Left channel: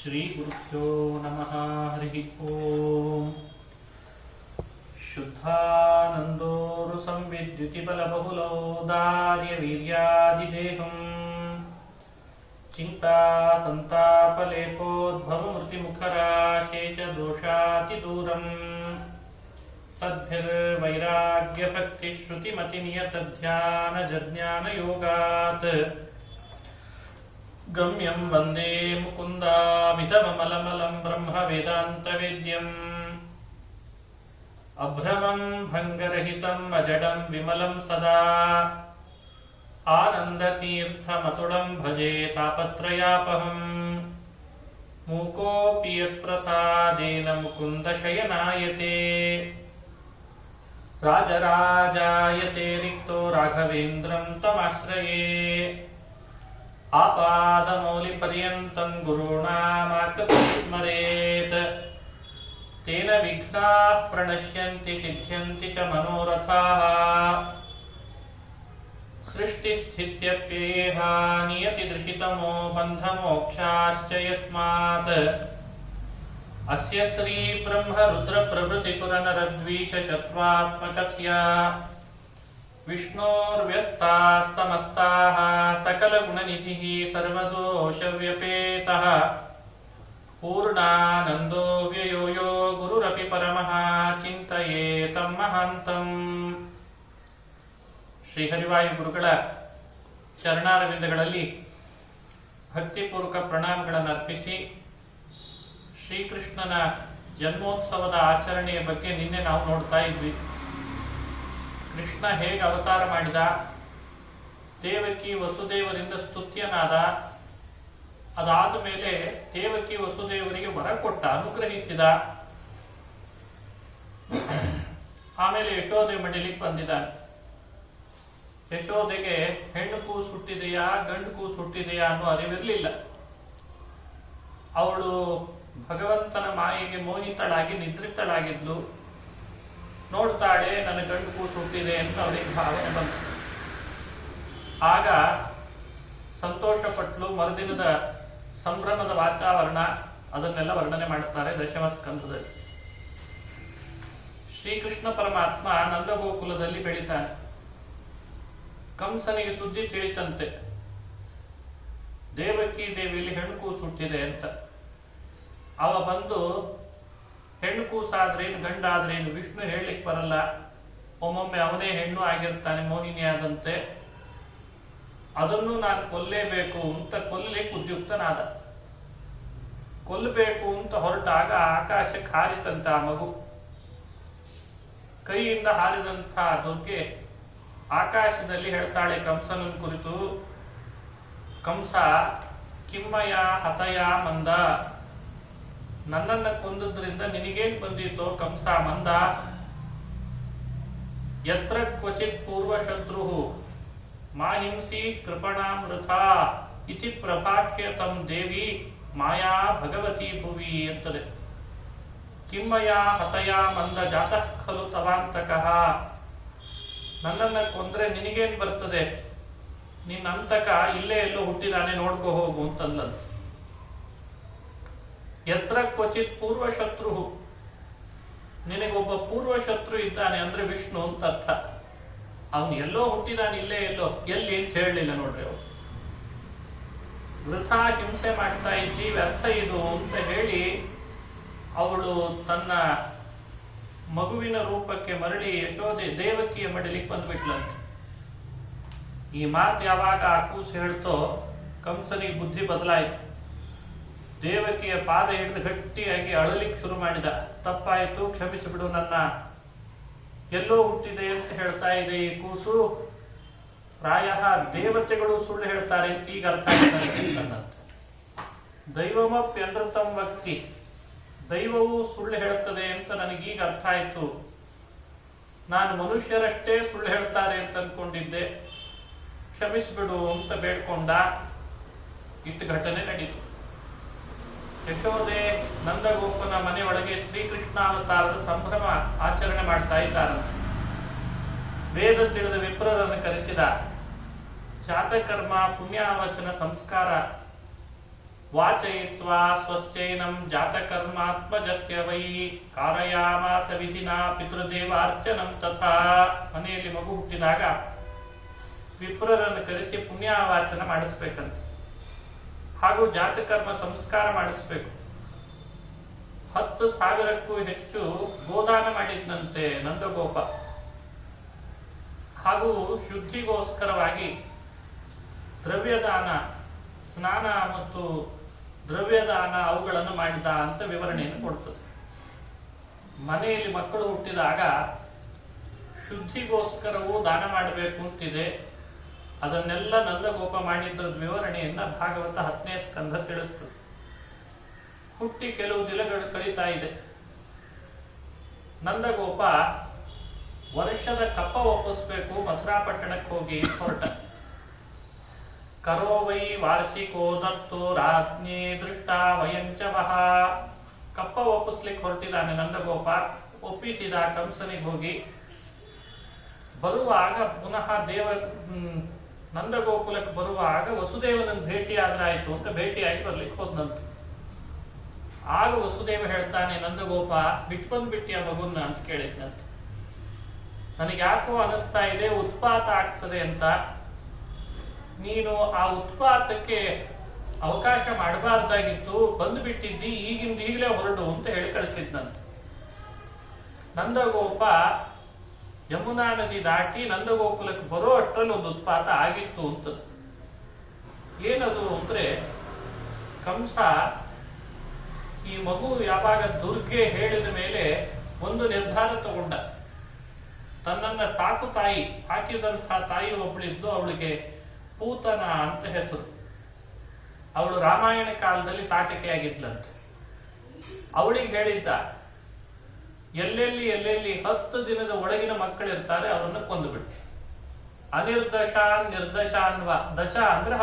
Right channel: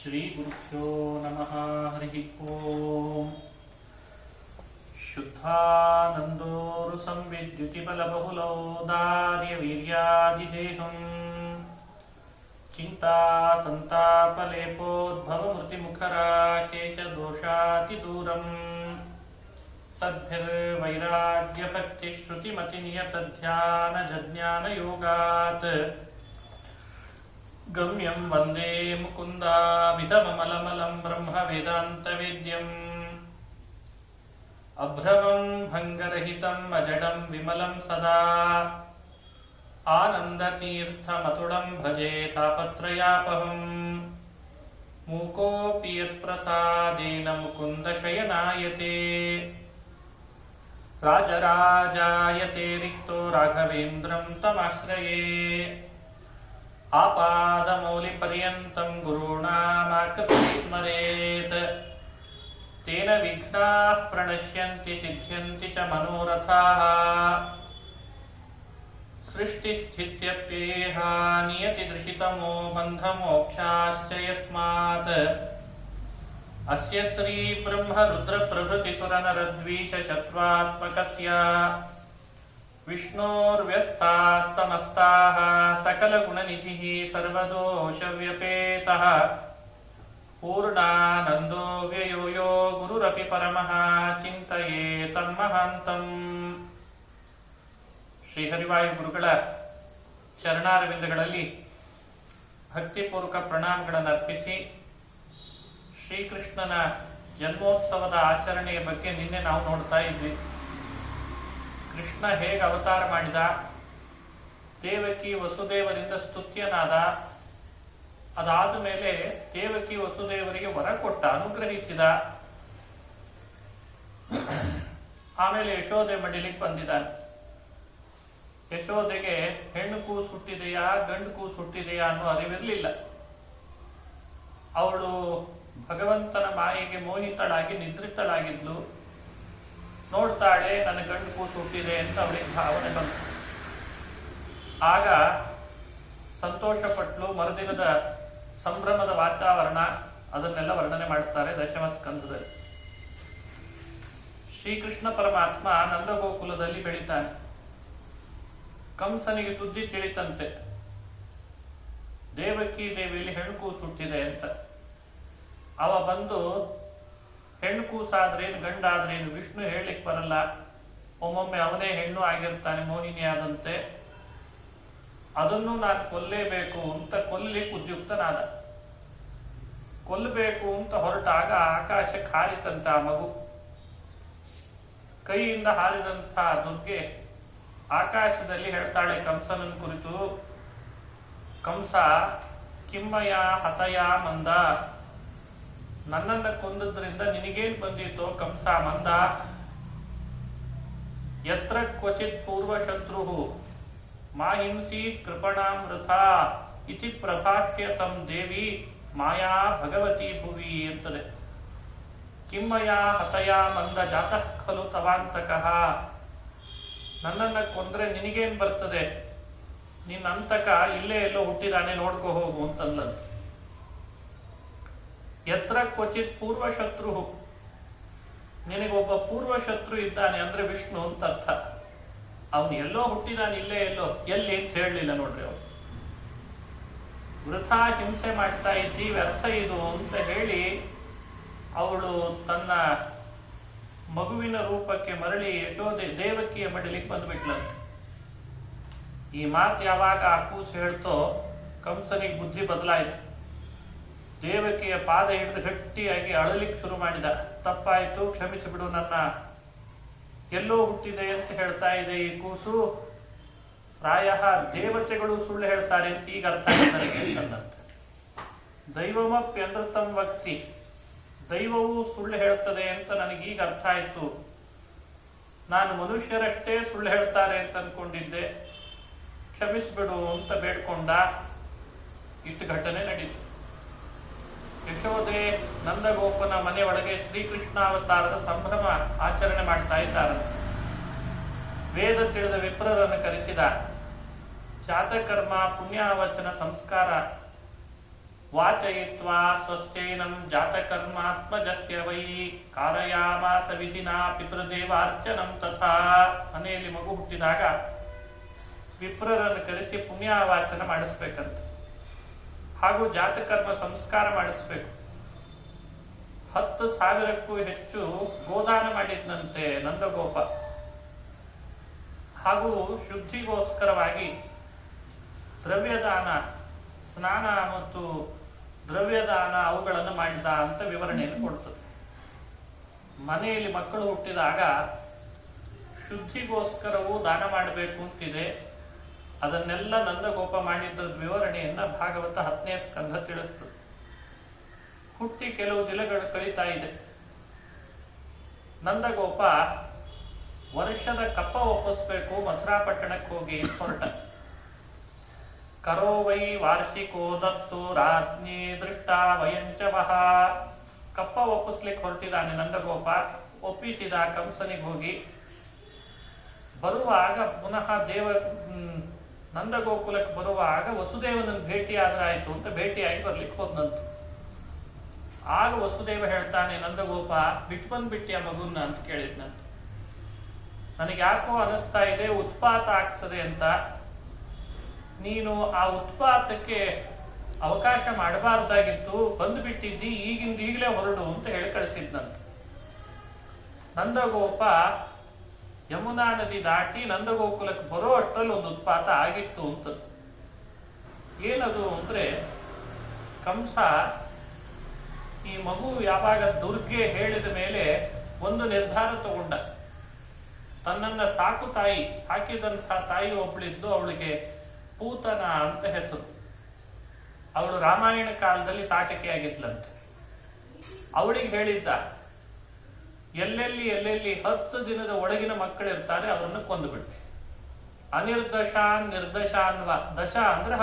ಶ್ರೀ ಗುರುಭ್ಯೋ ನಮಃ. ಹರಿ ಓಂ. ಶುದ್ಧಾನಂದೋರು ಸಂವಿದ್ಯುತಿ ಬಲಬಹುಲೋದಾರ್ಯ ವೀರ್ಯಾದಿದೇಹಂ ಚಿಂತಾ ಸಂತಾಪಲೇಪೋದ್ಭವ ಮೃತಿಮುಖರಾಶೇಷ ದೋಷಾತಿದೂರಂ ಸದ್ಭಿರ್ವೈರಾಗ್ಯಭಕ್ತಿ ಶ್ರುತಿಮತಿ ನಿಯತಧ್ಯಾನ ಜಜ್ಞಾನ ಯೋಗಾತ್ ಗಮ್ಯಂ ವಂದೇ ಮುಕುಂದಾಮಿತಮಮಲಮಲಂ ಬ್ರಹ್ಮ ವೇದಾಂತ ವೇದ್ಯಂ ಅಭ್ರಮಂ ಭಂಗರಹಿತಂ ಅಜಡಂ ವಿಮಲಂ ಸದಾ ಆನಂದತೀರ್ಥಮತುಳಂ ಭಜೆ ತಾಪತ್ರಯಾಪಹಂ ಮೂಕೋಪಿ ಯತ್ಪ್ರಸಾದೇನ ಮುಕುಂದ ಶಯನಾಯತೆ ರಾಜರಾಜಾಯತೆ ರಿಕ್ತೋ ರಾಘವೇಂದ್ರಂ ತಮಾಶ್ರಯೇ ಆಪಾದಮೌಲಿಪರ್ಯಂತಂ ಗುರುಣಾಮಾಕೃತಿಂ ಸ್ಮರೇತ್ ತೇನ ವಿಘ್ನಾಃ ಪ್ರಣಶ್ಯಂತಿ ಸಿದ್ಧ್ಯಂತಿ ಚ ಮನೋರಥಾಃ ಸೃಷ್ಟಿಸ್ಥಿತ್ಯಪ್ಯೇಹ ನಿಯತಿದೃಶಿತಮೋ ಬಂಧಮೋಕ್ಷಾಶ್ಚ ಯಸ್ಮಾತ್ ಅಸ್ಯ ಶ್ರೀ ಬ್ರಹ್ಮ ರುದ್ರ ಪ್ರಭೃತಿ ಸುರನರದ್ವೀಷ ಶತ್ರುತ್ಮಕಸ್ಯ ವಿಷ್ಣೋರ್ವ್ಯಸ್ತಾಃ ಸಮಸ್ತಾಃ ಸಕಲಗುಣನಿಧಿಃ ಸರ್ವದೋಷವ್ಯಪೇತಃ ಪೂರ್ಣಾನಂದೋ ವ್ಯಯೋ ಯೋ ಗುರುರಪಿ ಪರಮಃ ಚಿಂತಯೇತಂ ಮಹಾಂತಂ. ಶ್ರೀಹರಿವಾಯು ಗುರುಗಳ ಚರಣಾರವಿಂದಗಳಲ್ಲಿ ಭಕ್ತಿಪೂರ್ವಕ ಪ್ರಣಾಮಗಳನ್ನು ಅರ್ಪಿಸಿ ಶ್ರೀಕೃಷ್ಣನ ಜನ್ಮೋತ್ಸವದ ಆಚರಣೆಯ ಬಗ್ಗೆ ನಿನ್ನೆ ನಾವು ನೋಡ್ತಾ ಇದ್ವಿ. ಕೃಷ್ಣ ಹೇಗೆ ಅವತಾರ ಮಾಡಿದ, ದೇವಕಿ ವಸುದೇವರಿಂದ ಸ್ತುತ್ಯನಾದ, ಅದಾದ ಮೇಲೆ ದೇವಕಿ ವಸುದೇವರಿಗೆ ವರ ಕೊಟ್ಟ, ಅನುಗ್ರಹಿಸಿದ. ಆಮೇಲೆ ಯಶೋದೆ ಮಡಿಲಿಕ್ಕೆ ಬಂದಿದ್ದಾನೆ. ಯಶೋದೆಗೆ ಹೆಣ್ಣು ಕೂಸು ಹುಟ್ಟಿದೆಯಾ ಗಂಡು ಕೂಸು ಹುಟ್ಟಿದೆಯಾ ಅನ್ನೋ ಅರಿವಿರಲಿಲ್ಲ. ಅವಳು ಭಗವಂತನ ಮಾಯೆಗೆ ಮೋಹಿತಳಾಗಿ ನಿದ್ರಿತಳಾಗಿದ್ಲು. ನೋಡ್ತಾಳೆ, ನನ್ನ ಗಂಡು ಕೂಸು ಹುಟ್ಟಿದೆ ಅಂತ ಅವಳಿಗೆ ಭಾವನೆ ಬಂತು. ಆಗ ಸಂತೋಷಪಟ್ಲು. ಮರುದಿನದ ಸಂಭ್ರಮದ ವಾತಾವರಣ ಅದನ್ನೆಲ್ಲ ವರ್ಣನೆ ಮಾಡುತ್ತಾರೆ ದಶಮ ಸ್ಕಂದದಲ್ಲಿ. ಶ್ರೀಕೃಷ್ಣ ಪರಮಾತ್ಮ ನಂದಗೋಕುಲದಲ್ಲಿ ಬೆಳೀತಾನೆ. ಕಂಸನಿಗೆ ಸುದ್ದಿ ತಿಳಿತಂತೆ, ದೇವಕಿ ದೇವಿಯಲ್ಲಿ ಹೆಣ್ಣು ಕೂಸು ಹುಟ್ಟಿದೆ ಅಂತ. ಅವ ಬಂದು ಹೆಣ್ಣು ಕೂಸಾದ್ರೇನು ಗಂಡಾದ್ರೇನು ವಿಷ್ಣು ಹೇಳಲಿಕ್ಕೆ ಬರಲ್ಲ, ಒಮ್ಮೊಮ್ಮೆ ಅವನೇ ಹೆಣ್ಣು ಆಗಿರ್ತಾನೆ, ಮೋಹಿನಿ ಆದಂತೆ, ಅದನ್ನು ನಾನು ಕೊಲ್ಲೇಬೇಕು ಅಂತ ಕೊಲ್ಲಲಿಕ್ಕೆ ಉದ್ಯುಕ್ತನಾದ. ಕೊಲ್ಲಬೇಕು ಅಂತ ಹೊರಟಾಗ ಆಕಾಶಕ್ಕೆ ಹಾರಿತಂತ ಆ ಮಗು. ಕೈಯಿಂದ ಹಾರಿದಂಥ ದುರ್ಗೆ ಆಕಾಶದಲ್ಲಿ ಹೇಳ್ತಾಳೆ ಕಂಸನ ಕುರಿತು, ಕಂಸ ಕಿಮ್ಮಯ ಹತಯ ಮಂದ, ನನ್ನನ್ನ ಕೊಂದದ್ರಿಂದ ನಿನಗೇನ್ ಬಂದಿತ್ತೋ ಕಂಸ ಮಂದ. ಯತ್ರ ಕ್ವಚಿತ್ ಪೂರ್ವಶತ್ರು ಮಾಹಿಂಸಿ ಕೃಪಣಾಮೃತ ಇತಿ ಪ್ರಭಾಷ್ಯ ತಂ ದೇವಿ ಮಾಯಾ ಭಗವತಿ ಭುವಿ ಅಂತದೆ. ಕಿಮ್ಮಯ ಹತಯ ಮಂದ ಜಾತಃ ಖಲು ತವಾಂತಕಃ, ನನ್ನನ್ನ ಕೊಂದ್ರೆ ನಿನಗೇನ್ ಬರ್ತದೆ, ನಿನ್ನ ಅಂತಕ ಇಲ್ಲೇ ಎಲ್ಲೋ ಹುಟ್ಟಿದಾನೆ, ನೋಡ್ಕೋ ಹೋಗು ಅಂತಂದಂತ. ಯತ್ರ ಕ್ವಚಿತ್ ಪೂರ್ವಶತ್ರು, ನಿನಗೊಬ್ಬ ಪೂರ್ವಶತ್ರು ಇದ್ದಾನೆ ಅಂದ್ರೆ ವಿಷ್ಣು ಅಂತ ಅರ್ಥ. ಅವನು ಎಲ್ಲೋ ಹುಟ್ಟಿದಾನೆ, ಇಲ್ಲೇ ಎಲ್ಲೋ, ಎಲ್ಲಿ ಅಂತ ಹೇಳಲಿಲ್ಲ ನೋಡ್ರಿ. ಅವನು ವೃಥಾ ಹಿಂಸೆ ಮಾಡ್ತಾ ಇದ್ದಿ, ವ್ಯರ್ಥ ಇದು ಅಂತ ಹೇಳಿ ಅವಳು ತನ್ನ ಮಗುವಿನ ರೂಪಕ್ಕೆ ಮರಳಿ ಯಶೋದೆ ದೇವಕಿಯ ಮಡಿಲಿಕ್ಕೆ ಬಂದ್ಬಿಟ್ಲಂತೆ. ಈ ಮಾತು ಯಾವಾಗ ಆ ಕೂಸು ಹೇಳ್ತೋ ಕಂಸನಿಗೆ ಬುದ್ಧಿ ಬದಲಾಯಿತು. ದೇವಕಿಯ ಪಾದ ಹಿಡಿದು ಗಟ್ಟಿಯಾಗಿ ಅಳಲಿಕ್ಕೆ ಶುರು ಮಾಡಿದ. ತಪ್ಪಾಯಿತು, ಕ್ಷಮಿಸಿಬಿಡು, ನನ್ನ ಎಲ್ಲೋ ಹುಟ್ಟಿದೆ ಅಂತ ಹೇಳ್ತಾ ಇದೆ ಈ ಕೂಸು, ಪ್ರಾಯ ದೇವತೆಗಳು ಸುಳ್ಳು ಹೇಳ್ತಾರೆ ಅಂತ ಈಗ ಅರ್ಥ ಆಗ್ತದೆ. ದೈವಮಪ್ಯನೃತಂ ವಕ್ತಿ, ದೈವವು ಸುಳ್ಳು ಹೇಳ್ತದೆ ಅಂತ ನನಗೀಗ ಅರ್ಥ ಆಯ್ತು. ನಾನು ಮನುಷ್ಯರಷ್ಟೇ ಸುಳ್ಳು ಹೇಳ್ತಾರೆ ಅಂತ ಅನ್ಕೊಂಡಿದ್ದೆ, ಕ್ಷಮಿಸಿಬಿಡು ಅಂತ ಬೇಡ್ಕೊಂಡ. ಇಷ್ಟು ಘಟನೆ ನಡೀತು. ಯಶೋದೆ ನಂದಗೋಪನ ಮನೆ ಒಳಗೆ ಶ್ರೀಕೃಷ್ಣಾವತಾರದ ಸಂಭ್ರಮ ಆಚರಣೆ ಮಾಡ್ತಾ ಇದ್ದಾರಂತೆ. ವೇದ ತಿಳಿದ ವಿಪ್ರರನ್ನು ಕರೆಸಿದ. ಜಾತಕರ್ಮ, ಪುಣ್ಯಾವಚನ, ಸಂಸ್ಕಾರ ವಾಚಯಿತ್ವಾ ಸ್ವಶ್ಚೈನಂ ಜಾತಕರ್ಮಾತ್ಮಜಸ್ಯ ವೈ ಕಾರಯಾಮಾಸ ವಿಧಿನಾ ಪಿತೃದೇವಾರ್ಚನಂ ತಥಾ. ಮನೆಯಲ್ಲಿ ಮಗು ಹುಟ್ಟಿದಾಗ ವಿಪ್ರರನ್ನು ಕರೆಸಿ ಪುಣ್ಯವಾಚನ ಮಾಡಿಸ್ಬೇಕಂತ, ಹಾಗೂ ಜಾತಕರ್ಮ ಸಂಸ್ಕಾರ ಮಾಡಿಸ್ಬೇಕು. 10,000ಕ್ಕೂ ಹೆಚ್ಚು ಗೋದಾನ ಮಾಡಿದ್ನಂತೆ ನಂದಗೋಪ. ಹಾಗೂ ಶುದ್ಧಿಗೋಸ್ಕರವಾಗಿ ದ್ರವ್ಯದಾನ, ಸ್ನಾನ ಮತ್ತು ದ್ರವ್ಯದಾನ ಅವುಗಳನ್ನು ಮಾಡಿದ ಅಂತ ವಿವರಣೆಯನ್ನು ಕೊಡ್ತದೆ. ಮನೆಯಲ್ಲಿ ಮಕ್ಕಳು ಹುಟ್ಟಿದಾಗ ಶುದ್ಧಿಗೋಸ್ಕರವೂ ದಾನ ಮಾಡಬೇಕು ಅಂತಿದೆ. ಅದನ್ನೆಲ್ಲ ನಂದಗೋಪ ಮಾಡಿದ್ದ ವಿವರಣೆಯನ್ನ ಭಾಗವತ 10ನೇ ಸ್ಕಂಧ ತಿಳಿಸ್ತದೆ. ಹುಟ್ಟಿ ಕೆಲವು ದಿನಗಳು ಕಳೀತಾ ಇದೆ. ನಂದಗೋಪ ವರ್ಷದ ಕಪ್ಪ ಒಪ್ಪಿಸ್ಬೇಕು, ಮಥುರಾ ಪಟ್ಟಣಕ್ಕೆ ಹೋಗಿ ಹೊರಟ. ಕರೋ ವೈ ವಾರ್ಷಿಕೋ ದತ್ತು ರಾಜ್ಞೆ ದೃಷ್ಟ ವಯಂಚವಹ. ಕಪ್ಪ ಒಪ್ಪಿಸ್ಲಿಕ್ಕೆ ಹೊರಟಿದ್ದಾನೆ ನಂದಗೋಪ. ಒಪ್ಪಿಸಿದ ಕಂಸನಿಗೆ ಹೋಗಿ ಬರುವಾಗ ಪುನಃ ನಂದಗೋಕುಲಕ್ಕೆ ಬರುವಾಗ ವಸುದೇವನನ್ನು ಭೇಟಿಯಾದ್ರಾಯ್ತು ಅಂತ ಭೇಟಿಯಾಗಿ ಬರ್ಲಿಕ್ಕೆ ಹೋದಂತ. ಆಗ ವಸುದೇವ ಹೇಳ್ತಾನೆ, ನಂದಗೋಪ ಬಿಟ್ಬಿಟ್ಟಿಯ ಮಗುನ್ನ ಅಂತ ಕೇಳಿದ್ನಂತ. ನನಗೆ ಯಾಕೋ ಅನಿಸ್ತಾ ಇದೆ ಉತ್ಪಾತ ಆಗ್ತದೆ ಅಂತ. ನೀನು ಆ ಉತ್ಪಾತಕ್ಕೆ ಅವಕಾಶ ಮಾಡಬಾರ್ದಾಗಿತ್ತು, ಬಂದ್ಬಿಟ್ಟಿದ್ದಿ, ಈಗಲೇ ಹೊರಡು ಅಂತ ಹೇಳಿ ಕಳಿಸಿದ್ನಂತ. ನಂದಗೋಪ ಯಮುನಾ ನದಿ ದಾಟಿ ನಂದಗೋಕುಲಕ್ಕೆ ಬರೋ ಅಷ್ಟರಲ್ಲಿ ಒಂದು ಉತ್ಪಾತ ಆಗಿತ್ತು ಅಂತ. ಏನದು ಅಂದ್ರೆ, ಕಂಸ ಈ ಮಗು ಯಾವಾಗ ದುರ್ಗೆ ಹೇಳಿದ ಮೇಲೆ ಒಂದು ನಿರ್ಧಾರ ತಗೊಂಡ. ತನ್ನನ್ನ ಸಾಕಿದಂಥ ತಾಯಿ ಒಬ್ಬಳಿದ್ದು, ಅವಳಿಗೆ ಪೂತನ ಅಂತ ಹೆಸರು. ಅವಳು ರಾಮಾಯಣ ಕಾಲದಲ್ಲಿ ತಾಟಕೆಯಾಗಿದ್ಲಂತೆ. ಅವಳಿಗೆ ಹೇಳಿದ್ದ, ಎಲ್ಲೆಲ್ಲಿ 10 ದಿನದ ಒಳಗಿನ ಮಕ್ಕಳಿರ್ತಾರೆ ಅವರನ್ನು ಕೊಂದುಬಿಟ್ಟು. ನಿರ್ದಶಾನ್ವ, ದಶ ಅಂದ್ರೆ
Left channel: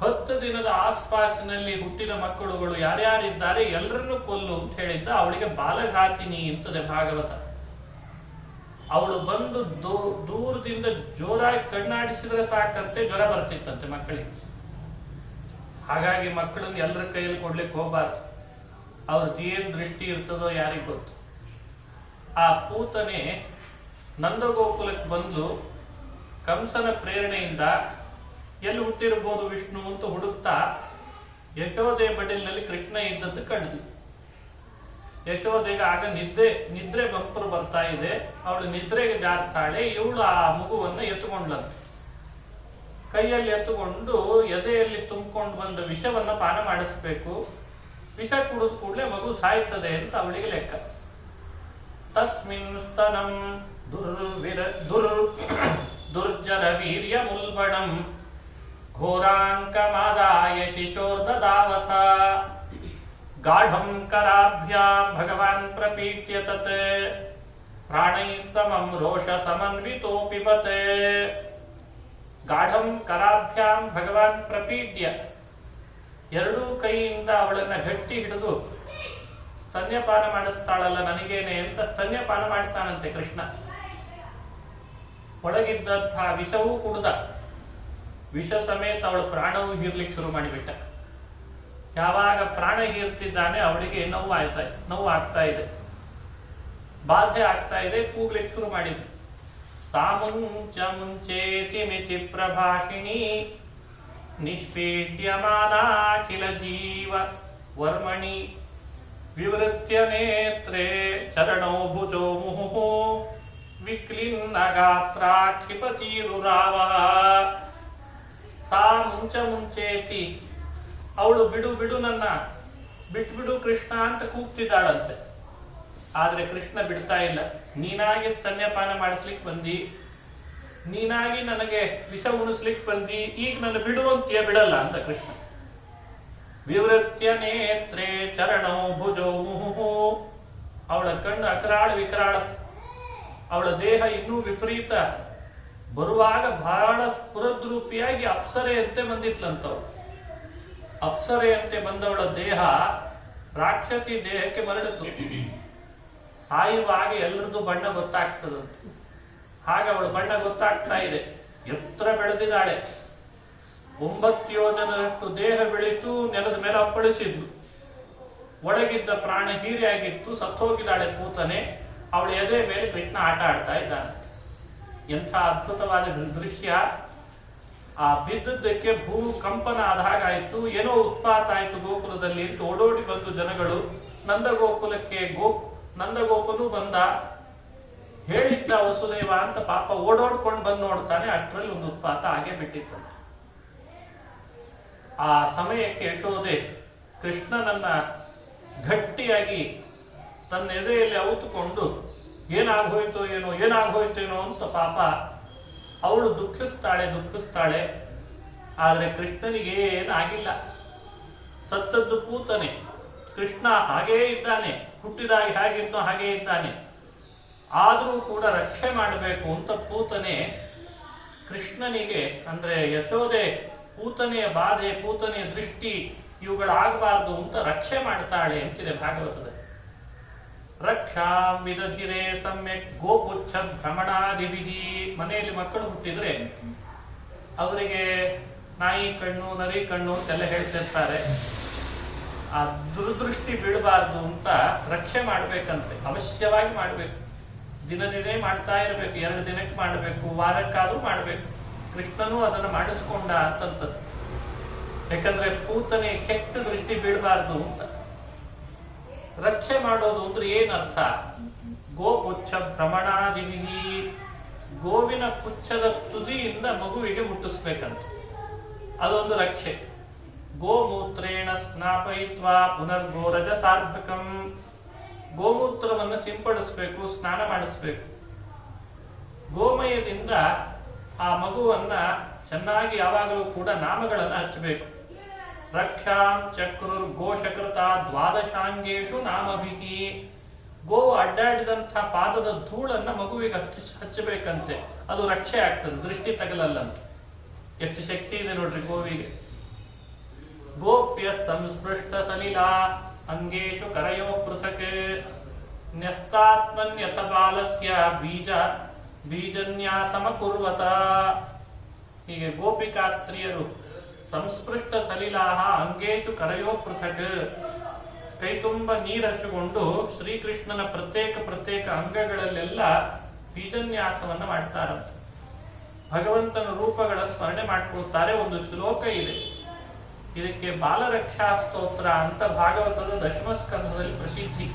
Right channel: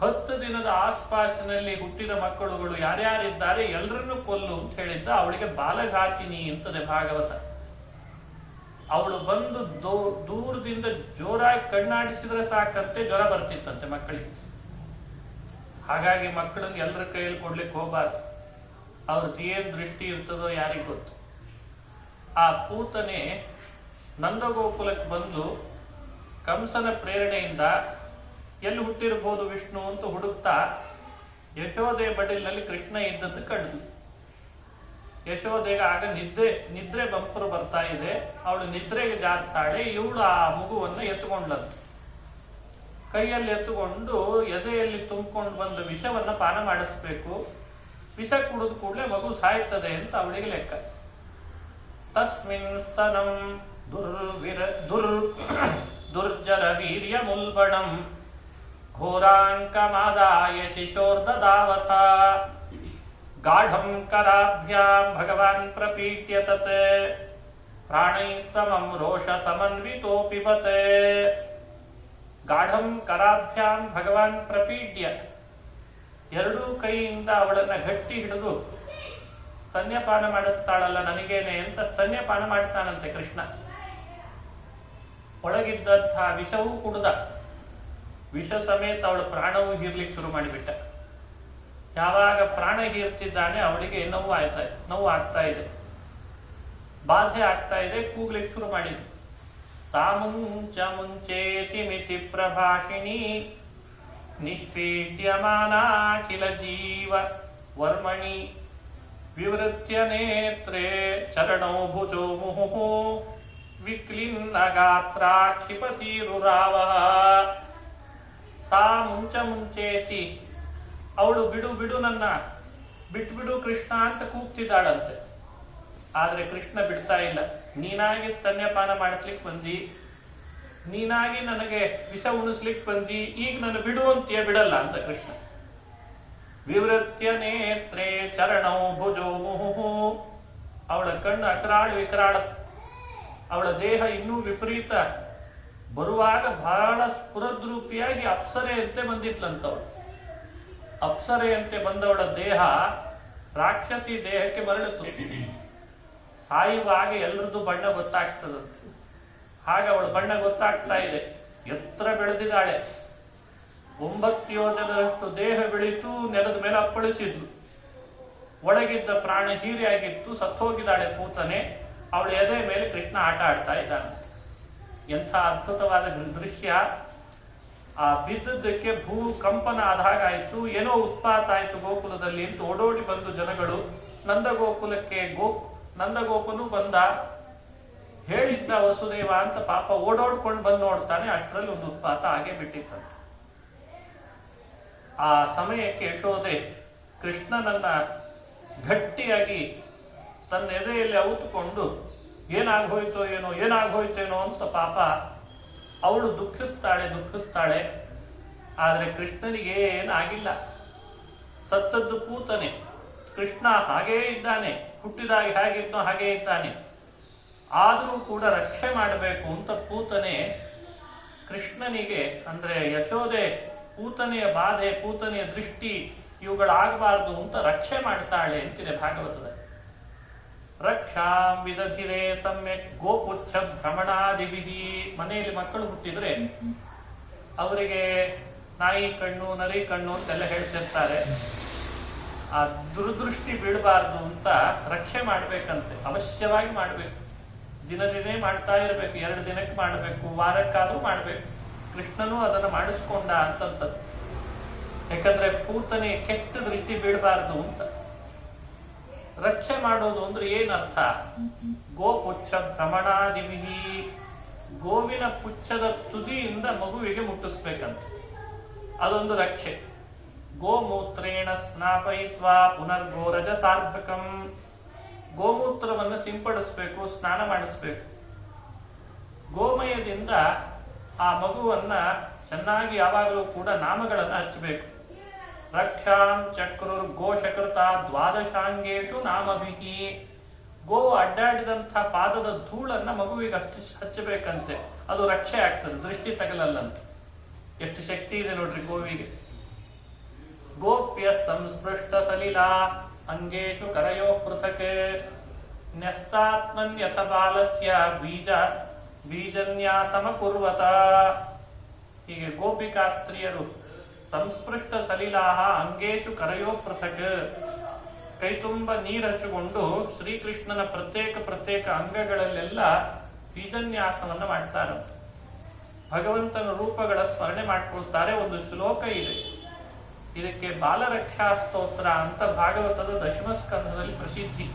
10 ದಿನದ ಆಸ್ಪಾಸಿನಲ್ಲಿ ಹುಟ್ಟಿದ ಮಕ್ಕಳುಗಳು ಯಾರ್ಯಾರಿದ್ದಾರೆ ಎಲ್ಲರನ್ನೂ ಕೊಲ್ಲು ಅಂತ ಹೇಳಿದ್ದ. ಅವಳಿಗೆ ಬಾಲಘಾತಿನಿ ಅಂತದೆ ಭಾಗವತ. ಅವಳು ಬಂದು ದೂರದಿಂದ ಜೋರಾಗಿ ಕಣ್ಣಾಡಿಸಿದ್ರೆ ಸಾಕಂತೆ ಜ್ವರ ಬರ್ತಿತ್ತಂತೆ ಮಕ್ಕಳಿಗೆ. ಹಾಗಾಗಿ ಮಕ್ಕಳನ್ನ ಎಲ್ಲರ ಕೈಯಲ್ಲಿ ಕೊಡ್ಲಿಕ್ಕೆ ಹೋಗ್ಬಾರ್ದು. ಅವ್ರದ್ದು ಏನ್ ದೃಷ್ಟಿ ಇರ್ತದೋ ಯಾರಿಗ್ ಗೊತ್ತು. ಆ ಪೂತನೆ ನಂದಗೋಕುಲಕ್ಕೆ ಬಂದು ಕಂಸನ ಪ್ರೇರಣೆಯಿಂದ ಎಲ್ಲಿ ಹುಟ್ಟಿರಬಹುದು ವಿಷ್ಣು ಅಂತ ಹುಡುಕ್ತಾ ಯಶೋದೆ ಬಡಿಲಿನಲ್ಲಿ ಕೃಷ್ಣ ಇದ್ದದ್ದು ಕಂಡು. ಯಶೋದೆಗೆ ಆಗ ನಿದ್ರೆ ಬಂಪರು ಬರ್ತಾ ಇದೆ. ಅವಳು ನಿದ್ರೆಗೆ ಜಾರ್ತಾಳೆ. ಇವಳು ಆ ಮಗುವನ್ನ ಎತ್ತುಕೊಂಡಂತ, ಕೈಯಲ್ಲಿ ಎತ್ತುಕೊಂಡು ಎದೆಯಲ್ಲಿ ತುಂಬಿಕೊಂಡು ಬಂದ ವಿಷವನ್ನ ಪಾನ ಮಾಡಿಸ್ಬೇಕು. ವಿಷ ಕುಡಿದ ಕೂಡಲೇ ಮಗು ಸಾಯ್ತದೆ ಅಂತ ಅವಳಿಗೆ ಲೆಕ್ಕ. ತಸ್ಮಿನ್ ಸ್ತನಂ ದುರ್ಜರ ವೀರ್ಯ ಮುಲ್ಬಣಂ ಘೋರಾಂಕಮಾದಾಯ ಶಿಶೋರ್ದದಾವಥ ಗಾಢಂ ಕರಾಭ್ಯಾಂ ಭಗವಾನ್ ಪ್ರಪೀಟ್ಯ ತತ್ ಪ್ರಾಣೈಃ ಸಮಂ ರೋಷ ಸಮನ್ವಿತೋ ಪಿಬತೆ. ಗಾಢಂ ಕರಾಭ್ಯಾಂ ಭಗವಾನ್ ಪ್ರಪೀಟ್ಯ, ಎರಡೂ ಕೈಯಿಂದ ಅವಳನ್ನ ಗಟ್ಟಿ ಹಿಡಿದು ಸ್ತನ್ಯಪಾನ ಮಾಡಿಸ್ತಾಳಲ್ಲ ನನಗೇನೆ ಅಂತ ಸ್ತನ್ಯಪಾನ ಮಾಡ್ತಾನಂತೆ ಕೃಷ್ಣ. ಒಳಗಿದ್ದಂತಹ ವಿಷವೂ ಕುಡ್ದ. ವಿಷ ಸಮೇತ ಅವಳ ಪ್ರಾಣವೂ ಹೀರ್ಲಿಕ್ಕೆ ಶುರು ಮಾಡಿಬಿಟ್ಟ. ಯಾವಾಗ ಪ್ರಾಣ ಹೀರ್ತಿದ್ದಾನೆ ಅವಳಿಗೆ ನೋವು ಆಗ್ತಾ ಇದೆ, ಬಾಧೆ ಆಗ್ತಾ ಇದೆ, ಕೂಗ್ಲಿಕ್ಕೆ ಶುರು ಮಾಡಿದ್ರು. ಸಾಮುಂಚ ಮುಂಚೇತಿ ಮಿತಿ ಪ್ರಭಾಷಿಣಿ ನಿಷ್ಪೀಡ್ಯಮಾನಾಖಿಲ ಜೀವ ವರ್ಮಣಿ ವಿವೃತ್ಯ ನೇತ್ರೇ ಚರಣೋ ಭುಜೋ ಮುಹುಃ ವಿಕ್ಲಿನ್ನ ಗಾತ್ರ ಕ್ಷಿಪತಿರುರಾವ. ಸಾ ಮುಂಚೇತಿ, ಅವಳು ಬಿಡು ನನ್ನ ಬಿಟ್ಬಿಡು ಕೃಷ್ಣ ಅಂತ ಕೂಗ್ತಿದ್ದಾಳಂತೆ. ಆದ್ರೆ ಕೃಷ್ಣ ಬಿಡ್ತಾ ಇಲ್ಲ. ನೀನಾಗಿ ಸ್ತನ್ಯಪಾನ ಮಾಡಿಸ್ಲಿಕ್ಕೆ ಬಂದಿ, ನೀನಾಗಿ ನನಗೆ ವಿಷ ಉಣಿಸ್ಲಿಕ್ಕೆ ಬಂದಿ, ಈಗ ನನ್ನ ಬಿಡುವಂತೀಯ ಬಿಡಲ್ಲ ಅಂತ ಕೃಷ್ಣ. ವಿವೃತ್ಯ ನೇತ್ರೇ ಚರಣೋ ಭುಜೋ ಮುಹುಃ, ಅವಳ ಕಣ್ಣು ಅಕರಾಳ ವಿಕರಾಳ, ಅವಳ ದೇಹ ಇನ್ನೂ ವಿಪರೀತ. ಬರುವಾಗ ಬಹಳ ಸ್ಫುರದ್ರೂಪಿಯಾಗಿ ಅಪ್ಸರೆಯಂತೆ ಬಂದಿತ್ಲಂತವಳು. ಅಪ್ಸರೆಯಂತೆ ಬಂದವಳ ದೇಹ ರಾಕ್ಷಸಿ ದೇಹಕ್ಕೆ ಮರಳಿತು. ಸಾಯುವಾಗ ಎಲ್ಲರದ್ದು ಬಣ್ಣ ಗೊತ್ತಾಗ್ತದಂತೆ. ಹಾಗೆ ಅವಳ ಬಣ್ಣ ಗೊತ್ತಾಗ್ತಾ ಇದೆ. ಎತ್ತರ ಬೆಳೆದಿದ್ದಾಳೆ. 9 ಯೋಜನದಷ್ಟು ದೇಹ ಬೆಳೀತು, ನೆಲದ ಮೇಲೆ ಅಪ್ಪಳಿಸಿದ್ಲು. ಒಳಗಿದ್ದ ಪ್ರಾಣ ಹೀರೆಯಾಗಿತ್ತು, ಸತ್ತೋಗಿದ್ದಾಳೆ ಪೂತನೆ. ಅವಳ ಎದೆ ಮೇಲೆ ಕೃಷ್ಣ ಆಟ ಆಡ್ತಾ ಇದ್ದಾನೆ. ಎಂಥ ಅದ್ಭುತವಾದ ದೃಶ್ಯ. ಆ ಬಿದ್ದದ್ದಕ್ಕೆ ಭೂಕಂಪನ ಆದ ಹಾಗಾಯ್ತು. ಏನೋ ಉತ್ಪಾತ ಆಯ್ತು ಗೋಕುಲದಲ್ಲಿ ಅಂತ ಓಡೋಡಿ ಬಂದು ಜನಗಳು ನಂದಗೋಕುಲಕ್ಕೆ ನಂದಗೋಪನು ಬಂದ. ಹೇಳಿದ್ದ ವಸುದೇವ ಅಂತ ಪಾಪ ಓಡೋಡ್ಕೊಂಡು ಬಂದು ನೋಡ್ತಾನೆ. ಅಷ್ಟರಲ್ಲಿ ಒಂದು ಉತ್ಪಾತ ಹಾಗೆ ಬಿಟ್ಟಿತ್ತಂತೆ. ಆ ಸಮಯಕ್ಕೆ ಯಶೋದೆ ಕೃಷ್ಣನನ್ನ ಗಟ್ಟಿಯಾಗಿ ತನ್ನ ಎದೆಯಲ್ಲಿ ಅವುತುಕೊಂಡು ಏನಾಗೋಯ್ತೇನೋ ಅಂತ ಪಾಪ ಅವಳು ದುಃಖಿಸ್ತಾಳೆ. ಆದ್ರೆ ಕೃಷ್ಣನಿಗೆ ಏನಾಗಿಲ್ಲ. ಸತ್ತದ್ದು ಪೂತನೆ, ಕೃಷ್ಣ ಹಾಗೇ ಇದ್ದಾನೆ, ಹುಟ್ಟಿದಾಗ ಹೇಗಿದ್ನೋ ಹಾಗೇ ಇದ್ದಾನೆ. ಆದರೂ ಕೂಡ ರಕ್ಷೆ ಮಾಡಬೇಕು ಅಂತ ಪೂತನೆ ಕೃಷ್ಣನಿಗೆ, ಅಂದ್ರೆ ಯಶೋದೆ ಪೂತನೆಯ ಬಾಧೆ, ಪೂತನೆಯ ದೃಷ್ಟಿ ಇವುಗಳಾಗಬಾರ್ದು ಅಂತ ರಕ್ಷೆ ಮಾಡ್ತಾಳೆ ಅಂತಿದೆ ಭಾಗವತದ. ರಕ್ಷಾಂ ವಿದಧಿರೆ ಸಮ್ಯಕ್ ಗೋಪುಚ್ಛ ಭ್ರಮಣಾದಿವಿಧಿ. ಮನೆಯಲ್ಲಿ ಮಕ್ಕಳು ಹುಟ್ಟಿದ್ರೆ ಅವರಿಗೆ ನಾಯಿ ಕಣ್ಣು, ನರಿ ಕಣ್ಣು ಅಂತೆಲ್ಲ ಹೇಳ್ತಿರ್ತಾರೆ. ಆ ದುರ್ದೃಷ್ಟಿ ಬೀಳಬಾರ್ದು ಅಂತ ರಕ್ಷೆ ಮಾಡ್ಬೇಕಂತೆ. ಅವಶ್ಯವಾಗಿ ಮಾಡ್ಬೇಕು. ದಿನೇ ಮಾಡ್ತಾ ಇರಬೇಕು. 2 ದಿನಕ್ಕೆ ಮಾಡಬೇಕು, ವಾರಕ್ಕಾದ್ರೂ ಮಾಡ್ಬೇಕು. ಕೃಷ್ಣನೂ ಅದನ್ನು ಮಾಡಿಸ್ಕೊಂಡ ಅಂತಂತದ್ದು. ಯಾಕಂದ್ರೆ ಪೂತನೆ ಕೆಟ್ಟ ದೃಷ್ಟಿ ಬೀಳಬಾರ್ದು ಅಂತ. ರಕ್ಷೆ ಮಾಡೋದು ಅಂದ್ರೆ ಏನರ್ಥ? ಗೋಪುಚ್ಛ ಭ್ರಮಣಾದಿವಿಧಿ. ಗೋವಿನ ಪುಚ್ಛದ ತುದಿಯಿಂದ ಮಗುವಿಗೆ ಮುಟ್ಟಿಸ್ಬೇಕಂತ, ಅದೊಂದು ರಕ್ಷೆ. ಗೋಮೂತ್ರೇಣ ಸ್ನಾಪಯಿತ್ವಾ ಪುನರ್ಗೋರಜ ಸಾರ್ಧಕಂ. ಗೋಮೂತ್ರವನ್ನು ಸಿಂಪಡಿಸ್ಬೇಕು, ಸ್ನಾನ ಮಾಡಿಸ್ಬೇಕು. ಗೋಮಯದಿಂದ ಆ ಮಗುವನ್ನ ಚೆನ್ನಾಗಿ ಯಾವಾಗಲೂ ಕೂಡ ನಾಮಗಳನ್ನು ಹಚ್ಚಬೇಕು. ರಕ್ಷಾಂ ಚಕ್ರುರ್ ಗೋಶಕೃತ ದ್ವಾದಶಾಂಗೇಶು ನಾಮಭಿಹಿ. ಗೋವು ಅಡ್ಡಾಡಿದಂಥ ಪಾದದ ಧೂಳನ್ನ ಮಗುವಿಗೆ ಹಚ್ಚಬೇಕಂತೆ. ಅದು ರಕ್ಷೆ ಆಗ್ತದೆ, ದೃಷ್ಟಿ ತಗಲಲ್ಲಂತೆ. ಎಷ್ಟು ಶಕ್ತಿ ಇದೆ ನೋಡ್ರಿ ಗೋವಿಗೆ. ಗೋಪ್ಯ ಸಂಸ್ಪೃಷ್ಟ ಸಲಿಲಾ ಅಂಗೇಶು ಕರಯೋ ಪೃಥಕ್ ನ್ಯಸ್ತಾತ್ಮನ್ಯಥ ಬಾಲಸ್ಯ ಬೀಜನ್ಯಾಸಮ ಕುರ್ವತ. ಹೀಗೆ ಗೋಪಿಕಾ ಸ್ತ್ರೀಯರು ಸಂಸ್ಪೃಷ್ಟ ಸಲಿಲಾಹ ಅಂಗೇಶು ಕರಯೋ ಪೃಥಕ್, ಕೈ ತುಂಬ ನೀರಚ್ಚಿಕೊಂಡು ಶ್ರೀಕೃಷ್ಣನ ಪ್ರತ್ಯೇಕ ಅಂಗಗಳಲ್ಲೆಲ್ಲ ಬೀಜನ್ಯಾಸವನ್ನ ಮಾಡ್ತಾರಂತೆ. ಭಗವಂತನ ರೂಪಗಳ ಸ್ಮರಣೆ ಮಾಡ್ಕೊಳ್ತಾರೆ. ಒಂದು ಶ್ಲೋಕ ಇದೆ, ಇದಕ್ಕೆ ಬಾಲರಕ್ಷಾ ಸ್ತೋತ್ರ ಅಂತ ಭಾಗವತದ 10ಮ ಸ್ಕಂಧದಲ್ಲಿ ಪ್ರಸಿದ್ಧಿ.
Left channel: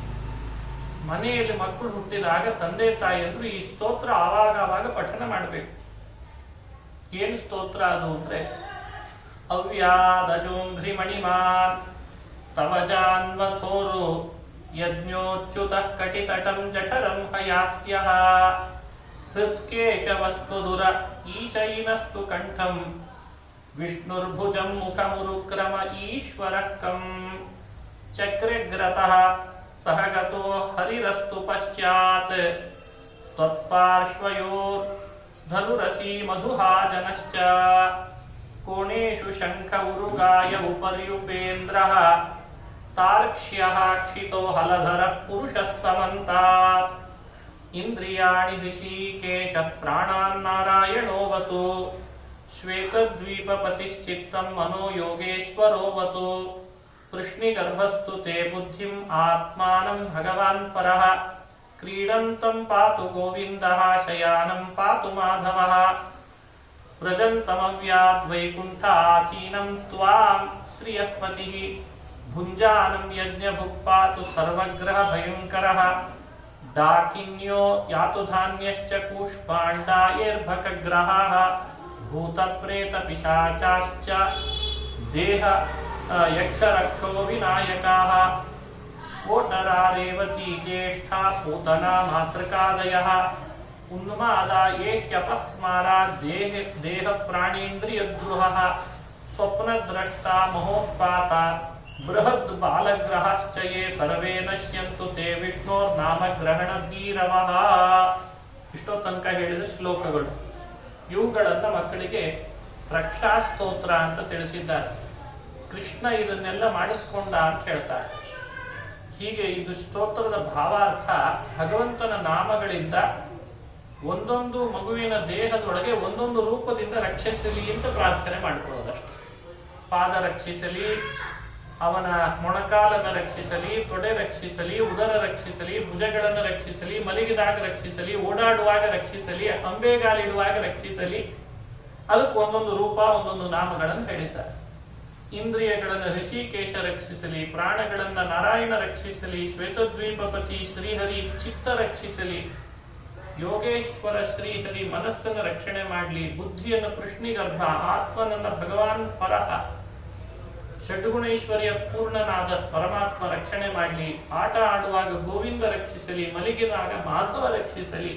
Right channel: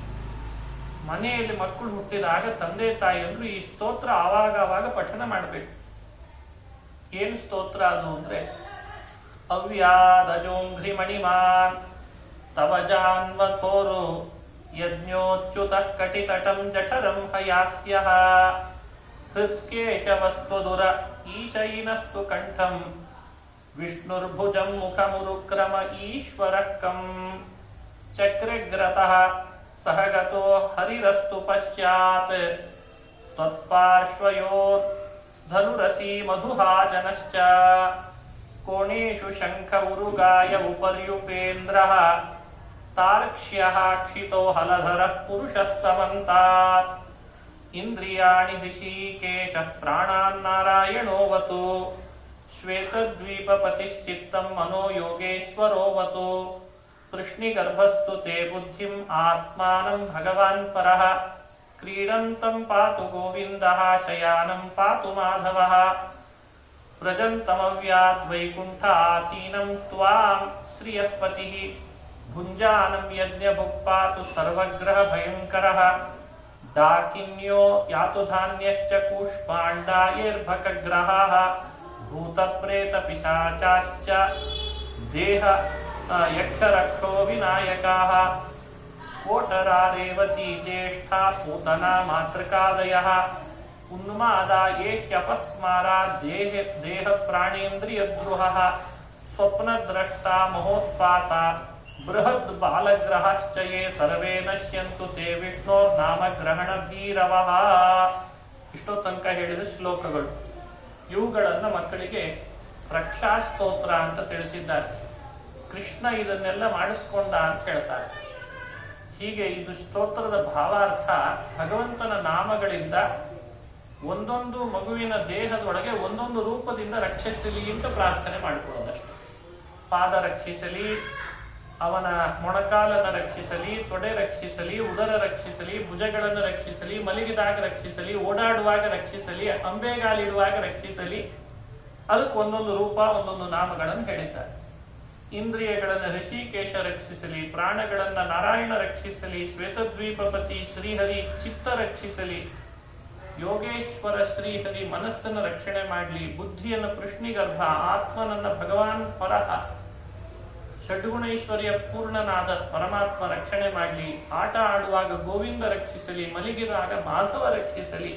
ಮನೆಯಲ್ಲಿ ಮಕ್ಕಳು ಹುಟ್ಟಿದಾಗ ತಂದೆ ತಾಯಿಯಂದ್ರು ಈ ಸ್ತೋತ್ರ ಆವಾಗ ಪಠನ ಮಾಡಬೇಕು. ಏನು ಸ್ತೋತ್ರ ಅದು ಅಂದ್ರೆ, ಅವ್ಯಾದಜೋಂಘ್ರಿ ಮಣಿಮಾನ್ ತವ ಜಾನ್ವಥೋರು ಯಜ್ಞೋಚ್ಯುತ ಕಟಿತಟಂ ಜಠರಂ ಹಯಾಸ್ಯಃ ಹೃತ್ಕೇಶವಸ್ತ್ವದುರ ಈಶೈನಸ್ತು ಕಂಠಂ ವಿಷ್ಣುರ್ಭುಜಂ ಮುಖಮುರುಕ್ರಮ ಈಶ್ವರಕ್ಕಂ ಚಕ್ರಗ್ರತಃ ಸಹಗತೋ ಹರಿರಸ್ತು ಪಶ್ಚಾತ್ ತ್ವತ್ಪಾರ್ಶ್ವಯೋರ್ ಧನುರಸಿ ಮಧುಹಾಜನಶ್ಚ ಕೋಣೇಶು ಶಂಖ ಉರುಗಾಯ ಉಪರ್ಯುಪೇಂದ್ರಃ ತಾರ್ಕ್ಷ್ಯಃ ಕ್ಷಿತೋ ಹಲಧರಃ ಪುರುಷಃ ಸಮಂತಾತ್ ಇಂದ್ರಿಯಾಣಿ ಋಷಿಕೇಶ ಪ್ರಾಣಾನ್ನಾರಾಯಣೋವತು ಶ್ವೇತದ್ವೀಪಪತಿಶ್ಚಿತ್ತಂ ಮನೋ ಯೋಗೇಶ್ವರೋವತು ಕೃಷ್ಣಿಗರ್ಭಸ್ತು ತೇ ಬುದ್ಧಿಂ ಆತ್ಮಾನಂ ಭಗವಾನ್ ಪರಃ ಕ್ರೀಡಂತಂ ಪಾತು ಗೋವಿಂದಃ ಶಯಾನಂ ಪಾತು ಮಾಧವಃ ವ್ರಜಂತಮವ್ಯಾದ್ವೈಕುಂಠ ಆಸೀನಂ ತ್ವಾಂ ಶ್ರಿಯಃಪತಿಃ ಭುಂಜಾನಂ ಯಜ್ಞಭುಕ್ ಪಾತು ಸರ್ವಗ್ರಹ ಭಯಂಕರಃ ಡಾಕಿನ್ಯೋ ಯಾತು ಧಾನ್ಯಶ್ಚ ಕೂಷ್ಮಾಂಡಾಯೈರ್ಭಕಗ್ರಹಾಃ ಭೂತಪ್ರೇತ ಪಿಶಾಚಾಶ್ಚ ದೇಹ ಯಕ್ಷರಕ್ಷೋ ವಿನಾಯಕಾಃ ಕೋಟರಾರೇವತಿ ಜ್ಯೇಷ್ಠಾ ಪೂತನಾ ಮಾತೃಕಾದಯಃ ಉನ್ಮಾದಾ ಏಹ್ಯಪಸ್ಮಾರಾ ದೇಹ ಪ್ರಾಣೇಂದ್ರಿಯದ್ರುಹಃ ಸ್ವಪ್ನದ್ರಷ್ಟಾ ಮಹೋತ್ಪಾತ ಬೃಹದ್ ಬಾಲಗ್ರಹಶ್ಚ ಯೇ ಸರ್ವೇ ನಶ್ಯಂತು ತೇ ವಿಷ್ಣೋರ್ನಾಮಗ್ರಹಣ ಭೀರವಃ. ಇಷ್ಟೋ ತನಕ ಹೇಳಿದ ಶ್ಲೋಕಗಳು. ಇವುಗಳನ್ನ ಮಕ್ಕಳಿಗೆ ರಕ್ಷಾ ಸ್ತೋತ್ರ ಅಂತ ತಿಳಿಸಿದ್ದಾರೆ. ಕೃಷ್ಣ ಇದನ್ನೆಲ್ಲ ಮಾಡಿಸ್ಕೊಂಡ ಅಂತ ಹೇಳ್ತಾರೆ. ಹೀಗೆ ಇದು ಸ್ತೋತ್ರದ ಭಾವಾರ್ಥ. ಭಗವಂತನ ನಾಮಗಳಿಂದ ಒಂದೊಂದು ಮಗುವಿನ ದೇಹದೊಳಗೆ ಒಂದೊಂದು ರೂಪದಿಂದ ರಕ್ಷಿಸಲಿ ಅಂತ ಪ್ರಾರ್ಥನೆ ಮಾಡ್ಕೊಳ್ಳೋದಷ್ಟೆ. ಪಾದ ರಕ್ಷಿಸಲಿ, ಅವನ ಮೊಣಕಾಲನ್ನು ರಕ್ಷಿಸಲಿ, ತೊಡೆ ರಕ್ಷಿಸಲಿ, ಉದರ ರಕ್ಷಿಸಲಿ, ಭುಜಗಳನ್ನು ರಕ್ಷಿಸಲಿ, ಮಲಗಿದಾಗ ರಕ್ಷಿಸಲಿ, ಓಡಾಡುವಾಗ ರಕ್ಷಿಸಲಿ, ಅಂಬೆಗಾಲಿಡುವಾಗ ರಕ್ಷಿಸಲಿ. ಅದಕ್ಕೆ ಒಂದೊಂದು ರೂಪ, ಒಂದೊಂದು ನಾಮಗಳನ್ನು ಹೇಳಿದ್ದಾರೆ. ಇಂದ್ರಿಯಗಳನ್ನು ಋಷಿಕೇಶ ರಕ್ಷಿಸಲಿ, ಪ್ರಾಣಗಳನ್ನ ನಾರಾಯಣ ರಕ್ಷಿಸಲಿ, ಶ್ವೇತದ್ವೀಪಪತಿ ಶ್ರೀಹರಿ ಚಿತ್ತ ರಕ್ಷಿಸಲಿ, ಯೋಗೇಶ್ವರ ಶ್ರೀಹರಿ ಮನಸ್ಸನ್ನು ರಕ್ಷಣೆ ಮಾಡಲಿ, ಬುದ್ಧಿಯನ್ನು ಕೃಷ್ಣಿಗರ್ಭ, ಆತ್ಮನನ್ನ ಭಗವಾನ್ ಪರಹ ಷಡ್ಗುಣೈಶ್ವರ್ಯ ಪೂರ್ಣನಾದ ಪರಮಾತ್ಮ ರಕ್ಷಣೆ ಮಾಡಲಿ, ಆಟ ಆಡುವಾಗ ಗೋವಿಂದ ರಕ್ಷಿಸಲಿ, ಮಲಗಿದಾಗ ಮಾಧವ ರಕ್ಷಿಸಲಿ.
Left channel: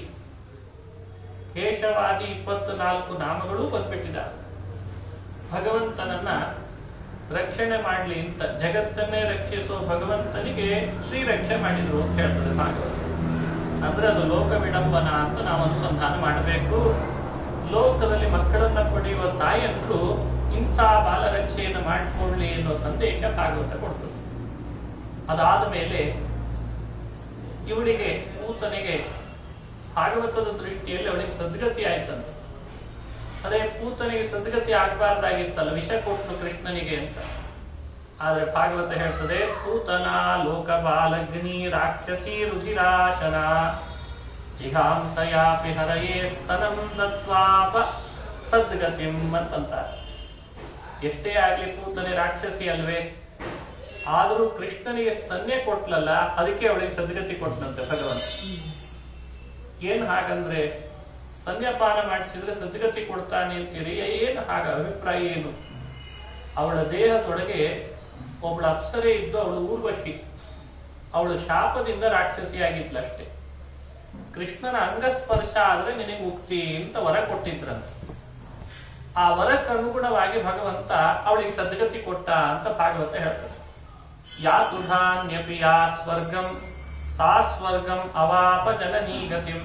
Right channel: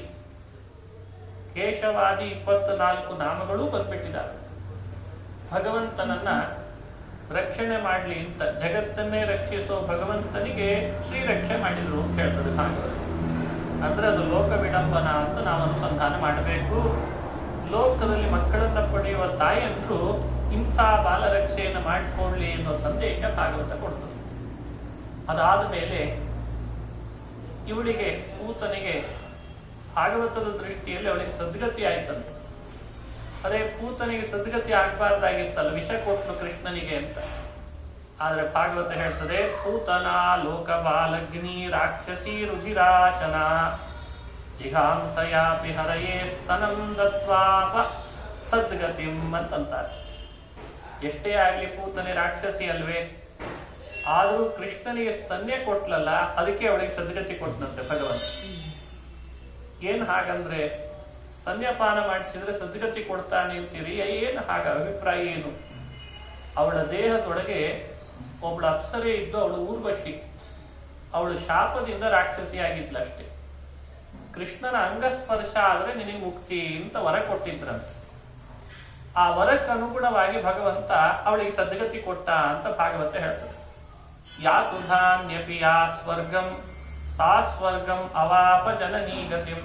ಕೇಶವಾದಿ 24 ನಾಮಗಳೂ ಬಂದ್ಬಿಟ್ಟಿದ್ದಾರೆ. ಭಗವಂತನನ್ನ ರಕ್ಷಣೆ ಮಾಡಲಿ ಅಂತ ಜಗತ್ತನ್ನೇ ರಕ್ಷಿಸೋ ಭಗವಂತನಿಗೆ ಶ್ರೀರಕ್ಷೆ ಮಾಡಿದ್ರು ಅಂತ ಹೇಳ್ತದೆ ಭಾಗವತ. ಅಂದ್ರೆ ಅದು ಲೋಕ ವಿಡಂಬನ ಅಂತ ನಾವು ಅನುಸಂಧಾನ ಮಾಡಬೇಕು. ಲೋಕದಲ್ಲಿ ಮಕ್ಕಳನ್ನ ಪಡೆಯುವ ತಾಯಿಯಂತೂ ಇಂಥ ಬಾಲರಕ್ಷೆಯನ್ನು ಮಾಡಿಕೊಳ್ಳಿ ಅನ್ನೋ ಸಂದೇಶ ಭಾಗವತ ಕೊಡ್ತದೆ. ಅದಾದ ಮೇಲೆ ಇವಳಿಗೆ ಪೂತನಿಗೆ ಭಾಗವತದ ದೃಷ್ಟಿಯಲ್ಲಿ ಅವಳಿಗೆ ಸದ್ಗತಿ ಆಯ್ತಂತೆ. ಅದೇ ಪೂತನಿಗೆ ಸದ್ಗತಿ ಆಗ್ಬಾರ್ದಾಗಿತ್ತಲ್ಲ, ವಿಷ ಕೊಟ್ಟನು ಕೃಷ್ಣನಿಗೆ ಅಂತ. ಆದ್ರೆ ಭಾಗವತ ಹೇಳ್ತದೆ, ಪೂತನ ಲೋಕ ಬಾಲಗ್ನಿ ರಾಕ್ಷಸಿ ರುಧಿರಾಶನ ಜಿಹಾಂಸಯಾಪಿ ಹರಯೇ ಸ್ತನಂ ದತ್ವಾಪ ಸದ್ಗತಿಂ ಅಂತಂತಾರೆ. ಎಷ್ಟೇ ಆಗ್ಲಿ ಪೂತನೆ ರಾಕ್ಷಸಿ ಅಲ್ವೇ, ಆದರೂ ಕೃಷ್ಣನಿಗೆ ಸ್ತನ್ಯ ಕೊಟ್ಲಲ್ಲ, ಅದಕ್ಕೆ ಅವಳಿಗೆ ಸದ್ಗತಿ ಕೊಟ್ಟನಂತೆ ಭಗವಂತ. ಏನ್ ಹಾಗಂದ್ರೆ ಸ್ತನ್ಯಪಾನ ಮಾಡಿಸಿದ್ರೆ ಸದ್ಗತಿ ಕೊಡ್ತಾನೆ ಅಂತೀರಿ, ಏನು ಹಾಗ ಅಭಿಪ್ರಾಯ ಏನು? ಅವಳ ದೇಹದೊಳಗೆ ಒಬ್ಬಳ ಅಪ್ಸರೆ ಇದ್ದು ಅವಳು ಊರ್ವಶಿ, ಅವಳು ಶಾಪದಿಂದ ರಾಕ್ಷಸಿಯಾಗಿದ್ಲಷ್ಟೇ. ಕೃಷ್ಣನ ಅಂಗಸ್ಪರ್ಶ ಆದ್ರೆ ನಿನಗೆ ಮುಕ್ತಿ ಅಂತ ವರ ಕೊಟ್ಟಿದ್ರಂತ. ಆ ವರಕ್ಕನುಗುಣವಾಗಿ ಭಗವಂತ ಅವಳಿಗೆ ಸದ್ಗತಿ ಕೊಟ್ಟ ಅಂತ ಭಾಗವತ ಹೇಳ್ತದೆ. ಯಾ ತುಧಾನ್ಯಪಿ ಯಾ ಸ್ವರ್ಗಂ ಸಾ ಸ್ವರ್ಗಂ ಅವಾಪ ಜನನೀ ಗತಿಂ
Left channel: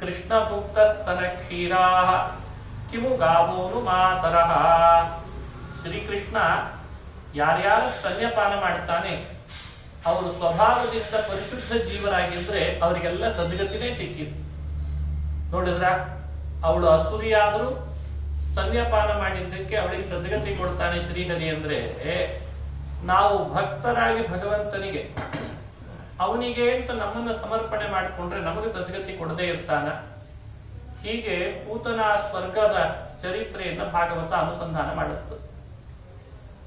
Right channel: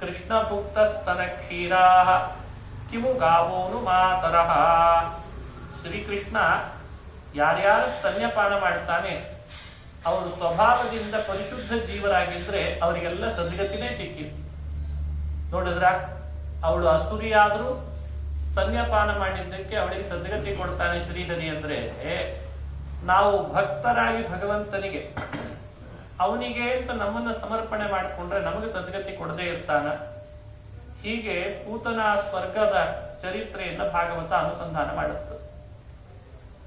ಕೃಷ್ಣ ಭುಕ್ತ ಸ್ತನ ಕ್ಷೀರಾ ಕಿಮು ಗಾವೋನು ಮಾತರಹ. ಶ್ರೀಕೃಷ್ಣ ಯಾರ್ಯಾರು ಸ್ತನ್ಯಪಾನ ಮಾಡ್ತಾನೆ ಅವರು ಸ್ವಭಾವದಿಂದ ಪರಿಶುದ್ಧ ಜೀವರಾಗಿದ್ರೆ ಅವರಿಗೆಲ್ಲ ಸದ್ಗತಿನೇ ಸಿಕ್ಕಿದೆ. ನೋಡಿದ್ರ, ಅವಳು ಅಸುರಿಯಾದ್ರೂ ಸ್ತನ್ಯಪಾನ ಮಾಡಿದ್ದಕ್ಕೆ ಅವಳಿಗೆ ಸದ್ಗತಿ ಕೊಡ್ತಾನೆ ಶ್ರೀಹರಿ. ಅಂದ್ರೆ ನಾವು ಭಕ್ತರಾಗಿ ಭಗವಂತನಿಗೆ ಅವನಿಗೆ ಅಂತ ನಮ್ಮನ್ನ ಸಮರ್ಪಣೆ ಮಾಡಿಕೊಂಡ್ರೆ ನಮಗೆ ಸದ್ಗತಿ ಕೊಡದೇ ಇರ್ತಾನ. ಹೀಗೆ ಪೂತನ ಸ್ವರ್ಗದ ಚರಿತ್ರೆಯನ್ನ ಭಾಗವತ ಅನುಸಂಧಾನ ಮಾಡಿಸ್ತದೆ.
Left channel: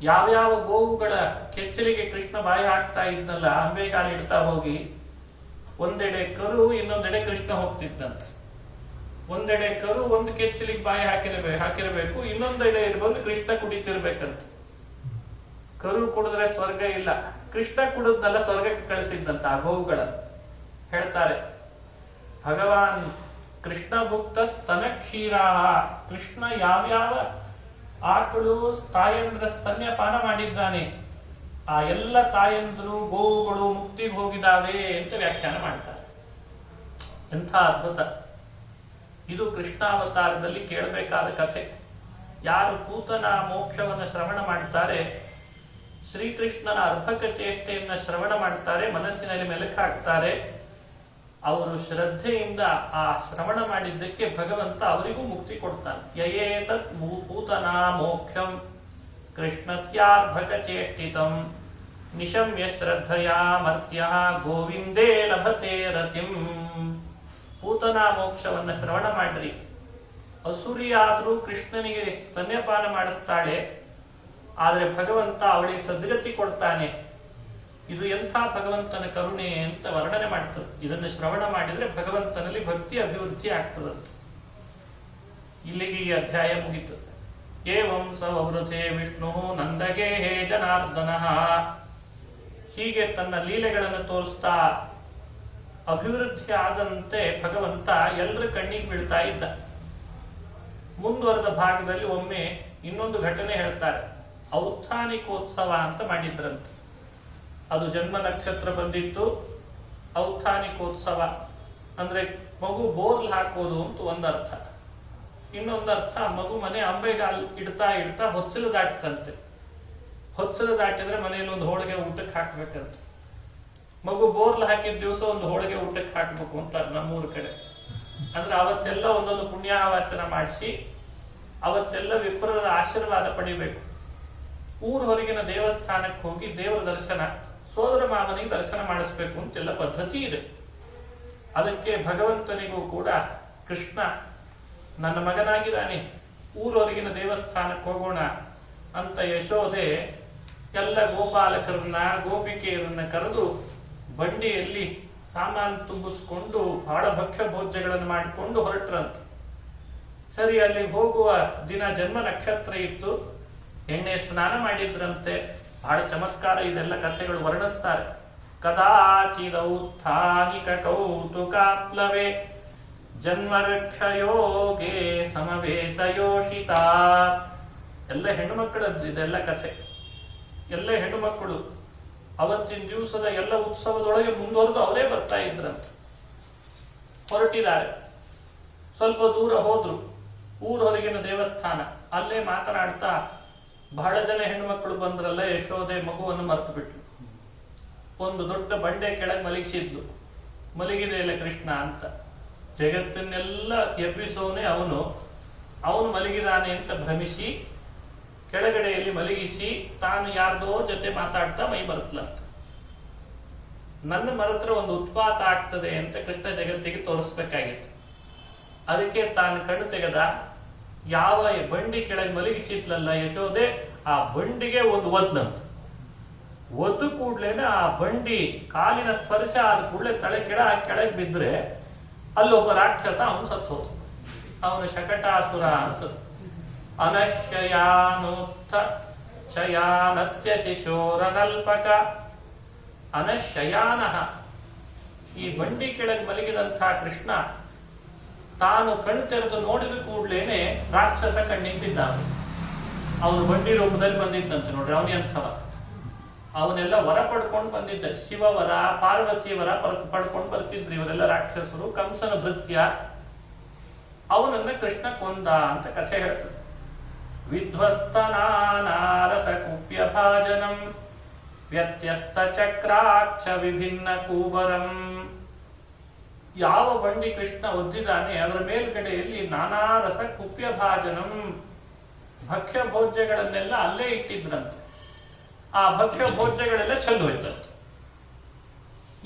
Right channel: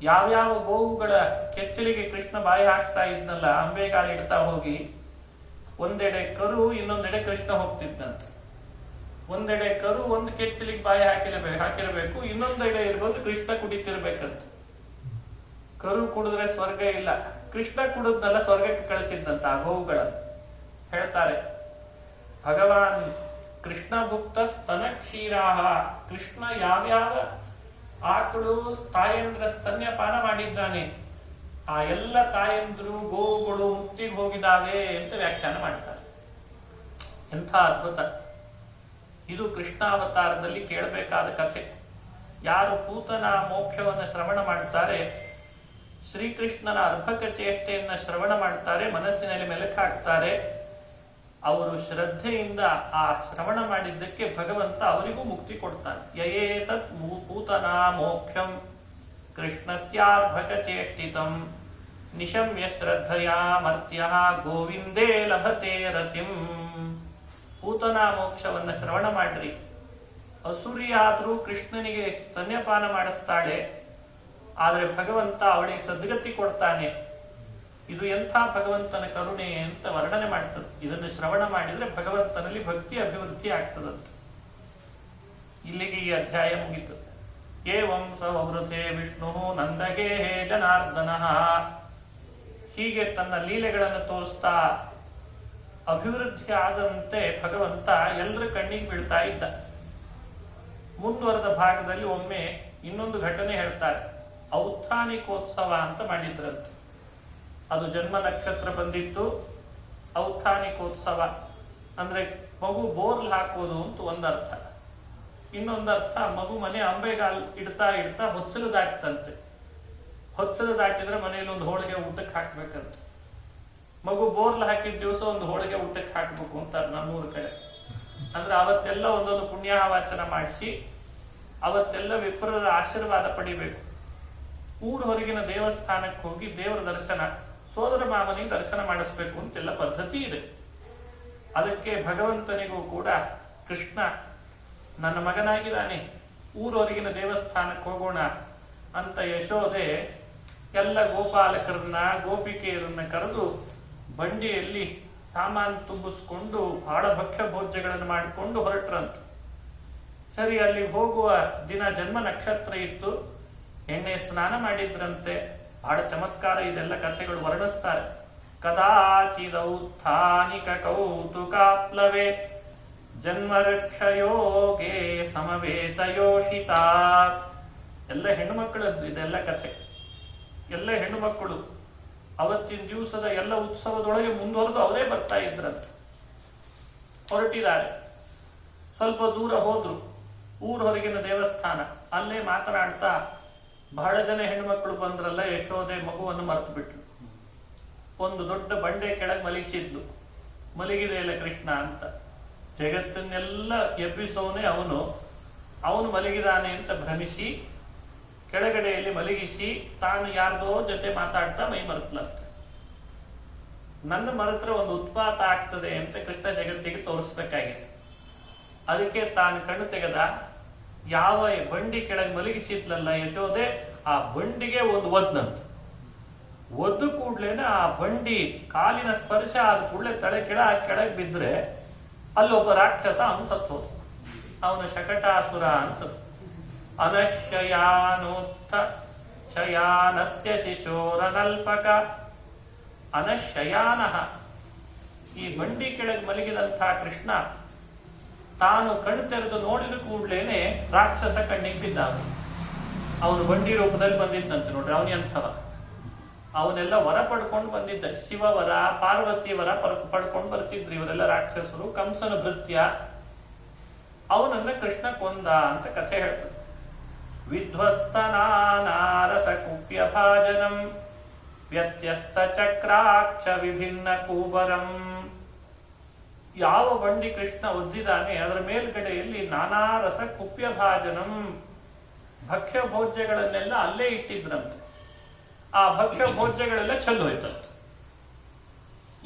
ಯಾವ್ಯಾವ ಗೋವುಗಳ ಕೆಚ್ಚಲಿಗೆ ಕೃಷ್ಣ ಬಾಯಿ ಹಾಕ್ತಾ ಇದ್ನಲ್ಲ, ಅಂಬೆಗಾಲ ಇಡ್ತಾ ಹೋಗಿ ಒಂದೆಡೆ ಕರು ಇನ್ನೊಂದೆಡೆ ಕೃಷ್ಣ ಹೋಗ್ತಿದ್ದಂತೆ. ಒಂದೆಡೆ ಕರು ಒಂದು ಕೆಚ್ಚಲಿಗೆ ಬಾಯಿ ಹಾಕಿರಬೇಕು, ಇನ್ನೊಂದೆಡೆ ಬಂದು ಕೃಷ್ಣ ಕುಡಿತಿರ್ಬೇಕಂತ. ಕರು ಕುಡಿದ್ರೆ ಸ್ವರ್ಗ ಇಲ್ಲ, ಕೃಷ್ಣ ಕುಡಿದ್ನಲ್ಲ ಸ್ವರ್ಗಕ್ಕೆ ಕಳಿಸಿದ್ದಂತ ಆ ಗೋವುಗಳನ್ನು ಹೇಳ್ತಾರೆ. ಭಗವಾನ್ ಕೃಷ್ಣ ಭುಕ್ತ ಸ್ತನ ಕ್ಷೀರಾಹ, ಕೃಷ್ಣ ಯಾವ್ಯಾವ ಆಕಳು ತಾಯಂದ್ರ ಸ್ತನ್ಯಪಾನ ಮಾಡಿದ್ದಾನೆ ಆ ಎಲ್ಲ ತಾಯಂದ್ರು ಗೋವುಗಳು ಮುಕ್ತಿಗೆ ಹೋಗಿದಾವೆ ಅಂತ ವ್ಯಾಖ್ಯಾನ ಮಾಡ್ತಾರೆ. ಎಂಥ ಅದ್ಭುತ ಇದು! ಕೃಷ್ಣಾವತಾರದಲ್ಲಿ ಕೇಳಬೇಕಾದ ಕಥೆ. ಯಾರು ಪೂತನ ಮೋಕ್ಷವನ್ನು ಶ್ರವಣ ಮಾಡ್ತಾರೆ, ಶ್ರೀಕೃಷ್ಣನ ಅರ್ಭಕ ಚೇಷ್ಟೆಯನ್ನ ಶ್ರವಣ ಮಾಡ್ತಾರೆ, ಮನಸ್ಸಿನಲ್ಲಿ ಮೆಲುಕಾಗ್ತಾರೆ, ಅವರು ಶ್ರದ್ಧೆಯಿಂದ ಆ ಶ್ರವಣ ಮಾಡಿದ್ದಕ್ಕೆ ಭಗವಂತ ಅವರಿಗೂ ಮುಕ್ತಿ ಕೊಡ್ತಾನೆ. ಯಯೇತತ್ ಪೂತನ ಮೋಕ್ಷಂ ಕೃಷ್ಣಸ್ಯಾರ್ಭಕ ಚೇಷ್ಟಿತಂ ನಿಶಮ್ಯ ಶ್ರದ್ಧಯಾ ಮರ್ತ್ಯ ಗೋವಿಂದೇ ಲಭತೆ ರತಿಂ. ಪೂತನ ಮೋಕ್ಷವನ್ನ ಶ್ರವಣ ಮಾಡ್ರಿ. ಅಸುರಿಯಾದ್ರೂ ಕೃಷ್ಣನಿಗೆ ಸ್ತನ್ಯಪಾನ ಮಾಡಿಸ್ತಾಳೆ, ಆದ್ರೆ ಭಗವಂತ ಅವಳಿಗೆ ಸದ್ಗತಿ ಕೊಡ್ತಾನೆ. ಇದು ಎಂಥ ಭಗವಂತನ ಕರುಣೆ ಅಂತ ವರ್ಣನೆ ಮಾಡ್ತದೆ. ಇದನ್ನು ಶ್ರವಣ ಮಾಡಿದ್ರೆ ಭಗವಂತನಲ್ಲಿ ಭಕ್ತಿ ಅಭಿವೃದ್ಧಿ ಆಗ್ತದಂತ. ಇಲ್ಲಿಗೆ ಈ ಅಧ್ಯಾಯ ಮುಗಿತು. ಏವಂ ಸವೃಥೆ ವಿಷ್ಣು ನಂದಗೆ ಹೇ ಜನಾರ್ದನಃ. ಹೀಗೆ ತನ್ನ ಲೀಲೆಗಳನ್ನು ತೋರಿಸ್ತಾ ಅಭಿವೃದ್ಧಿ ಆದಂತೆ ಭಗವಂತ ಎಲ್ಲರ ಕಣ್ಣಿಗೆ ಬೀಳ್ತಾ ಇದ್ದ. ಮುಂದುವರೆದ ಭಾಗದಲ್ಲಿ ಒಮ್ಮೆ ಇನ್ನೊಂದು ಘಟನೆ ಹೇಳ್ತಾರೆ. ಔತ್ಥಾನಿಕೋತ್ಸವ ಅಂತ ಮಾಡಿದ್ರಂತೆ. ಅದು ಜನ್ಮ ನಕ್ಷತ್ರ ಬಂದಿತ್ತು. ಔತ್ಥಾನಿಕೋತ್ಸವ ಅಂದ್ರೆ ಮಗು ಬೋರ್ಲ್ ಹಾಕೋದು ಅಂತ ಒಂದರ್ಥ. ಇನ್ನೊಂದರ್ಥ ಮಗು ಮನೆ ಅಂಬೆಗಾಲ್ ಇಡ್ತಾ ಇಡ್ತಾ ಹೊಚ್ಚಲು ದಾಟ್ತಂತೆ. ಹೊಚ್ಚಲು ದಾಟಿದ್ರೆ ಮನೆಯಲ್ಲಿ ಒಂದು ಹೋಳಿಗೆ ಊಟಕ್ಕೆ ಹಾಕ್ಬೇಕಂತ. ಮಗು ಬೋರ್ಲ್ ಹಾಕಿದ ದಿವಸ ಒಂದು ಹೋಳಿಗೆ ಊಟಕ್ಕೆ ಹಾಕ್ಬೇಕು ಅಂತಾರೆ ನಮ್ಮೂರ ಕಡೆ. ಅಂದ್ರೆ ಅವತ್ತೆಲ್ಲ ಒಂದೊಂದು ಪುಣ್ಯಾವಾಚನ ಮಾಡಿಸಿ ಅವತ್ತೆಲ್ಲ ವಿಪ್ರರ ಆಶೀರ್ವಾದ ಪಡಿಬೇಕು. ಊರು ಹೊರಗಿನ ದೇವಸ್ಥಾನಕ್ಕೆ ಹೋಗಿ ದೇವರ ದರ್ಶನ, ಸೋದರ ಮಾವನಿಗೆ ದರ್ಶನ ಮಾಡಿಸ್ಬೇಕು ಅಂತೆಲ್ಲ ಪದ್ಧತಿ ಇದೆ. ಅದಕ್ಕೆ ಭಗವಂತನಿಗೂ ಕೂಡ ಕೃಷ್ಣ ನನ್ನ ಮಗನಾಗಿದ್ದಾನೆ, ಊರವರೆಗಿನ ದೇವಸ್ಥಾನಕ್ಕೆ ಹೋಗೋಣ ಅಂತ ಯಶೋದೆ ಎಲ್ಲ ಗೋಪಾಲಕರನ್ನ ಗೋಪಿಕೆಯರನ್ನ ಕರೆದು ಬಂಡಿಯಲ್ಲಿ ಸಾಮಾನು ತುಂಬಿಸ್ಕೊಂಡು ಬಹಳ ಭಕ್ಷ್ಯ ಭೋಜ್ಯಗಳನ್ನು ಮಾಡಿಕೊಂಡು ಹೊರಟ್ರಂತ. ಸರಿ, ಅಲ್ಲಿ ಹೋಗುವ ದಿನ ಜನ್ಮ ನಕ್ಷತ್ರ ಇತ್ತು, ಎಣ್ಣೆ ಸ್ನಾನ ಮಾಡಿದ್ರಂತೆ. ಬಹಳ ಚಮತ್ಕಾರ, ಇದೆಲ್ಲ ಕಥೆಗಳು ವರ್ಣಿಸ್ತಾರೆ. ಕದಾಚಿದೌತ್ಥಾನಿಕ ಕೌತುಕಾಪ್ಲವೇ ಜನ್ಮರಕ್ಷಯೋಗೇ ಸಮವೇತಯೋಷಿತಾ. ಎಲ್ಲ ಹೆಣ್ಣು ಮಕ್ಕಳದ್ದು ಇದೆಲ್ಲ ಕಥೆ. ಎಲ್ಲ ಹೆಣ್ಣು ಮಕ್ಕಳು ಅವತ್ತಿನ ದಿವಸದ ಎಲ್ಲ ಉತ್ಸವದೊಳಗೆ ಮುಂದುವರೆದು ಅವರೇ ಬರ್ತಾ ಇದ್ರಂತೆ. ಹೊರಟಿದ್ದಾರೆ, ಸ್ವಲ್ಪ ದೂರ ಹೋದ್ರು, ಊರ ಹೊರಗಿನ ದೇವಸ್ಥಾನ. ಅಲ್ಲೇ ಮಾತನಾಡ್ತಾ ಬಹಳ ಜನ ಹೆಣ್ಮಕ್ಳು ಬಂದ್ರಲ್ಲ, ಯಶೋದೆ ಮಗುವನ್ನು ಮರೆತು ಬಿಟ್ಲು. ಒಂದು ದೊಡ್ಡ ಬಂಡೆ ಕೆಳಗೆ ಮಲಗಿಸಿದ್ಲು. ಮಲಗಿದೆ ಇಲ್ಲ ಕೃಷ್ಣ ಅಂತ. ಜಗತ್ತನ್ನೆಲ್ಲ ಎಬ್ಬಿಸೋನೆ ಅವನು ಮಲಗಿದಾನೆ ಅಂತ ಭ್ರಮಿಸಿ ಕೆಳಗಡೆಯಲ್ಲಿ ಮಲಗಿಸಿ ತಾನು ಯಾರ್ದೋ ಜೊತೆ ಮಾತಾಡ್ತಾ ಮೈ ಮರೆತ್ಲಂತ. ನನ್ನ ಮರೆತ್ರ ಒಂದು ಉತ್ಪಾತ ಆಗ್ತದೆ ಅಂತ ಕೃಷ್ಣ ಜಗತ್ತಿಗೆ ತೋರಿಸ್ಬೇಕಾಗಿತ್ತು. ಅದಕ್ಕೆ ತಾನು ಕಣ್ಣು ತೆಗೆದ, ಯಾವ ಬಂಡಿ ಕೆಳಗೆ ಮಲಗಿಸಿದ್ಲಲ್ಲ ಯಶೋದೆ, ಆ ಬಂಡಿಗೆ ಒಂದು ಒದ್ನಂತ. ಒದ್ದು ಕೂಡ್ಲೇನೆ ಆ ಬಂಡಿ ಕಾಲಿನ ಸ್ಪರ್ಶ ಆದ ಕೂಡಲೇ ತಲೆ ಕೆಳಗೆ ಬಿದ್ರೆ ಅಲ್ಲೊಬ್ಬ ರಾಕ್ಷಸ ಅವನು ಸತ್ತೋದು. ಅವನು ಶಕಟಾಸುರ ಅಂತ. ಅನಶಯಾನೋತ್ಥ ಶಯಾನಸ್ಯ ಶಿಶೋರನಲ್ಪಕ ಅನಶಯಾನ. ಈ ಬಂಡಿ ಕೆಳಗೆ ಮಲಗಿದಂಥ ಕೃಷ್ಣ ತಾನು ಕಣ್ಣು ತೆರೆದು ನೋಡಿದ ಕೂಡ್ಲೇನೆ ರಾಕ್ಷಸ ಕಣ್ಣಿಗೆ ಬಿದ್ದ. ಅವನು ಬಂಡಿ ರೂಪದಲ್ಲಿ ಬಂದಿದ್ದಂತೆ ನೋಡ್ರಿ. ಅವನು ಎಂಥವ, ಅವನೆಲ್ಲ ವರ ಪಡ್ಕೊಂಡು ಬಂದಿದ್ದ. ಶಿವವರ, ಪಾರ್ವತಿ ವರ ಪಡ್ಕೊಂಡು ಬರ್ತಿದ್ರು ಇವರೆಲ್ಲ ರಾಕ್ಷಸರು. ಕಂಸನ ಭೃತ್ಯ. ಅವನನ್ನ ಕೃಷ್ಣ ಕೊಂದ ಅಂತ ಕಥೆ ಹೇಳ್ತದೆ. ವಿಧ್ವಸ್ತನಾನಾರಸ ಕುಪ್ಯ ಭಾಜನಂ ವ್ಯತ್ಯಸ್ತ ಚಕ್ರಾಕ್ಷ ವಿಭಿನ್ನ ಕೂಬರಂ. ಯಾವ ಬಂಡಿ ಕೃಷ್ಣ ಒದ್ದಿದ್ದಾನೆ ಅದರ ಮೇಲ್ಗಡೆಯಲ್ಲಿ ನಾನಾ ರಸ ಕುಪ್ಯ ಭಾಜನಂ, ಭಕ್ಷ್ಯ ಭೋಜ್ಯಗಳನ್ನೆಲ್ಲ ಅಲ್ಲೇ ಇಟ್ಟಿದ್ರಂತೆ. ಆ ಭಕ್ಷ್ಯ ಭೋಜ್ಯಗಳೆಲ್ಲ ಚೆಲ್ಲು ಹೋಯ್ತಂತೆ.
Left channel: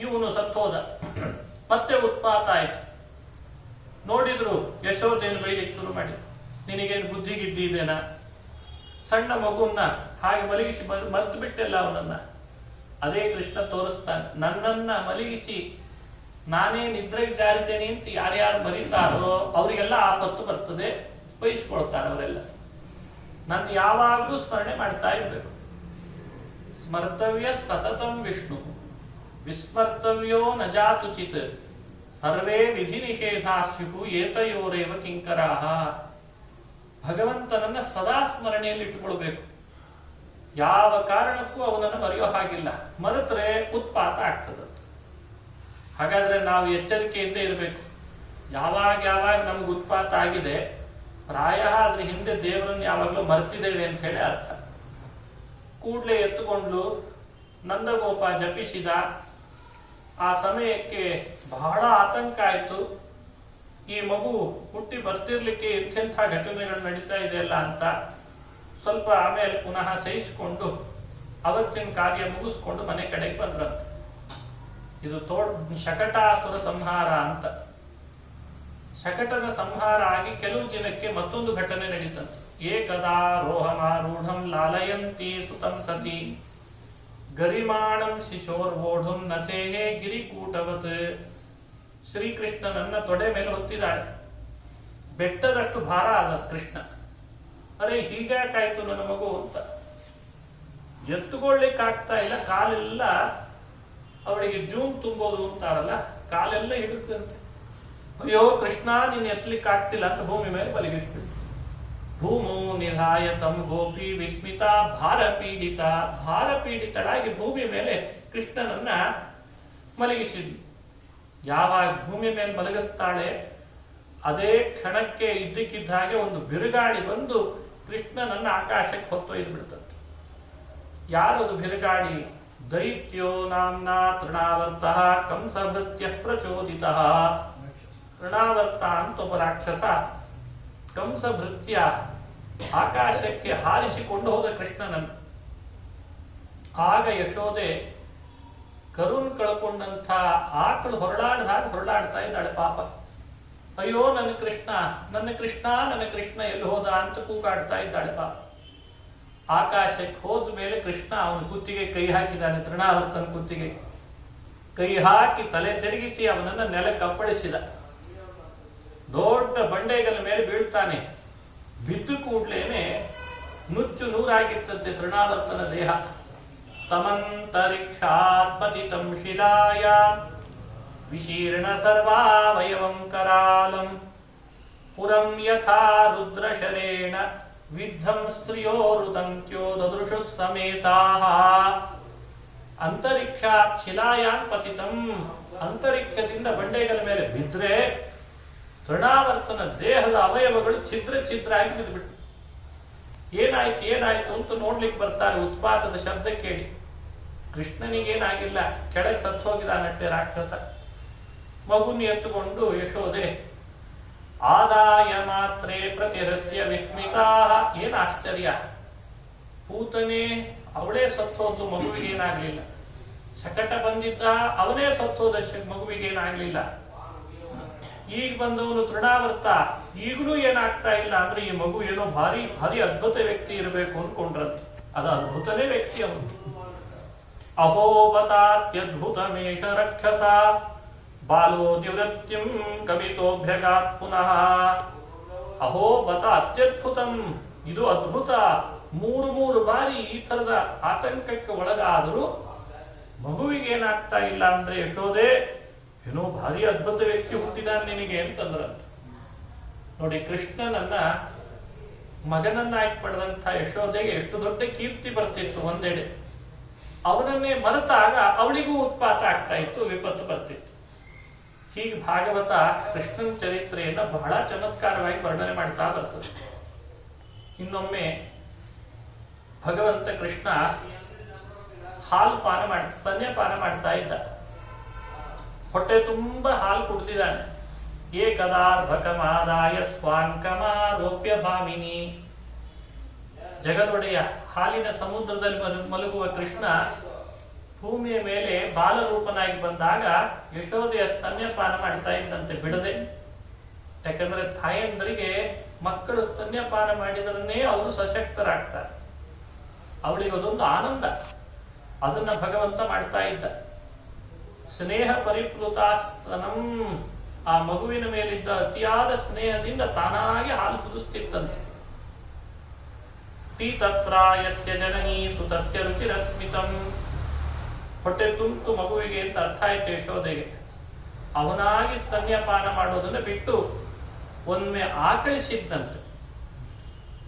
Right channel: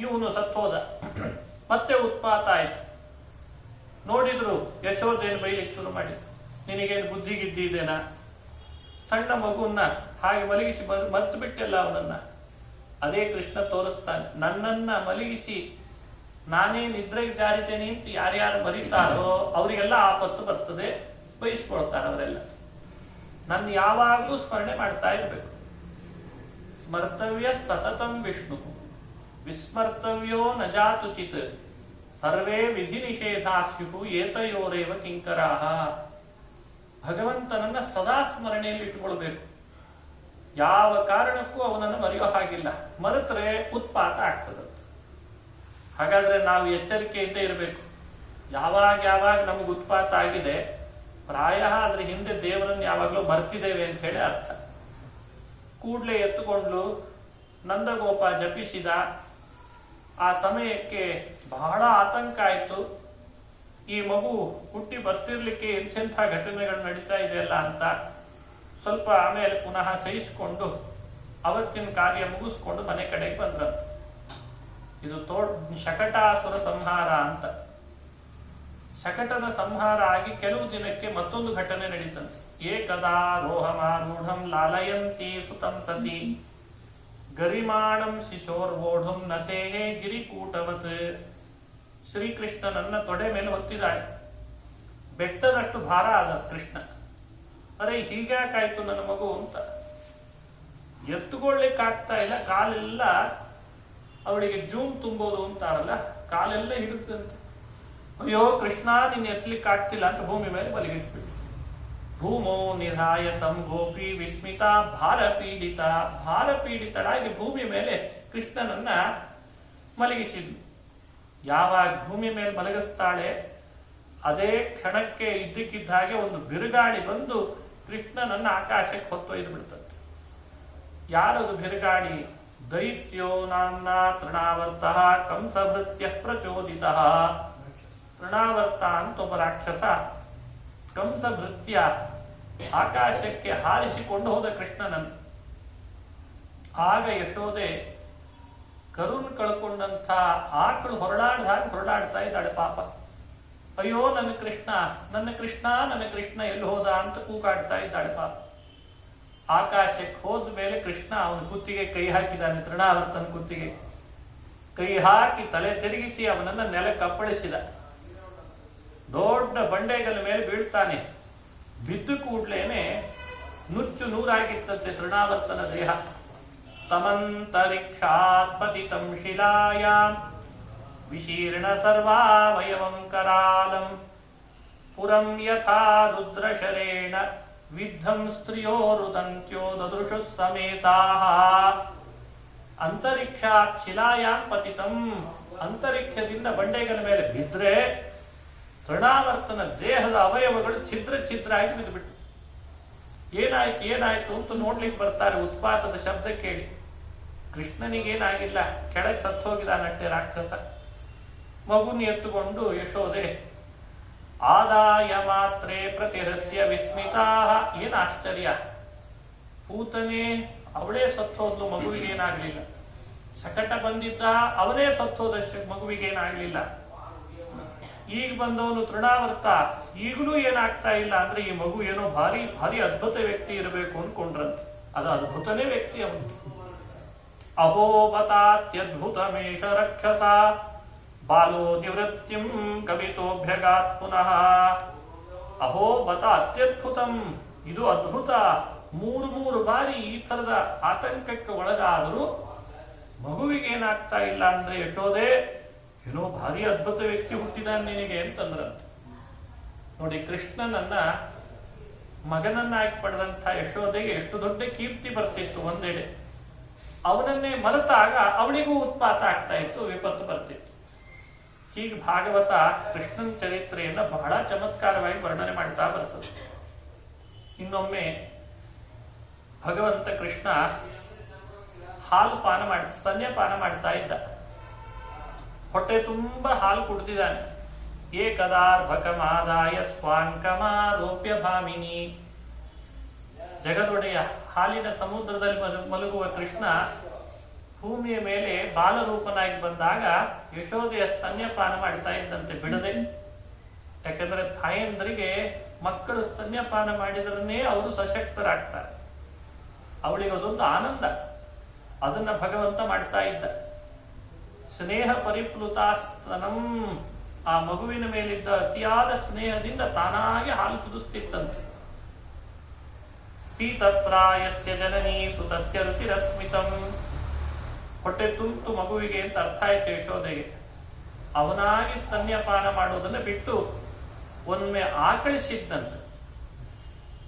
ಇವನು ಸತ್ತೋದ. ಮತ್ತೆ ಉತ್ಪಾತ ಆಯ್ತು. ನೋಡಿದ್ರು ಯಶೋದೇನು ಬೈಲಿಕ್ಕೆ ಶುರು ಮಾಡಿದ್ರು. ನಿನಗೇನು ಬುದ್ಧಿಗಿದ್ದಿದ್ದೇನಾ? ಸಣ್ಣ ಮಗುವನ್ನ ಹಾಗೆ ಮಲಗಿಸಿ ಮರ್ತು ಬಿಟ್ಟೆಲ್ಲ ಅವನನ್ನ. ಅದೇ ಕೃಷ್ಣ ತೋರಿಸ್ತಾನೆ, ನನ್ನನ್ನ ಮಲಗಿಸಿ ನಾನೇ ನಿದ್ರೆಗೆ ಜಾರಿದ್ದೇನೆ ಅಂತ ಯಾರ್ಯಾರು ಮರೀತಾರೋ ಅವರಿಗೆಲ್ಲ ಆಪತ್ತು ಬರ್ತದೆ, ಬಯಸ್ಕೊಳ್ತಾರೆ ಅವರೆಲ್ಲ. ನನ್ನ ಯಾವಾಗಲೂ ಸ್ಮರಣೆ ಮಾಡ್ತಾ ಇರಬೇಕು. ಸ್ಮರ್ತವ್ಯ ಸತತಂ ವಿಷ್ಣು ವಿಸ್ಮರ್ತವ್ಯೋ ನ ಜಾತುಚಿತ್ ಸರ್ವೇ ವಿಧಿ ನಿಷೇಧಾಸ್ಯು ಏತಯೋರೇವ ಕಿಂಕರಾಹ. ಭಗವಂತನನ್ನ ಸದಾ ಸ್ಮರಣೆಯಲ್ಲಿ ಇಟ್ಟುಕೊಳ್ಬೇಕು. ಯಾವ ಕಾರಣಕ್ಕೂ ಅವನನ್ನು ಮರೆಯೋ ಹಾಗಿಲ್ಲ. ಮರೆತರೆ ಉತ್ಪಾತ ಆಗ್ತದೆ. ಹಾಗಾದ್ರೆ ನಾವು ಎಚ್ಚರಿಕೆಯಿಂದ ಇರಬೇಕು. ಯಾವಾಗ ನಮಗೆ ಉತ್ಪಾತ ಆಗಿದೆ, ಪ್ರಾಯ ಅದ್ರ ಹಿಂದೆ ದೇವರನ್ನು ಯಾವಾಗಲೂ ಮರ್ತಿದ್ದೇವೆ ಅಂತ ಹೇಳಿ ಅರ್ಥ. ಕೂಡ್ಲೆ ಎತ್ತುಕೊಂಡು ನಂದಗೋಪ ಜಪಿಸಿದ. ಆ ಸಮಯಕ್ಕೆ ಬಹಳ ಆತಂಕ ಆಯ್ತು. ಈ ಮಗು ಹುಟ್ಟಿ ಬರ್ತಿರ್ಲಿಕ್ಕೆ ಎಂತೆಂಥ ಘಟನೆಗಳು ನಡೀತಾ ಇದೆಯಲ್ಲ ಅಂತ. ಸ್ವಲ್ಪ ಆಮೇಲೆ ಪುನಃ ಸಹಿಸಿಕೊಂಡು ಅವತ್ತಿನ ಕಾರ್ಯ ಮುಗಿಸ್ಕೊಂಡು ಮನೆ ಕಡೆಗೆ ಬಂದ್ರಂತ. ಇದು ಶಕಟಾಸುರ ಸಂಹಾರ ಅಂತ. ಶಕಟನ ಸಂಹಾರ ಆಗಿ ಕೆಲವು ದಿನಕ್ಕೆ ಮತ್ತೊಂದು ಘಟನೆ ನಡೀತಂತೆ. ಏಕದಾ ರೋಹಮಾರೂಢಂ ಲಾಲಯಂತಿ ಸುತಂ ಸತಿ ಗರಿಮಾಣಂ ಶಿಶೋರ್ವೋಢಂ ನಸೇಹೇ ಗಿರಿಕೂಟವತ್. ಶ್ರೀಕೃಷ್ಣನನ್ನ ತೊಡೆ ಮೇಲೆ ಹೊತ್ತಿದ್ದಾಳೆ. ಬೆಟ್ಟದಷ್ಟು ಭಾರ ಆದ ಕೃಷ್ಣ. ಅರೆ ಹೀಗ್ಯಾಕಾಯ್ತು ನನ್ನ ಮಗು ಅಂತ. ಎತ್ತುಕೊಳ್ಳಿಕ್ಕೆ ಆಗ್ತಾ ಇಲ್ಲ. ಕಾಲೆಲ್ಲ ಅವಳಿಗೆ ಜೂಮ್ ತುಂಬೋದು ಅಂತಾರಲ್ಲ, ಕಾಲೆಲ್ಲ ಹಿಡುತ್ತಂತೆ. ಅಯ್ಯೋ ಕೃಷ್ಣ, ನೀನ್ ಎತ್ತಲಿಕ್ಕೆ ಆಗ್ತಿಲ್ಲ ಅಂತ ಭೂಮಿ ಮೇಲೆ ಮಲಗಿಸ್ಬಿಟ್ಟು. ಭೂಮೋ ನಿಧಾಯ ತಂ ಗೋಪಿ ವಿಸ್ಮಿತ ಭಾರ ಪೀಡಿತಳಾಗಿ ಭೂಮಿ ಮೇಲೆ ಕೃಷ್ಣನನ್ನ ಮಲಗಿಸಿದ್ಲು. ಯಾವಾಗ ಭೂಮಿ ಮೇಲೆ ಮಲಗಿಸ್ತಾಳೆ, ಅದೇ ಕ್ಷಣಕ್ಕೆ ಇದ್ದಕ್ಕಿದ್ದ ಹಾಗೆ ಒಂದು ಬಿರುಗಾಳಿ ಬಂದು ಕೃಷ್ಣನನ್ನ ಆಕಾಶಕ್ಕೆ ಹೊತ್ತೊಯ್ದು ಬಿಡ್ತಂತೆ. ಯಾರದು ಬಿರುಗಾಳಿ? ದೈತ್ಯೋ ನಾಮ್ನಾ ತೃಣಾವರ್ತಃ ಕಂಸಭೃತ್ಯ ಪ್ರಚೋದಿತಃ. ತೃಣಾವರ್ತ ಅಂತ ಒಬ್ಬ ರಾಕ್ಷಸ ಕಂಸ ಭೃತ್ಯ ಆಕಾಶಕ್ಕೆ ಹಾರಿಸಿಕೊಂಡು ಹೋದ ಕೃಷ್ಣನನ್ನು. ಆಗ ಯಶೋದೆ ಕರುನ್ ಕಳ್ಕೊಂಡಂಥ ಆಕಳು ಹೊರಡಾಡ್ತಾ ಇದ್ದಾಳೆ ಪಾಪ. ಅಯ್ಯೋ ನನ್ನ ಕೃಷ್ಣ, ನನ್ನ ಕೃಷ್ಣ, ನನ್ನ ಕೃಷ್ಣ ಎಲ್ಲಿ ಹೋದ ಅಂತ ಕೂಗಾಡ್ತಾ ಇದ್ದಾಳೆ ಪಾಪ. ಆಕಾಶಕ್ಕೆ ಹೋದ ಮೇಲೆ ಕೃಷ್ಣ ಅವನ ಕುತ್ತಿಗೆ ಕೈ ಹಾಕಿದ್ದಾನೆ. ತೃಣಾವರ್ತನ ಕುತ್ತಿಗೆ ಕೈ ಹಾಕಿ ತಲೆ ತಿರುಗಿಸಿ ಅವನನ್ನ ನೆಲಕ್ಕೆ ಅಪ್ಪಳಿಸಿದ. ದೊಡ್ಡ ಬಂಡೆಗಲ ಮೇಲೆ ಬೀಳ್ತಾನೆ. ಬಿದ್ದು ಕೂಡ್ಲೇನೆ ನುಚ್ಚು ನೂರಾಗಿತ್ತಂತೆ ತೃಣಾವರ್ತನ ದೇಹ. ತಮಂತರಿಕ್ಷಾತ್ ಪತಿತಂ ಶಿಲಾಯಾಂ ವಿಶೀರ್ಣ ಸರ್ವಾವಯವಂ ಕರಾಲಂ ಪುರಂ ಯಥಾ ರುದ್ರಶರೇಣ ವಿದ್ಧಂ ಸ್ತ್ರಿಯೋರುದಂತ್ಯೋ ದದೃಶು ಸಮೇತಾಃ. ಅಂತರಿಕ್ಷಾತ್ ಶಿಲಾಯಾಂ ಪತಿತಂ, ಅಂತರಿಕ್ಷದಿಂದ ಬಂಡೆಗಳ ಮೇಲೆ ಬಿದ್ರೆ ತೃಣಾವರ್ತನ ದೇಹದ ಅವಯವಗಳು ಛಿದ್ರ ಆಗಿ ಬಿದ್ದುಬಿಟ್ಟು. ಏನಾಯ್ತು ಅಂತ ನೋಡ್ಲಿಕ್ಕೆ ಬರ್ತಾರೆ. ಉತ್ಪಾತದ ಶಬ್ದ ಕೇಳಿ ಕೃಷ್ಣನಿಗೇನಾಗಿಲ್ಲ, ಕೆಳಗೆ ಸತ್ತು ಹೋಗಿದ್ದಾನಟ್ಟೆ ರಾಕ್ಷಸ. ಮಗುನಿ ಎತ್ತುಕೊಂಡು ಯಶೋದೆ ಆದಾಯ ಮಾತ್ರೇ ಪ್ರತಿರತ್ಯ ವಿಸ್ಮಿತಾ. ಏನ್ ಆಶ್ಚರ್ಯ, ಪೂತನೆ ಅವಳೇ ಸತ್ತೋದ್ಲು, ಮಗುವಿಗೇನಾಗ್ಲಿಲ್ಲ. ಶಕಟ ಬಂದಿದ್ದ, ಅವನೇ ಸತ್ತೋದ, ಮಗುವಿಗೇನಾಗ್ಲಿಲ್ಲ. ಈಗ ಬಂದವನು ತೃಣಾವರ್ತ, ಈಗಲೂ ಏನಾಗ್ತಾ ಇಲ್ಲ ಅಂದ್ರೆ ಈ ಮಗು ಏನೋ ಭಾರಿ ಭಾರಿ ಅದ್ಭುತ ವ್ಯಕ್ತಿ ಇರಬೇಕು ಅನ್ಕೊಂಡ್ರಂತ. ಅದು ಅದ್ಭುತನೇ ವ್ಯಕ್ತಿ ಅವನು. ಅಹೋಬತಾತ್ಯದ್ಭುತಮೇಶ ರಕ್ಷಸ ಬಾಲೋ ನಿವೃತ್ತಿಂ ಕವಿತೋಭ್ಯಗಾತ್ ಪುನಃ. ಅಹೋಬತ ಅತ್ಯದ್ಭುತಂ, ಇದು ಅದ್ಭುತ. ಮೂರು ಬಾರಿ ಈ ತರದ ಆತಂಕಕ್ಕೆ ಒಳಗಾದರೂ ಮಗುವಿಗೇನಾಗ್ತಾ ಇಲ್ಲ ಅಂದ್ರೆ ಯಶೋದೆ ಏನೋ ಭಾರಿ ಅದ್ಭುತ ವ್ಯಕ್ತಿ ಹುಟ್ಟಿದಾನೆ ನಿನಗೆ ಅಂತಂದ್ರಂತ. ನೋಡಿ, ಕೃಷ್ಣನನ್ನ ಮಗನನ್ನಾಗಿ ಪಡೆದಂಥ ಯಶೋದೆಗೆ ಎಷ್ಟು ದೊಡ್ಡ ಕೀರ್ತಿ ಬರ್ತಿತ್ತು ಒಂದೆಡೆ. ಅವನನ್ನೇ ಮರೆತಾಗ ಅವಳಿಗೂ ಉತ್ಪಾತ ಆಗ್ತಾ ಇತ್ತು, ವಿಪತ್ತು ಬರ್ತಿತ್ತು. ಹೀಗೆ ಭಾಗವತ ಕೃಷ್ಣನ ಚರಿತ್ರೆಯನ್ನ ಬಹಳ ಚಮತ್ಕಾರವಾಗಿ ವರ್ಣನೆ ಮಾಡ್ತಾ ಬರ್ತದೆ. ಇನ್ನೊಮ್ಮೆ ಭಗವಂತ ಕೃಷ್ಣ ಸ್ತನ್ಯಪಾನ ಮಾಡ್ತಾ ಇದ್ದ. ಹೊಟ್ಟೆ ತುಂಬಾ ಹಾಲು ಕುಡ್ದಿದ್ದಾನೆ. ಏಕದಾರ್ಭಕಮಾದಾಯ ಸ್ವಾಂಕಮಾರೋಪ್ಯ ಭಾಮಿನಿ. ಜಗದೊಡೆಯ ಹಾಲಿನ ಸಮುದ್ರದಲ್ಲಿ ಮಲಗುವ ಕೃಷ್ಣ ಭೂಮಿಯ ಮೇಲೆ ಬಾಲರೂಪನಾಗಿ ಬಂದಾಗ ಯಶೋದೆಯ ಸ್ತನ್ಯಪಾನ ಮಾಡ್ತಾ ಇದ್ದಂತೆ ಬಿಡದೆ. ಯಾಕಂದ್ರೆ ತಾಯಂದರಿಗೆ ಮಕ್ಕಳು ಸ್ತನ್ಯಪಾನ ಮಾಡಿದ್ರನ್ನೇ ಅವರು ಸಶಕ್ತರಾಗ್ತಾರೆ. ಅವಳಿಗೆ ಅದೊಂದು ಆನಂದ. ಅದನ್ನ ಭಗವಂತ ಮಾಡ್ತಾ ಇದ್ದ. ಸ್ನೇಹ ಪರಿಪ್ಲುತಾಸ್ತನಂ, ಆ ಮಗುವಿನ ಮೇಲಿದ್ದ ಅತಿಯಾದ ಸ್ನೇಹದಿಂದ ತಾನಾಗಿ ಹಾಲು ಸುರಿಸ್ತಿತ್ತಂತೆ. ಪೀತಪ್ರಾಯಸ್ಯ ಜನನೀ ಸುತಸ್ಯ ರುಚಿರಸ್ಮಿತಂ. ಹೊಟ್ಟೆ ತುಂತು ಮಗುವಿಗೆ ಅಂತ ಅರ್ಥ ಆಯ್ತು ಯಶೋದೆಗೆ. ಅವನಾಗಿ ಸ್ತನ್ಯಪಾನ ಮಾಡೋದನ್ನ ಬಿಟ್ಟು ಒಮ್ಮೆ ಆಕಳಿಸಿದ್ದಂತೆ.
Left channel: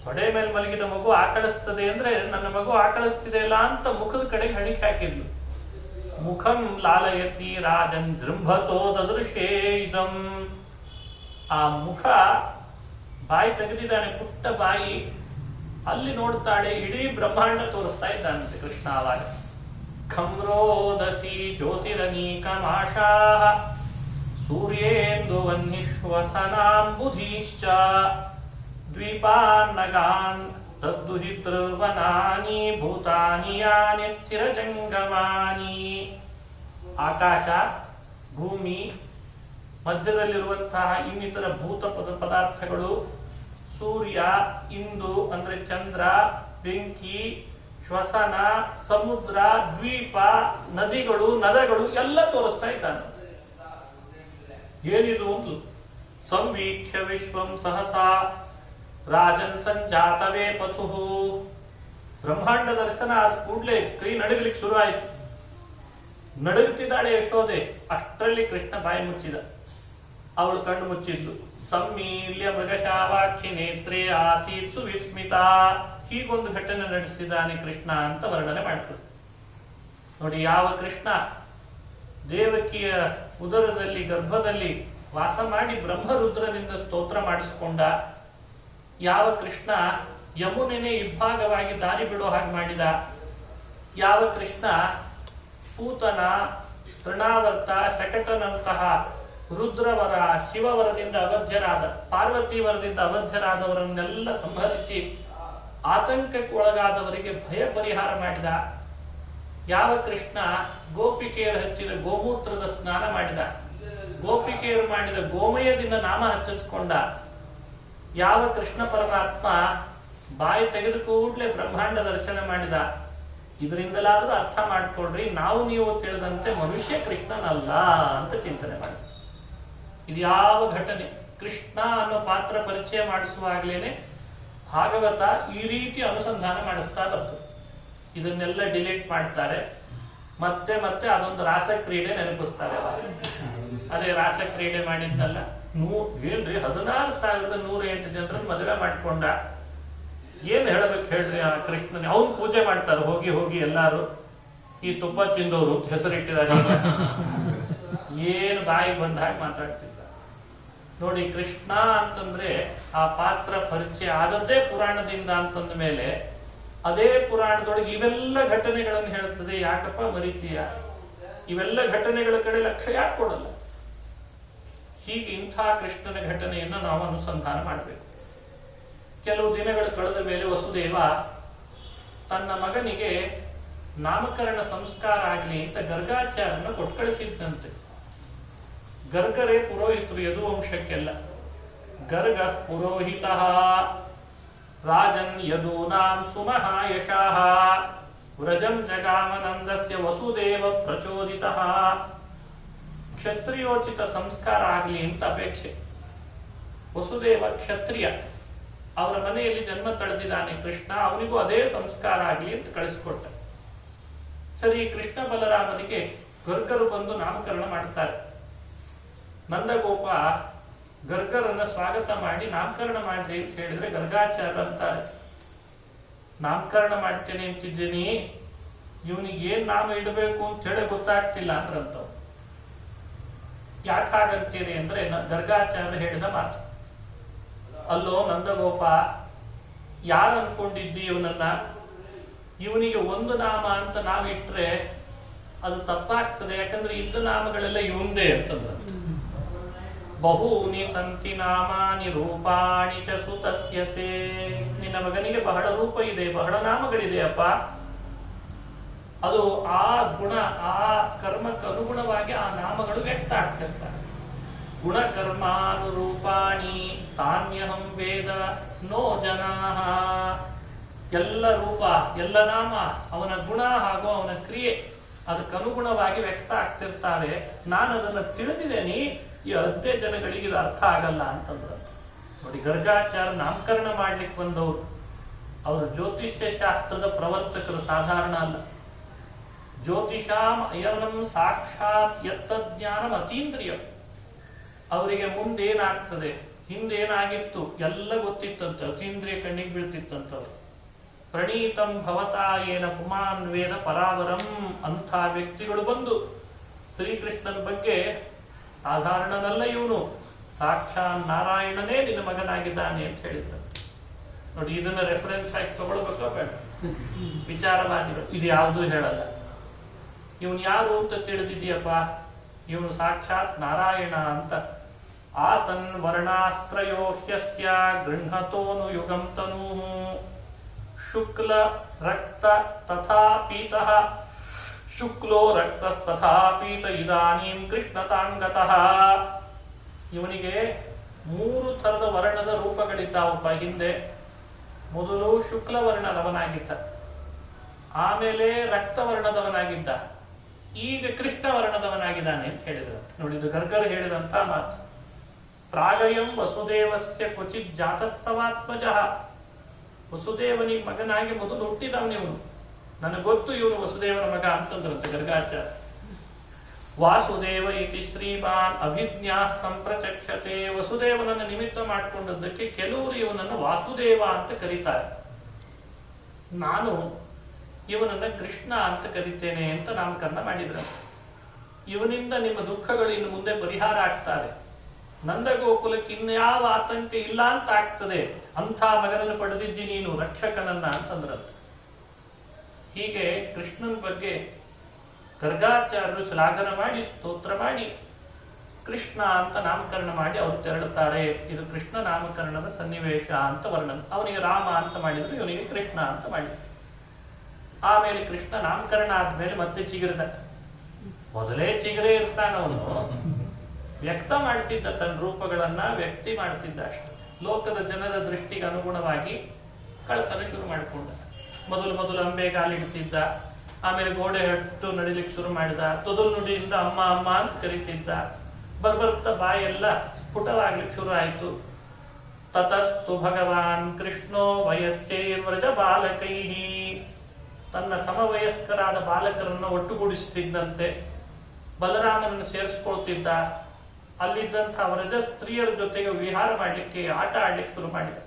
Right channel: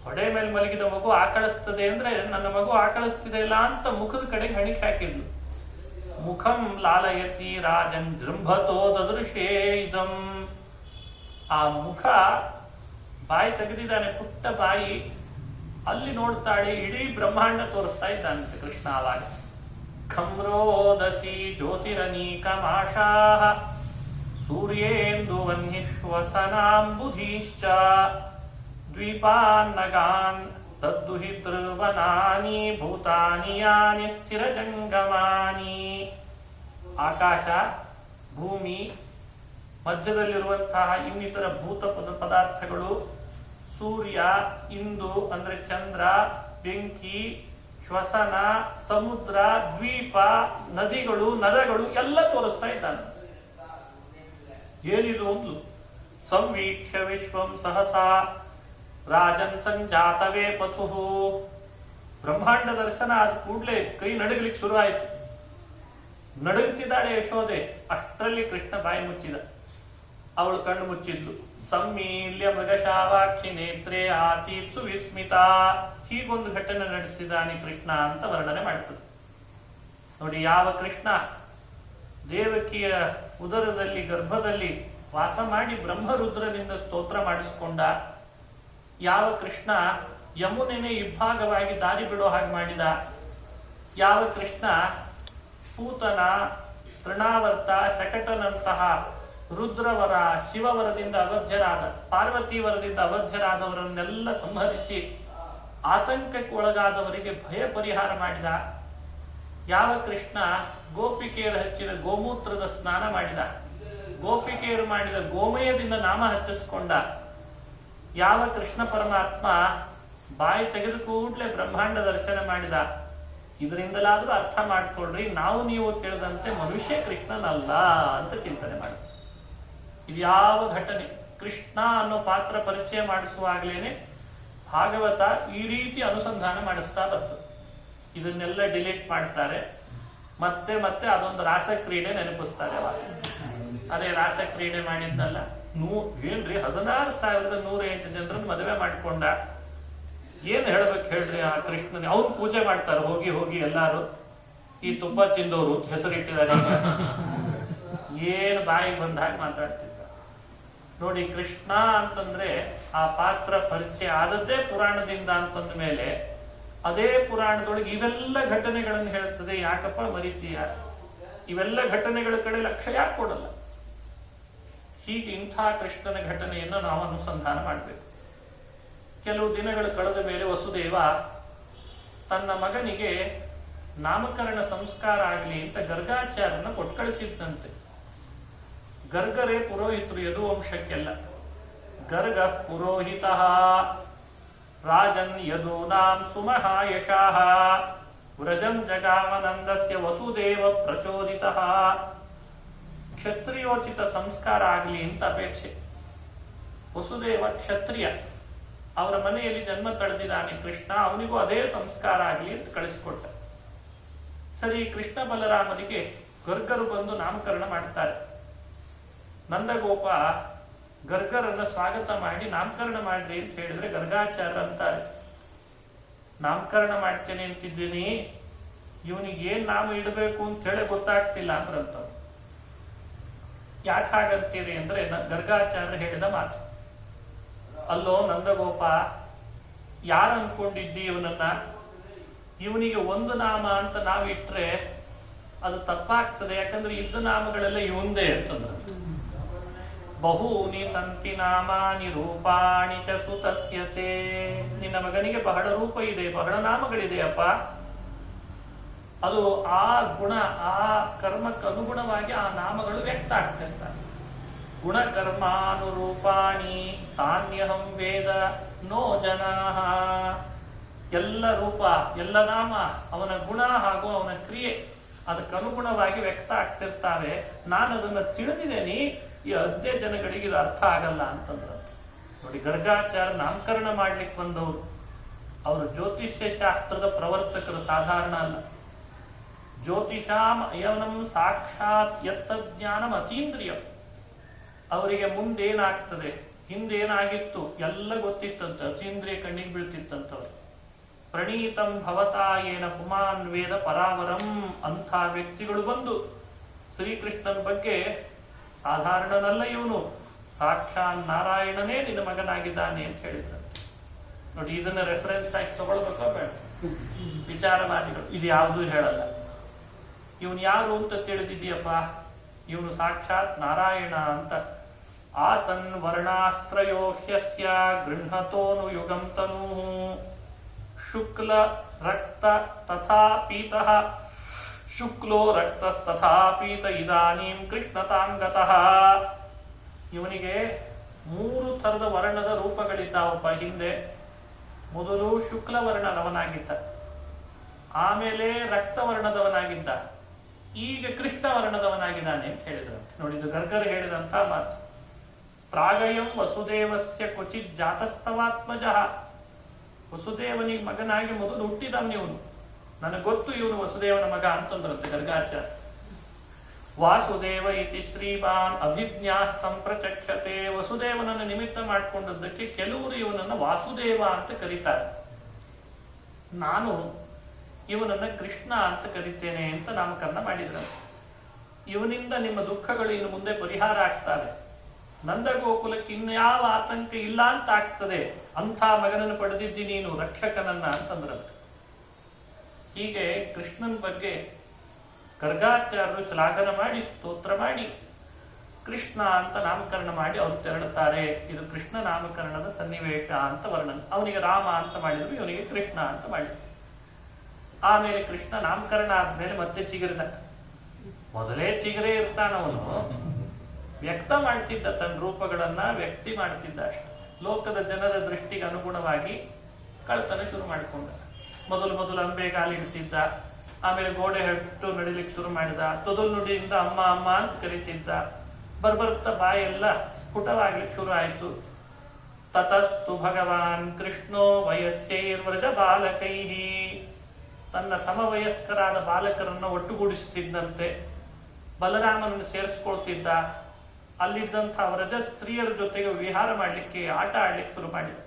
ತೊಡೆ ಮೇಲೆ ಮಲಗಿದ ಮಗು ಆಕಳಿಸ್ತದೆ ಅಂದ್ರೆ ನನ್ನ ಮಗು ಆಕಳಿಸ್ತಿದೆ ಇಲ್ಲ ಅಂತ ಮುಖದ ಕಡೆಗೆ ಹಣಿಕೆ ಹಾಕಿದ್ಲು. ಮುಖಂ ಲಾಲಯತಿ ರಾಜನ್ ಜೃಂಭತೋ ದದೃಶೇ ಇದಂ. ಆ ಮುಖ, ಬಾಯಿ ತೆಗೆದಿದ್ದಾನೆ, ಪುಟ್ಟ ಬಾಯಿ. ಅಲ್ಲಿ ನೋಡ್ತಾಳೆ, ಇಡೀ ಬ್ರಹ್ಮಾಂಡ ತೋರಿಸ್ತಾ ಇದ್ದಾನಂತೆ ಕೃಷ್ಣ. ಆವಾಗ ಖಮ್ರೋದಸಿ ಜ್ಯೋತಿರನೀಕಮಾಶಾ ಸೂರ್ಯೇಂದು ವನ್ನಿಶ್ವಸನಾಂಬುಧೀಶ್ಚ ದ್ವೀಪಾನ್ನಗಾನ್ ತದ್ದುಹಿತೃವನಾನಿ ಭೂತಾನಿ ಯಾನಿ ಸ್ಥಿರಜಂಗಮಾನಿ. ಆಕಾಶ, ಭೂಮಿ, ಮಧ್ಯದಲ್ಲಿರುವಂತಹ ಇನ್ನಿತರ ಭೂತ ಪದಾರ್ಥಗಳು, ಸೂರ್ಯ, ಇಂದು ಅಂದ್ರೆ ಚಂದ್ರ, ಬೆಂಕಿ, ಶ್ವಸನ, ಸಮುದ್ರ, ದ್ವೀಪ, ನದಿಗಳು, ನದಗಳು ಎಲ್ಲ ತೋರಿಸ್ತಾ ಇದ್ದಾನೆ. ಏನಿದು ಒಂದು ಸಂವೀಕ್ಷ್ಯ ವಿಶ್ವಂ ಸಹಸಾ ರಾಜನ್ ಸಂಜಾತವೇ ಪಥುಹು. ಬ್ರಹ್ಮಾಂಡ ದರ್ಶನ ಆದ ಕೂಡಲೇ ಕೈ ನಡಗಲಿಕ್ಕೆ ಶುರು ಆಯಿತು. ನಡುಗುತ್ತಿದ್ದಾಳೆ ಯಶೋದೆ. ಅಷ್ಟರಲ್ಲಿ ಕೃಷ್ಣ ಬಾಯಿ ಮುಚ್ಚಿದ. ಅವಳು ಕಣ್ಣು ಮುಚ್ಚಿದ್ಲು. ಸಮ್ಮೀಲ್ಯ ಮೃಗಶಾವಾಕ್ಷಿ ನೇತ್ರೇ ಆಸೀತ್ ಸುವಿಸ್ಮಿತ. ಹೀಗೊಂದು ಘಟನೆ ನಡೆಸಿದಾನೆ ಕೃಷ್ಣ ಅಂತ ವರ್ಣನೆ ಮಾಡ್ತದೆ. ನೋಡಿ, ಯಾವ ಕೃಷ್ಣ ದೇವಕಿಯ ಉದರದಲ್ಲಿ ಗರ್ಭದಲ್ಲಿ ವಾಸ ಮಾಡಿ ಬ್ರಹ್ಮರುದ್ರನಿಂದ ಸ್ತೋತ್ರ ಮಾಡಿಸಿಕೊಂಡ, ಯಾವ ಕೃಷ್ಣ ಯಮುನೆನೇ ಇಬ್ಬಾಗವಾಗಿ ದಾರಿ ಬಿಡೋ ಹಾಗೆ ಮಾಡಿದ, ಯಾವ ಕೃಷ್ಣ ಪೂತನ, ತೃಣಾವರ್ತ, ಶಕಟನಂತಹ ರುದ್ರವರ, ಶಿವವರದಿಂದ ಅವಧ್ಯರಾದ, ಪಾರ್ವತಿ ವರದಿಂದ ಅವಧ್ಯರಾದವರನ್ನೆಲ್ಲ ಸಂಹರಿಸಿ ಆತಂಕಕ್ಕೆ ಒಳಗಾದವರಿಗೆ ಭಯ ಪರಿಹಾರ ಮಾಡಿದ. ಯಾವ ಕೃಷ್ಣ ಗೋಪಿಕೆಯರು ಹಚ್ಚಿದ ಗೋಮೂತ್ರದ ಸ್ನಾನ ಮಾಡಿದ, ಗೋಪಿಕೆಯರು ಮಾಡಿದ ಗೋಮಯದಿಂದ ನಾಮ ಹಚ್ಚಿಸ್ಕೊಂಡ, ಯಾವ ಕೃಷ್ಣ ಪರಮಾತ್ಮ ಬಾಯಿ ತೆಗೆದು ಕೂಡಲೇ ಬ್ರಹ್ಮಾಂಡ ದರ್ಶನ ಮಾಡಿದ, ಇದರಿಂದಲಾದ್ರೂ ಅರ್ಥ ಮಾಡ್ಕೊಳ್ರಿ, ನಾವು ನೀವು ತಿಳಿದಂತೆ ಮನುಷ್ಯ ಕೃಷ್ಣನಲ್ಲ ಅಂತ ಚಿಂತನೆ ಮಾಡಿಸ್ತಾರೆ. ಇದು ಯಾವ ಘಟನೆ? ಕೃಷ್ಣ ಅನ್ನೋ ಪಾತ್ರ ಪರಿಚಯ ಮಾಡಿಸುವಾಗ್ಲೇನೆ ಭಾಗವತ ಈ ರೀತಿ ಅನುಸಂಧಾನ ಮಾಡಿಸ್ತಾ ಬರ್ತದೆ. ಇದನ್ನೆಲ್ಲ ಡಿಲೀಟ್ ಮಾಡ್ತಾರೆ, ಮತ್ತೆ ಮತ್ತೆ ಅದೊಂದು ರಾಸಕ್ರೀಡೆ ನೆನಪಿಸ್ತಾರೆ. ಅದೇ ರಾಸಕ್ರೀಡೆ ಮಾಡಿದ್ನಲ್ಲ, ಏನ್ರಿ 16,108 ಜನರನ್ನು ಮದುವೆ ಮಾಡ್ಕೊಂಡ, ಏನ್ ಹೇಳ್ಬೇಕು ಹೇಳ್ರಿ ಆ ಕೃಷ್ಣನ. ಅವನ್ ಪೂಜೆ ಮಾಡ್ತಾರೆ ಹೋಗಿ ಹೋಗಿ ಎಲ್ಲಾರು, ಈ ತುಪ್ಪ ತಿಂದವರು ಹೆಸರಿಟ್ಟಿದ್ದಾರೆ. ಏನು ಬಾಯಿಗೆ ಬಂದ ಹಾಗೆ ಮಾತಾಡ್ತಿದ್ದ ನೋಡಿ. ಕೃಷ್ಣ ಅಂತಂದ್ರೆ ಆ ಪಾತ್ರ ಪರಿಚಯ ಆದದ್ದೇ ಪುರಾಣದಿಂದ ಅಂತಂದ ಮೇಲೆ ಅದೇ ಪುರಾಣದೊಳಗೆ ಇವೆಲ್ಲ ಘಟನೆಗಳನ್ನು ಹೇಳ್ತದೆ. ಯಾಕಪ್ಪ ಮರೀತೀಯ? ಇವೆಲ್ಲ ವಚನಗಳ ಕಡೆ ಲಕ್ಷ್ಯ ಯಾಕೆ ಕೊಡಲ್ಲ? ಹೀಗೆ ಇಂಥ ಕೃಷ್ಣನ ಘಟನೆಯನ್ನು ನಾವು ಅನುಸಂಧಾನ ಮಾಡಬೇಕು. ಕೆಲವು ದಿನಗಳು ಕಳೆದ ಮೇಲೆ ವಸುದೇವ ತನ್ನ ಮಗನಿಗೆ ನಾಮಕರಣ ಸಂಸ್ಕಾರ ಆಗಲಿ ಅಂತ ಗರ್ಗಾಚಾರ್ಯನ ಕೊಟ್ಟು ಕಳಿಸಿದ್ದಂತೆ. ಗರ್ಗರೇ ಪುರೋಹಿತರು ಯದುವಂಶಕ್ಕೆಲ್ಲ. ಗರ್ಗ ಪುರೋಹಿತ ರಾಜನ್ ಯದೂನಾಂ ಸುಮಃ ಯಶಾಃ ವ್ರಜಂ ಜಗಾಮನಂದಸ್ಯ ವಸುದೇವ ಪ್ರಚೋದಿತ. ಕ್ಷತ್ರಿಯೋಚಿತ ಸಂಸ್ಕಾರ ಆಗಲಿ ಅಂತ ಅಪೇಕ್ಷೆ. ವಸುದೇವ ಕ್ಷತ್ರಿಯ, ಅವರ ಮನೆಯಲ್ಲಿ ಜನ್ಮ ತಳೆದಿದ್ದಾನೆ ಕೃಷ್ಣ, ಅವನಿಗೂ ಅದೇ ಸಂಸ್ಕಾರ ಆಗಲಿ ಅಂತ ಕಳಿಸಿಕೊಟ್ಟ. ಸರಿ, ಕೃಷ್ಣ ಬಲರಾಮನಿಗೆ ಗರ್ಗರು ಬಂದು ನಾಮಕರಣ ಮಾಡ್ತಾರೆ. ನಂದಗೋಪ ಗರ್ಗರನ್ನ ಸ್ವಾಗತ ಮಾಡಿ ನಾಮಕರಣ ಮಾಡ್ರಿ ಅಂತ ಹೇಳಿದ್ರೆ ಗರ್ಗಾಚಾರ್ಯ ಅಂತಾರೆ, ನಾಮಕರಣ ಮಾಡ್ತೇನೆ ಅಂತಿದ್ದೀನಿ, ಇವನಿಗೆ ಏನ್ ನಾಮ ಇಡಬೇಕು ಅಂತ ಹೇಳಿ ಗೊತ್ತಾಗ್ತಿಲ್ಲ ಅಂದ್ರಂತವ್. ಯಾಕೆ ಹಾಗಂತೀರಿ ಅಂದ್ರೆ ಗರ್ಗಾಚಾರ್ಯ ಹೇಳಿದ ಮಾತು. ಅಲ್ಲೋ ನಂದಗೋಪ, ಯಾರು ಅನ್ಕೊಂಡಿದ್ದಿ ಇವನನ್ನ? ಇವನಿಗೆ ಒಂದು ನಾಮ ಅಂತ ನಾವಿಟ್ರೆ ಅದು ತಪ್ಪಾಗ್ತದೆ, ಯಾಕಂದ್ರೆ ಇದ್ದ ನಾಮಗಳೆಲ್ಲ ಇವಂದೇ ಅಂತಂದ್ರ. ಬಹೂನಿ ಸಂತಿ ನಾಮಾನಿ ರೂಪಾಣಿ ಚ ಸುತಸ್ಯತೆ. ನಿನ್ನ ಮಗನಿಗೆ ಬಹಳ ರೂಪ ಇದೆ, ಬಹಳ ನಾಮಗಳಿದೆ ಅಪ್ಪ. ಅದು ಆ ಗುಣ, ಆ ಕರ್ಮಕ್ಕೆ ಅನುಗುಣವಾಗಿ ಆ ನಾಮಗಳು ವ್ಯಕ್ತ ಆಗ್ತಿರ್ತಾರೆ. ಗುಣ ಕರ್ಮಾನುರೂಪಾಣಿ ತಾನ್ಯಹಂ ವೇದ ನೋ ಜನಾಃ. ಎಲ್ಲ ರೂಪ, ಎಲ್ಲ ನಾಮ ಅವನ ಗುಣ ಹಾಗೂ ಅವನ ಕ್ರಿಯೆ ಅದಕ್ಕನುಗುಣವಾಗಿ ವ್ಯಕ್ತ ಆಗ್ತಿರ್ತಾವೆ. ನಾನು ಅದನ್ನ ತಿಳಿದಿದ್ದೇನೆ, ಈ ಅದ್ಯ ಜನಗಳಿಗೆ ಇದು ಅರ್ಥ ಆಗಲ್ಲ ಅಂತಂದ್ರ. ನೋಡಿ, ಗರ್ಗಾಚಾರ್ಯ ನಾಮಕರಣ ಮಾಡ್ಲಿಕ್ಕೆ ಬಂದವರು, ಅವರು ಜ್ಯೋತಿಷ್ಯ ಶಾಸ್ತ್ರದ ಪ್ರವರ್ತಕರು, ಸಾಧಾರಣ ಅಲ್ಲ. ಜ್ಯೋತಿಷಾಂ ಅಯವನಂ ಸಾಕ್ಷಾತ್ ಯತ್ತಜ್ಞಾನಂ ಅತೀಂದ್ರಿಯಂ. ಅವರಿಗೆ ಮುಂದೇನಾಗ್ತದೆ, ಹಿಂದೇನಾಗಿತ್ತು ಎಲ್ಲ ಗೊತ್ತಿತ್ತಂತೆ, ಅತೀಂದ್ರಿಯ ಕಣ್ಣಿಗೆ ಬೀಳ್ತಿತ್ತಂತವ್ರು. ಪ್ರಣೀತಂ ಭವತಾ ಏನ ಪುಮಾನ್ ವೇದ ಪರಾವರಂ. ಅಂಥ ವ್ಯಕ್ತಿಗಳು ಬಂದು ಶ್ರೀಕೃಷ್ಣನ ಬಗ್ಗೆ, ಸಾಧಾರಣನಲ್ಲ ಇವನು, ಸಾಕ್ಷಾತ್ ನಾರಾಯಣನೇ ನಿನ್ನ ಮಗನಾಗಿದ್ದಾನೆ ಅಂತ ಹೇಳಿದ್ರು. ನೋಡಿ, ಇದನ್ನ ರೆಫರೆನ್ಸ್ ಆಗಿ ತಗೊಳ್ಬೇಕೋ ಬೇಡ? ವಿಚಾರವಾದಿಗಳು ಇದು ಯಾವುದೂ ಹೇಳಲ್ಲ. ಇವನು ಯಾರು ಅಂತ ತಿಳಿದಿದೆಯಪ್ಪ, ಇವನು ಸಾಕ್ಷಾತ್ ನಾರಾಯಣ ಅಂತ. ಆಸನ್ ವರ್ಣಾಸ್ತ್ರಯೋ ಹ್ಯಸ್ಯ ಗೃಹತೋನು ಯುಗಂ ತನೂ ಶುಕ್ಲ ರಕ್ತ ತಥಾ ಪೀತಃ ಶುಕ್ಲೋ ರಕ್ತಸ್ತಥಾ ಪೀತ ಇದಾನೀಂ ಕೃಷ್ಣತಾಂಗತಃ. ಇವನಿಗೆ 3 ಥರದ ವರ್ಣದ ರೂಪಗಳಿದ್ದಾವಪ್ಪ. ಹಿಂದೆ ಮೊದಲು ಶುಕ್ಲ ವರ್ಣದವನಾಗಿದ್ದ, ಆಮೇಲೆ ರಕ್ತವರ್ಣದವನಾಗಿದ್ದ, ಈಗ ಕೃಷ್ಣ ವರ್ಣದವನಾಗಿದ್ದಾನೆ ಅಂತ ಹೇಳಿದ್ರು. ನೋಡಿ, ಇದು ಗರ್ಗರು ಹೇಳಿದಂತ ಮಾತು. ಪ್ರಾಗಯಂ ವಸುದೇವಸ್ಯ ಕ್ವಚಿತ್ ಜಾತಸ್ತವಾತ್ಮಜಃ. ವಸುದೇವನಿಗೆ ಮಗನಾಗಿ ಮೊದಲು ಹುಟ್ಟಿದವನಿವನು, ನನಗೆ ಗೊತ್ತು ಇವನು ವಸುದೇವನ ಮಗ ಅಂತಂದ್ರಂತೆ ಗರ್ಗಾಚಾರ್ಯ. ವಾಸುದೇವ ಇತಿ ಶ್ರೀಮಾನ್ ಅಭಿಜ್ಞಾ ಸಂಪ್ರಚಕ್ಷತೆ. ವಸುದೇವನನ್ನು ನಿಮಿತ್ತ ಮಾಡಿಕೊಂಡದ್ದಕ್ಕೆ ಕೆಲವರು ಇವನನ್ನು ವಾಸುದೇವ ಅಂತ ಕರೀತಾರೆ. ನಾನು ಇವನನ್ನ ಕೃಷ್ಣ ಅಂತ ಕರಿತೇನೆ ಅಂತ ನಾಮಕರಣ ಮಾಡಿದ್ರು. ಇವನಿಂದ ನಿಮ್ಮ ದುಃಖಗಳು ಇನ್ನು ಮುಂದೆ ಪರಿಹಾರ ಆಗ್ತವೆ, ನಂದಗೋಕುಲಕ್ಕೆ ಇನ್ಯಾವ ಆತಂಕ ಇಲ್ಲ ಅಂತ ಆಗ್ತದೆ, ಅಂಥ ಮಗನನ್ನು ಪಡೆದಿದ್ದಿ ನೀನು, ರಕ್ಷಕನನ್ನ ಅಂತಂದ್ರಂತೆ. ಹೀಗೆ ಕೃಷ್ಣನ ಬಗ್ಗೆ ಗರ್ಗಾಚಾರ್ಯರು ಶ್ಲಾಘನ ಮಾಡಿ ಸ್ತೋತ್ರ ಮಾಡಿ ಕೃಷ್ಣ ಅಂತ ನಾಮಕರಣ ಮಾಡಿ ಅವ್ರು ತೆರಳುತ್ತಾರೆ. ಇದು ಕೃಷ್ಣ ನಾಮಕರಣದ ಸನ್ನಿವೇಶ ಅಂತ ವರ್ಣನೆ. ಅವನಿಗೆ ರಾಮ ಅಂತ ಮಾಡಿದ್ರು, ಇವನಿಗೆ ಕೃಷ್ಣ ಅಂತ ಮಾಡಿದ್ರು. ಆಮೇಲೆ ಕೃಷ್ಣ ನಾಮಕರಣ ಆದ್ಮೇಲೆ ಮತ್ತೆ ಚಿಗುರಿದ. ಮೊದಲೇ ಚಿಗುರೇ ಇರ್ತಾನವನು, ವ್ಯಕ್ತ ಮಾಡ್ತಿದ್ದ, ತನ್ನ ರೂಪಗಳನ್ನ ವ್ಯಕ್ತಿ ಮಾಡ್ತಿದ್ದ ಅಷ್ಟೆ. ಲೋಕದ ಜನರ ದೃಷ್ಟಿಗೆ ಅನುಗುಣವಾಗಿ ಕಳ್ತನ ಶುರು ಮಾಡಿಕೊಂಡ. ಮೊದಲು ಅಂಬೆಗಾಲಿಡ್ತಿದ್ದ, ಆಮೇಲೆ ಗೋಡೆ ಹಟ್ಟು ನಡಿಲಿಕ್ಕೆ ಶುರು ಮಾಡಿದ. ತೊದಲು ನುಡಿಯಿಂದ ಅಮ್ಮ ಅಮ್ಮ ಅಂತ ಕರೀತಿದ್ದ. ಬರ್ಬರ್ತಾ ಬಾಯೆಲ್ಲ ಸ್ಫುಟವಾಗ್ಲಿಕ್ಕೆ ಶುರು ಆಯ್ತು. ತತಸ್ತು ಭಗವಾನ್ ಕೃಷ್ಣೋ ವಯಸ್ಸೈರ್ವ್ರಜ ಬಾಲಕೈಹಿ, ತನ್ನ ಸಮವಯಸ್ಕರಾದ ಬಾಲಕರನ್ನ ಒಟ್ಟುಗೂಡಿಸುತ್ತಿದ್ದಂತೆ ಬಲರಾಮನನ್ನು ಸೇರಿಸ್ಕೊಳ್ತಿದ್ದ. ಅಲ್ಲಿದ್ದಂಥ ವ್ರಜ ಸ್ತ್ರೀಯರ ಜೊತೆಗೆ ವಿಹಾರ ಮಾಡ್ಲಿಕ್ಕೆ, ಆಟ ಆಡ್ಲಿಕ್ಕೆ ಶುರು ಮಾಡಿದ.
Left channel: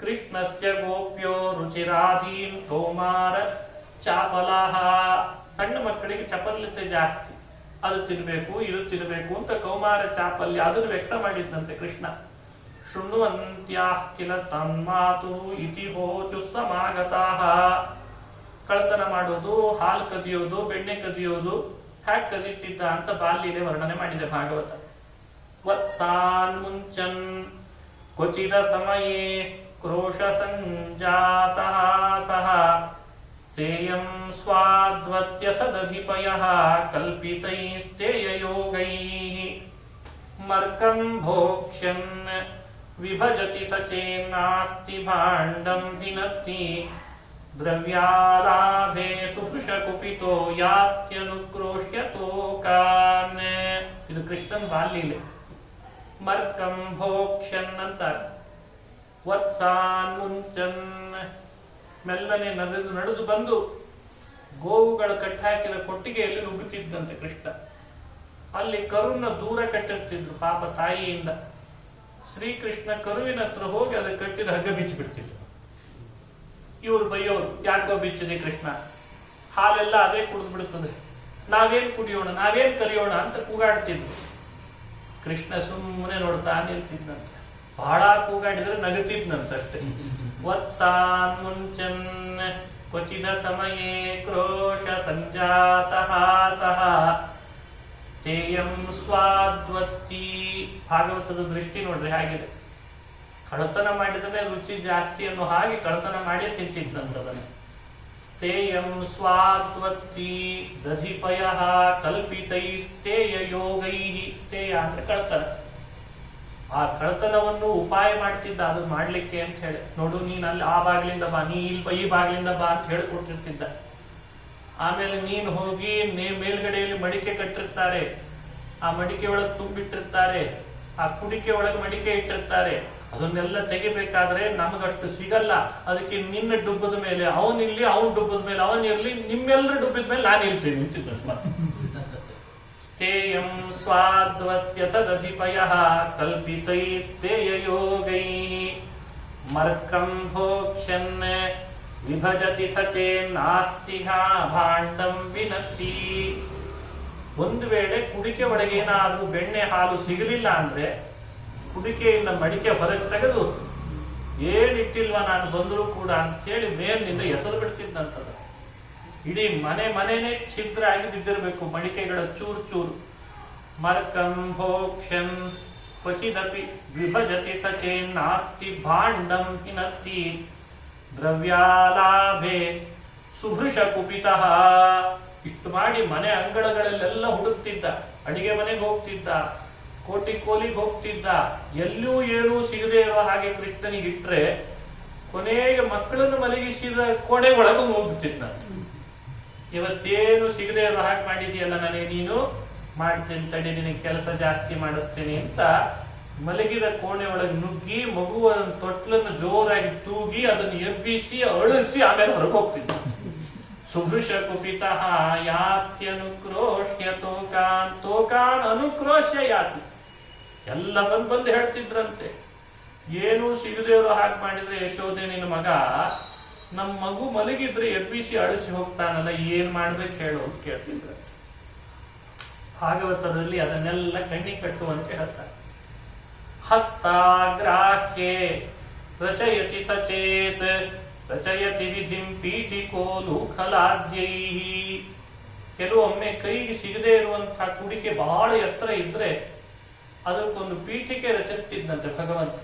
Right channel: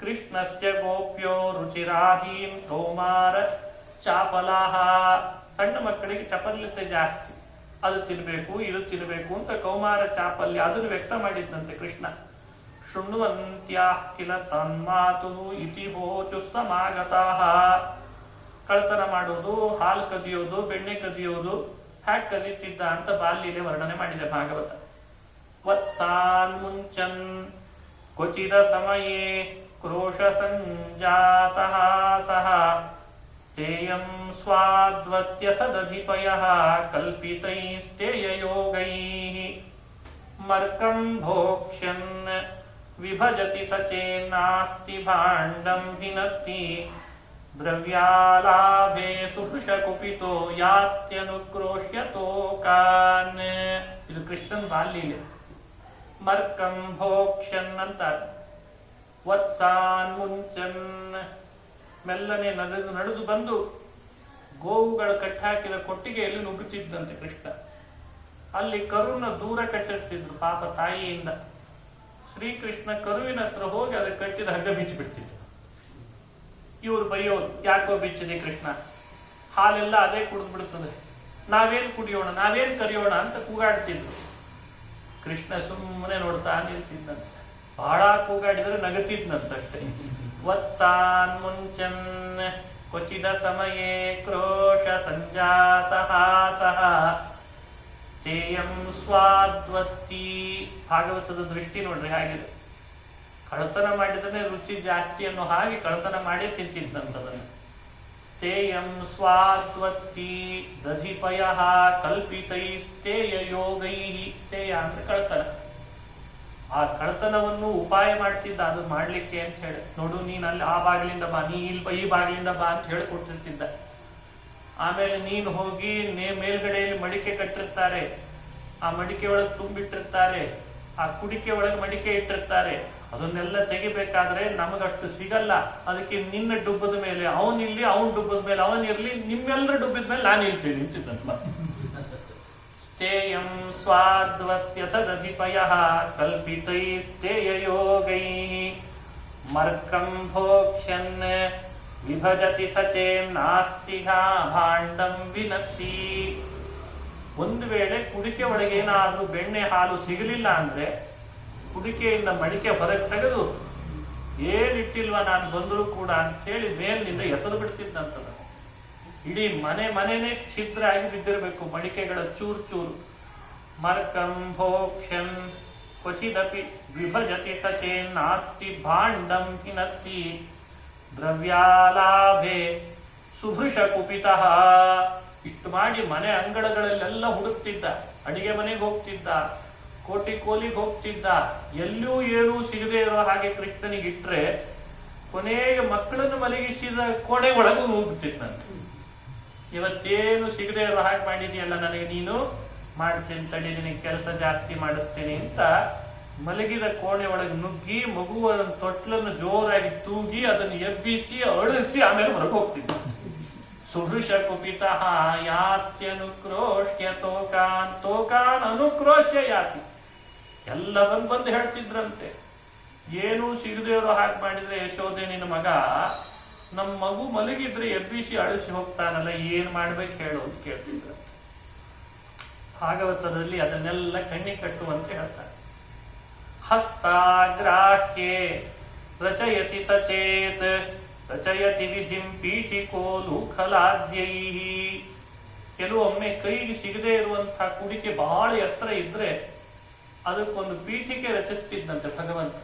ಕೃಷ್ಣಸ್ಯ ಗೋಪ್ಯೋ ರುಚಿರಾಧೀನ್ ಕೌಮಾರ ಚಾಪಲಾಹ, ಸಣ್ಣ ಮಕ್ಕಳಿಗೆ ಚಪಲ್ಯತೆ ಜಾಸ್ತಿ, ಅದು ತಿನ್ಬೇಕು ಇದು ತಿನ್ಬೇಕು ಅಂತ ಕೌಮಾರ ಚಾಪಲ್ಯ ಅದನ್ನು ವ್ಯಕ್ತ ಮಾಡಿದ್ದಂತೆ ಕೃಷ್ಣ. ಶೃಣ್ವಂತ್ಯಾಃ ಕಿಲ ತನ್ಮಾತು ಇತಿ ಹೋಚು ಸಮಾಗತಾಃ, ಕಳ್ತನ ಮಾಡೋದು, ಹಾಲು ಕದಿಯೋದು, ಬೆಣ್ಣೆ ಕದಿಯೋದು, ಹ್ಯಾಕ್ ಕದೀತಿದ್ದ ಅಂತ ಬಾಲ್ಯಲೆ ವರ್ಣನೆ ಮಾಡಿದೆ ಭಾಗವತ. ವತ್ಸಾನ್ ಮುಂಚನ್ ಕ್ವಚಿದ ಸಮಯೇ ಕ್ರೋಶ ಸಂಜಾತಃ ಸಹ ಸ್ಥೇಯಂ ಸ್ವಾದ್ವತ್ಯಥ ದಧಿಪಯಃ ಕಲ್ಪಿತೈಸ್ತೇಯಯೋಗೈಃ ಮರ್ಕಂ ಭೋಕ್ಷ್ಯನ್ ವಿಭಜತಿ ಸಚೇನ್ನಾಸ್ತಿ ಭಾಂಡಂ ಹಿನತ್ತಿ ದ್ರವ್ಯಾಲಾಭೆ ಸುಹೃಷ ಕುಪಿತೋ ಯಾತ್ಯನುಕ್ರೋಶ್ಯ ತೋಕಾನ್. ಇದು ಕೃಷ್ಣನ್ ಬಾಲ್ಯಲೆ. ಮರ್ಕಂ ಭೋಕ್ಷ್ಯನ್ ಅಂತಾರೆ. ವತ್ಸಾನ್ ಮುಂಚನ್, ಮೆಲ್ಲನೆ ನಡೆದು ಬಂದು ಗೋವುಗಳು ಕಟ್ಟಾಕಿದ ಕೊಟ್ಟಿಗೆಯಲ್ಲಿ ನುಗ್ಗುತ್ತಿದ್ದಂತೆ ಕೃಷ್ಣ. ಅಲ್ಲಿ ಕರುನ ದೂರ ಕಟ್ಟಿರ್ತಿದ್ರು ಪಾಪ ತಾಯಿಯಿಂದ. ಶ್ರೀಕೃಷ್ಣ ಕರುವಿನ ಹತ್ರ ಹೋಗಿ ಅದಕ್ಕೆ ಕಟ್ಟಿದ ಹಗ್ಗ ಬಿಚ್ಚಿಬಿಡ್ತಿದ್ರು. ಇವ್ರು ಬೈಯೋರು, ಯಾಕೋ ಬಿಚ್ಚಿದೆ ಕೃಷ್ಣ, ಹಾಲೆಲ್ಲ ಅದೇ ಕುಡಿದು ಬಿಡ್ತದೆ, ನಾವೇನ್ ಕುಡಿಯೋಣ, ನಾವೇನ್ ಕರಿಯೋಣ ಅಂತ ಕೂಗಾಡ್ತಿದ್ರು. ಕೃಷ್ಣ ಸುಮ್ಮನೆ ನೋಡ್ತಾ ನಿಲ್ತಿದ್ದಂತೆ. ಬಹಳ ಕೂಗಾಡಿದ್ರೆ ನಗುತ್ತಿದ್ನಂತಷ್ಟೇ. ವತ್ಸಾನ್ ಮುಂಚನ್ ಕ್ವಚಿದ ಸಮಯೇ ಕ್ರೋಶ ಸಂಜಾತಃ ಸಹ ಸ್ಥೇಯಂ ಸ್ವಾದ್ವತ್ತಿ. ಭಾಗವತದ ದೃಷ್ಟಿ ನೋಡ್ರಿ ಹಾಗಿದೆ. ಕಳತನ ಮಾಡಿದ್ರೆ ರುಚಿ ಜಾಸ್ತಿ ಅನ್ನೋ ಹಾಗೆ ಕಳತನ ಮಾಡಿ ತಿಂತಿದ್ದಂಥದನ್ನು. ಸ್ಥೇಯಂ ಸ್ವಾದ್ವತ್ತಿ ದಧಿಪಯಃ ಕಲ್ಪಿತೈಸ್ತೇಯ ಯೋಗೈಹಿ. ಸ್ಥೇಯ ಅಂದ್ರೆ ಕಳತನ. ಆ ಕಳತನವನ್ನು ಉಪಾಯ ಮಾಡ್ತಿದ್ದ, ಅದನ್ನ ಮಾಡ್ಲಿಕ್ಕೆ ಅಂತ ಹೇಳಿ. ನೋಡು, ನೀನ್ ಅಲ್ಲಿ ಆ ಬಾಗಿಲಿಂದ ಬಾ, ನೀ ಈ ಬಾಗಿಲಿಂದ ಬಾ ಅಂತ ಹೇಳಿಕೊಟ್ಟಿರ್ತಿದ್ದ. ಆಮೇಲೆ ನೀನು ಹೋಗಿ ಮೇಲ್ಗಡೆಯಲ್ಲಿ ಮಡಿಕೆ ಕಟ್ಟಿರ್ತಾರೆ, ಆ ಮಡಿಕೆ ಒಳಗೆ ತುಂಬಿಟ್ಟಿರ್ತಾರೆ, ಆ ಕುಡಿಕೆ ಒಳಗೆ ಮಡಿಕೆ ಇಟ್ಟಿರ್ತಾರೆ. ಅದನ್ನೆಲ್ಲ ತೆಗಿಬೇಕಾದ್ರೆ ನಮಗಷ್ಟು ಸಿಗಲ್ಲ. ಅದಕ್ಕೆ ನಿನ್ನ ಡುಬ್ಬದ ಮೇಲೆ ಅವನಿರ್ಲಿ, ಅವನ್ ಡುಬ್ಬದ ಮೇಲೆ ಅವನಿರ್ಲಿ, ನಿಮ್ಮೆಲ್ಲರ ಡುಬ್ಬಿದ ಮೇಲೆ ನಾನು ಇರ್ತೀನಿ ಅಂತಿದ್ದ. ಸ್ಥೇಯಂ ಸ್ವಾದ್ವತ್ಯಥ ದಧಿಪಯಃ ಕಲ್ಪಿತೈಸ್ತೇಯಯೋಗೈಃ ಮರ್ಕಂ ಭೋಕ್ಷ್ಯನ್ ವಿಭಜತಿ ಸಚೇನ್ನಾಸ್ತಿ ಭಾಂಡಂ ವಿನತ್ತಿ. ಒಂದು ವೇಳೆ ಕುಡಿಕೆ ಒಳಗೆ ಏನಾದ್ರೂ ಬೆಣ್ಣೆ ಹಾಲು ಸಿಗಲಿಲ್ಲ ಅಂದ್ರೆ ಕುಡಿಕೆಯಿಂದ ಮಡಿಕೆ ಹೊರಗೆ ತೆಗೆದು ಏನಿಟ್ಟಿಲ್ವ ನಾನು ಬಂದರೂ ಕೂಡ ಅಂತ ಹೇಳಿ ಮೇಲಿನಿಂದ ಎಸರು ಬಿಡ್ತಿದ್ದಂತದ. ಇಡೀ ಮನೆನೇ ಛಿದ್ರ ಆಗಿ ಬಿದ್ದಿರಬೇಕು, ಮಡಿಕೆಗಳ ಚೂರು ಚೂರು. ಮರ್ಕಂ ಭೋಕ್ಷ್ಯನ್ ಕ್ವಚಿದಪಿ ವಿಭಜತಿ ಸಚೇನ್ನಾಸ್ತಿ ಭಾಂಡಂ ಹಿನತ್ತಿ ದ್ರವ್ಯಾಲಾಭೆ ಸುಭೃಷ ಕುಪಿತಃ. ಇಷ್ಟು ಮಾಡಿ ಮನೆ ಅಂಗಡಗಳಲ್ಲೆಲ್ಲ ಹುಡುಕ್ತಿದ್ದ, ಅಡಿಗೆ ಮನೆಗೆ ಹೋಗ್ತಿದ್ದ, ಕೋಟಿ ಕೋಲಿಗೆ ಹೋಗ್ತಿದ್ದ. ಎಲ್ಲೂ ಏನೂ ಸಿಗದೆ ಇರೋ ಹಾಗೆ ಕೃಷ್ಣನಿಗೆ ಇಟ್ರೆ ಕೊನೆಗೆ ಮಕ್ಕಳನ್ನು ಮಲಗಿಸಿದ ಕೋಣೆ ಒಳಗೂ ಹೋಗ್ತಿದ್ದ. ಇವತ್ತೇನು ಸಿಗದೆ ಇರೋ ಹಾಗೆ ಮಾಡಿದೆಯಲ್ಲ ನನಗೆ, ನೀನು ಮಾಡ್ತೀನಿ ತಡಿ, ನಿನಗೆ ಕೆಲಸ ಜಾಸ್ತಿ ಮಾಡಿಸ್ತೀನಿ ಅಂತ ಮಲಗಿದ ಕೋಣೆ ಒಳಗೆ ನುಗ್ಗಿ ಮಗುವ ತೊಟ್ಲನ್ನು ಜೋರಾಗಿ ತೂಗಿ ಅದನ್ನು ಎಬ್ಬಿಸಿ ಅಳಿಸಿ ಆಮೇಲೆ ಹೊರಗೆ ಹೋಗ್ತಿದ್ದ. ಸುಭೃಷ ಕುಪಿತಃ ಯಾತ್ಯನುಕ್ರೋಶ್ಯ ತೋಕಾನ್. ತೋಕಾನ್ ಅನುಕ್ರೋಶ್ಯ ಯಾತಿ. ಎಲ್ಲ ಬಂದು ಹೇಳ್ತಿದ್ರಂತೆ, ಏನೂ ಸಿಗದೆ ಇರೋ ಹಾಗೆ ಮಾಡಿದ್ರೆ ಯಶೋದೆ ನಿನ್ನ ಮಗ, ನಮ್ಮ ಮಗು ಮಲಗಿದ್ರೆ ಎಬ್ಬಿಸಿ ಅಳಿಸಿ ಹೋಗ್ತಾನಲ್ಲ, ಏನ್ ಮಾಡ್ಬೇಕು ಹೇಳು ಅಂತ ಕೇಳ್ತಿದ್ರ. ಭಾಗವತದಲ್ಲಿ ಅದನ್ನೆಲ್ಲ ಕಣ್ಣಿಗೆ ಕಟ್ಟುವಂತೆ ಹೇಳ್ತಾರೆ. ಹಸ್ತಾಗ್ರಾಹ್ಯೆ ರಚಯತಿ ಸಚೇತ್ ರಚಯತಿ ವಿಧಿಂ ಪೀಠಿಕೋ ಲೂಖಲಾದ್ಯೈಹಿ. ಕೆಲವೊಮ್ಮೆ ಕೈಗೆ ಸಿಗದೆ ಇರುವಂತಹ ಕುಡಿಕೆ ಬಹಳ ಎತ್ತರ ಇದ್ರೆ ಅದಕ್ಕೊಂದು ಪೀಠಿಕೆ ರಚಿಸ್ತಿದ್ದಂತೆ ಭಗವಂತ.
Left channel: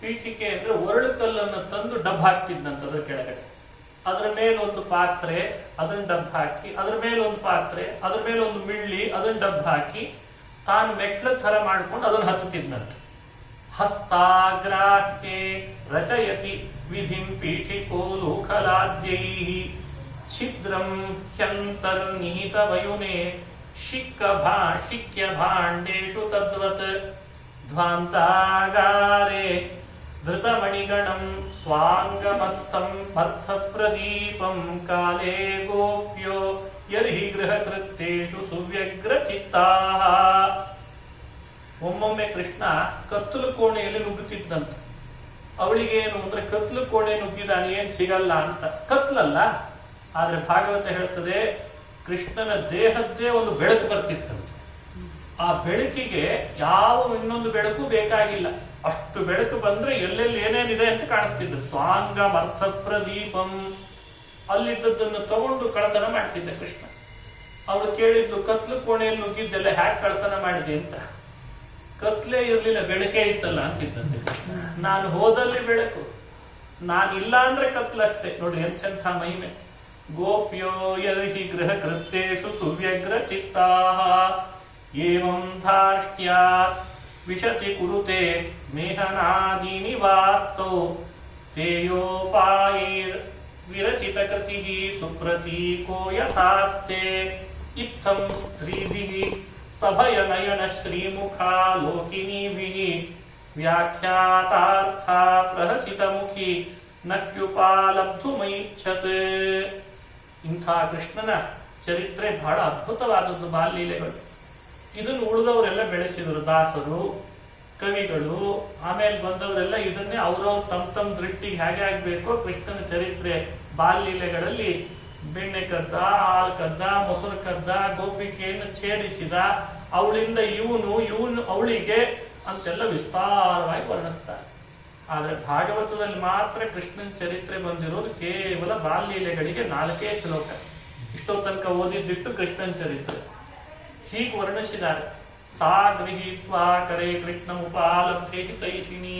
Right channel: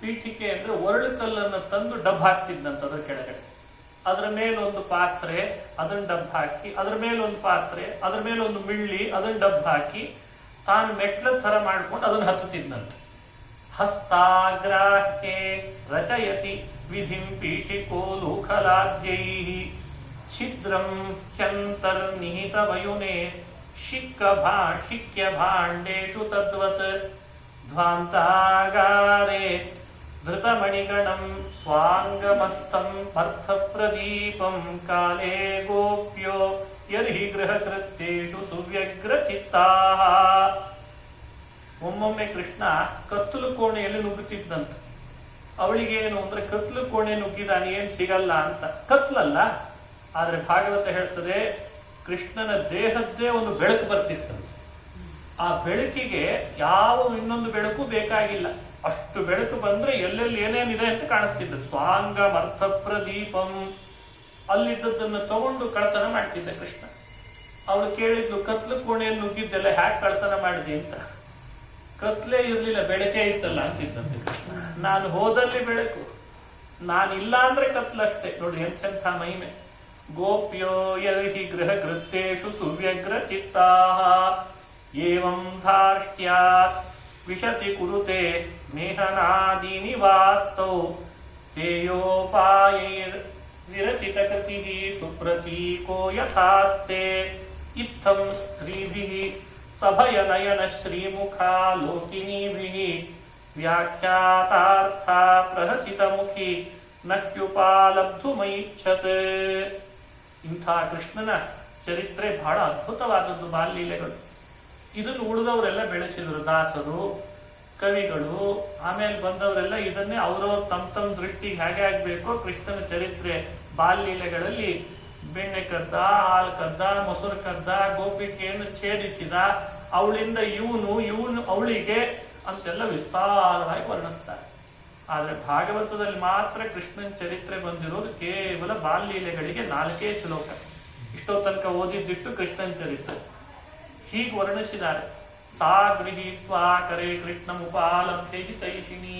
ಪೀಠಿಕೆ ಅಂದ್ರೆ ಒರಳು ಕಲ್ಲನ್ನು ತಂದು ಡಬ್ ಹಾಕ್ತಿದ್ದಂತೆ ಅದರ ಕೆಳಗಡೆ. ಅದರ ಮೇಲೊಂದು ಪಾತ್ರೆ, ಅದನ್ನ ಡಬ್ ಹಾಕಿ, ಅದರ ಮೇಲೊಂದು ಪಾತ್ರೆ, ಅದರ ಮೇಲೆ ಒಂದು ಮಿಳ್ಳಿ, ಅದನ್ನ ಡಬ್ ಹಾಕಿ ತಾನು ಮೆಟ್ಲ ಥರ ಮಾಡ್ಕೊಂಡು ಅದನ್ನು ಹಚ್ಚುತ್ತಿದ್ದಂತೆ. ಹಸ್ತಾಗ್ರಾಹ್ಯೆ ರಚಯತಿ ವಿಧಿಂ ಪೀಠಿಕೋ ಲೋಕಲಾದ್ಯೈ ಛಿದ್ರಂ ಹ್ಯಂತರ್ನಿಹಿತ ವಯುನೆ ಶಿಕ್ಯ ಭಾಂಡೇಶು ತದ್ವತ್ ಧ್ವಾಂತಾಗಾರೆ ಧೃತಮಣಿಗಣಂ ಸ್ವಾಂಗಮತ್ತಂ ಅರ್ಥಪ್ರದೀಪಂ ಕಾಲೇ ಗೋಪ್ಯೋ ಯರ್ಹಿ ಗೃಹಕೃತ್ಯೇಷು ಸುವ್ಯಗ್ರಚಿತ್ತಾಃ. ಒಮ್ಮೊಮ್ಮೆ ಕೃಷ್ಣ ಕತ್ತಲು ಕೋಣೆಯಲ್ಲಿ ನುಗ್ಗುತ್ತಿದ್ದಂತೆ. ಅವಳಿಗೇನು ಅಂದ್ರೆ ಕತ್ಲು ಕೋಣೆ ನುಗ್ಗಿದಾನೆ ಏನ್ ಸಿಗಲ್ಲ ಅಂತ. ಕತ್ಲಲ್ಲ, ಆದ್ರೆ ಭಾಗವತ ಹೇಳ್ತದೆ ಕೃಷ್ಣನ ದೇಹದ್ದೇ ಒಂದು ಬೆಳಕು ಬರ್ತಿತ್ತಂತೆ. ಆ ಬೆಳಕಿಗೆ ಯಾವ ಇನ್ನೊಂದು ಬೆಳಕು ಬೇಕಾಗಿಲ್ಲ, ಅಷ್ಟು ಬೆಳಕು ಬಂದ್ರೆ ಎಲ್ಲೆಲ್ಲಿ ಏನೇನಿದೆ ಅಂತ ಕಾಣಿಸ್ತಿದ್ದ. ಸ್ವಾಂಗಂ ಅರ್ಥಪ್ರದೀಪಂ, ಅಲ್ಲಿದ್ದದ್ದನ್ನು ತಗೊಂಡು ಕಳತನ ಮಾಡ್ತಿದ್ದ ಕೃಷ್ಣ. ಅವಳು ಕೇಳಿದ್ದು ಕತ್ಲು ಕೋಣೆಯಲ್ಲಿ ನುಗ್ಗಿದ್ದೆಲ್ಲ ಹ್ಯಾಕ್ ಕಳತನ ಮಾಡಿದೆ ಅಂತ. ಕತ್ಲೇ ಇರ್ಲಿಲ್ಲ, ಬೆಳಕೇ ಇತ್ತಲ್ಲ ಅಂತಿದ್ದಂತೆ ಕೃಷ್ಣ. ನಾನು ಹೋದಲ್ಲಿ ಬೆಳಕು, ನಾನಿಲ್ಲ ಅಂದ್ರೆ ಕತ್ಲಷ್ಟೇ. ನೋಡ್ರಿ ಎಂಥ ಮಹಿಮೆ. ಗೋಪ್ಯೋ ಯರ್ಹಿ ಗೃಹ ಕೃತ್ಯೇಷು ಸುವ್ಯಗ್ರ ಚಿತ್ತಾಃ ಏವಂ ಧಾರ್ಷ್ಟ್ಯಾತ್ ವಿಶತಿ ಕುರುತೆ ಮೇಹನಾದೀನಿ ವಾಸ್ತೌ ತೇಯೋಪಾಯೈರ್ ವಿರಚಿತ ಕೃತಿಃ ಸುಪ್ರತೀಕೋ ಯಥಾಸ್ತೆ ಇತ್ತಂ ಸ್ತ್ರೀಭಿಃ ಸಭಯನಯನ ಶ್ರೀಮುಖಾ ಲೋಕಿನೀಭಿಃ ವ್ಯಾಖ್ಯಾತಾರ್ಥ ಪ್ರಹಸಿತ ಮುಖಿ ನಹ್ಯುಪಾಲಬ್ಧುಮೈಚ್ಛತ್. ಇಂಥ ಕೃಷ್ಣನ ಚರಿತ್ರೆ ಬಹಳ ಅದ್ಭುತವಾದದ್ದು, ಬಾಲ್ಯಲೀಲೆಗಳು. ಇದನ್ನು ಉಳಿದವರೆಲ್ಲ ಬೆಳೆಸಿದರು, ದಾಸರು, ಕವಿಗಳು, ಆಮೇಲೆ ಬಂದವರೆಲ್ಲ ಇದನ್ನೇ ಅವರವ್ರ ತಮ್ಮ ದೃಷ್ಟಿಗೆ ಹೇಗೆ ಆಗ್ಬೇಕೋ ಕೃಷ್ಣನ ಚರಿತ್ರೆ ಬಾಲ್ಯಲೀಲೆಗಳಲ್ಲಿ ಬೆಣ್ಣೆ ಕದ್ದ, ಹಾಲು ಕದ್ದ, ಮೊಸರು ಕದ್ದ, ಗೋಪಿಕೆಯನ್ನು ಛೇದಿಸಿದ, ಅವಳಿಂದ ಇವನು ಅವಳಿಗೆ ಅಂತೆಲ್ಲ ವಿಸ್ತಾರವಾಗಿ ವರ್ಣಿಸ್ತಾರೆ. ಆದ್ರೆ ಭಾಗವತದಲ್ಲಿ ಮಾತ್ರ ಕೃಷ್ಣನ ಚರಿತ್ರೆ ಬಂದಿರೋದು ಕೇವಲ ಬಾಲ್ಯಲೀಲೆಗಳಿಗೆ 4 ಶ್ಲೋಕ. ಇಷ್ಟೋ ತನಕ ಓದಿದ್ದಿಟ್ಟು ಕೃಷ್ಣನ ಚರಿತ್ರೆ ಹೀಗೆ ವರ್ಣಿಸಿದ್ದಾರೆ. ಸಾ ಗೃಹೀತ್ವಾ ಕರೆ ಕೃಷ್ಣಮುಪಾಲಭ್ಯೆ ಹಿತೈಷಿಣಿ.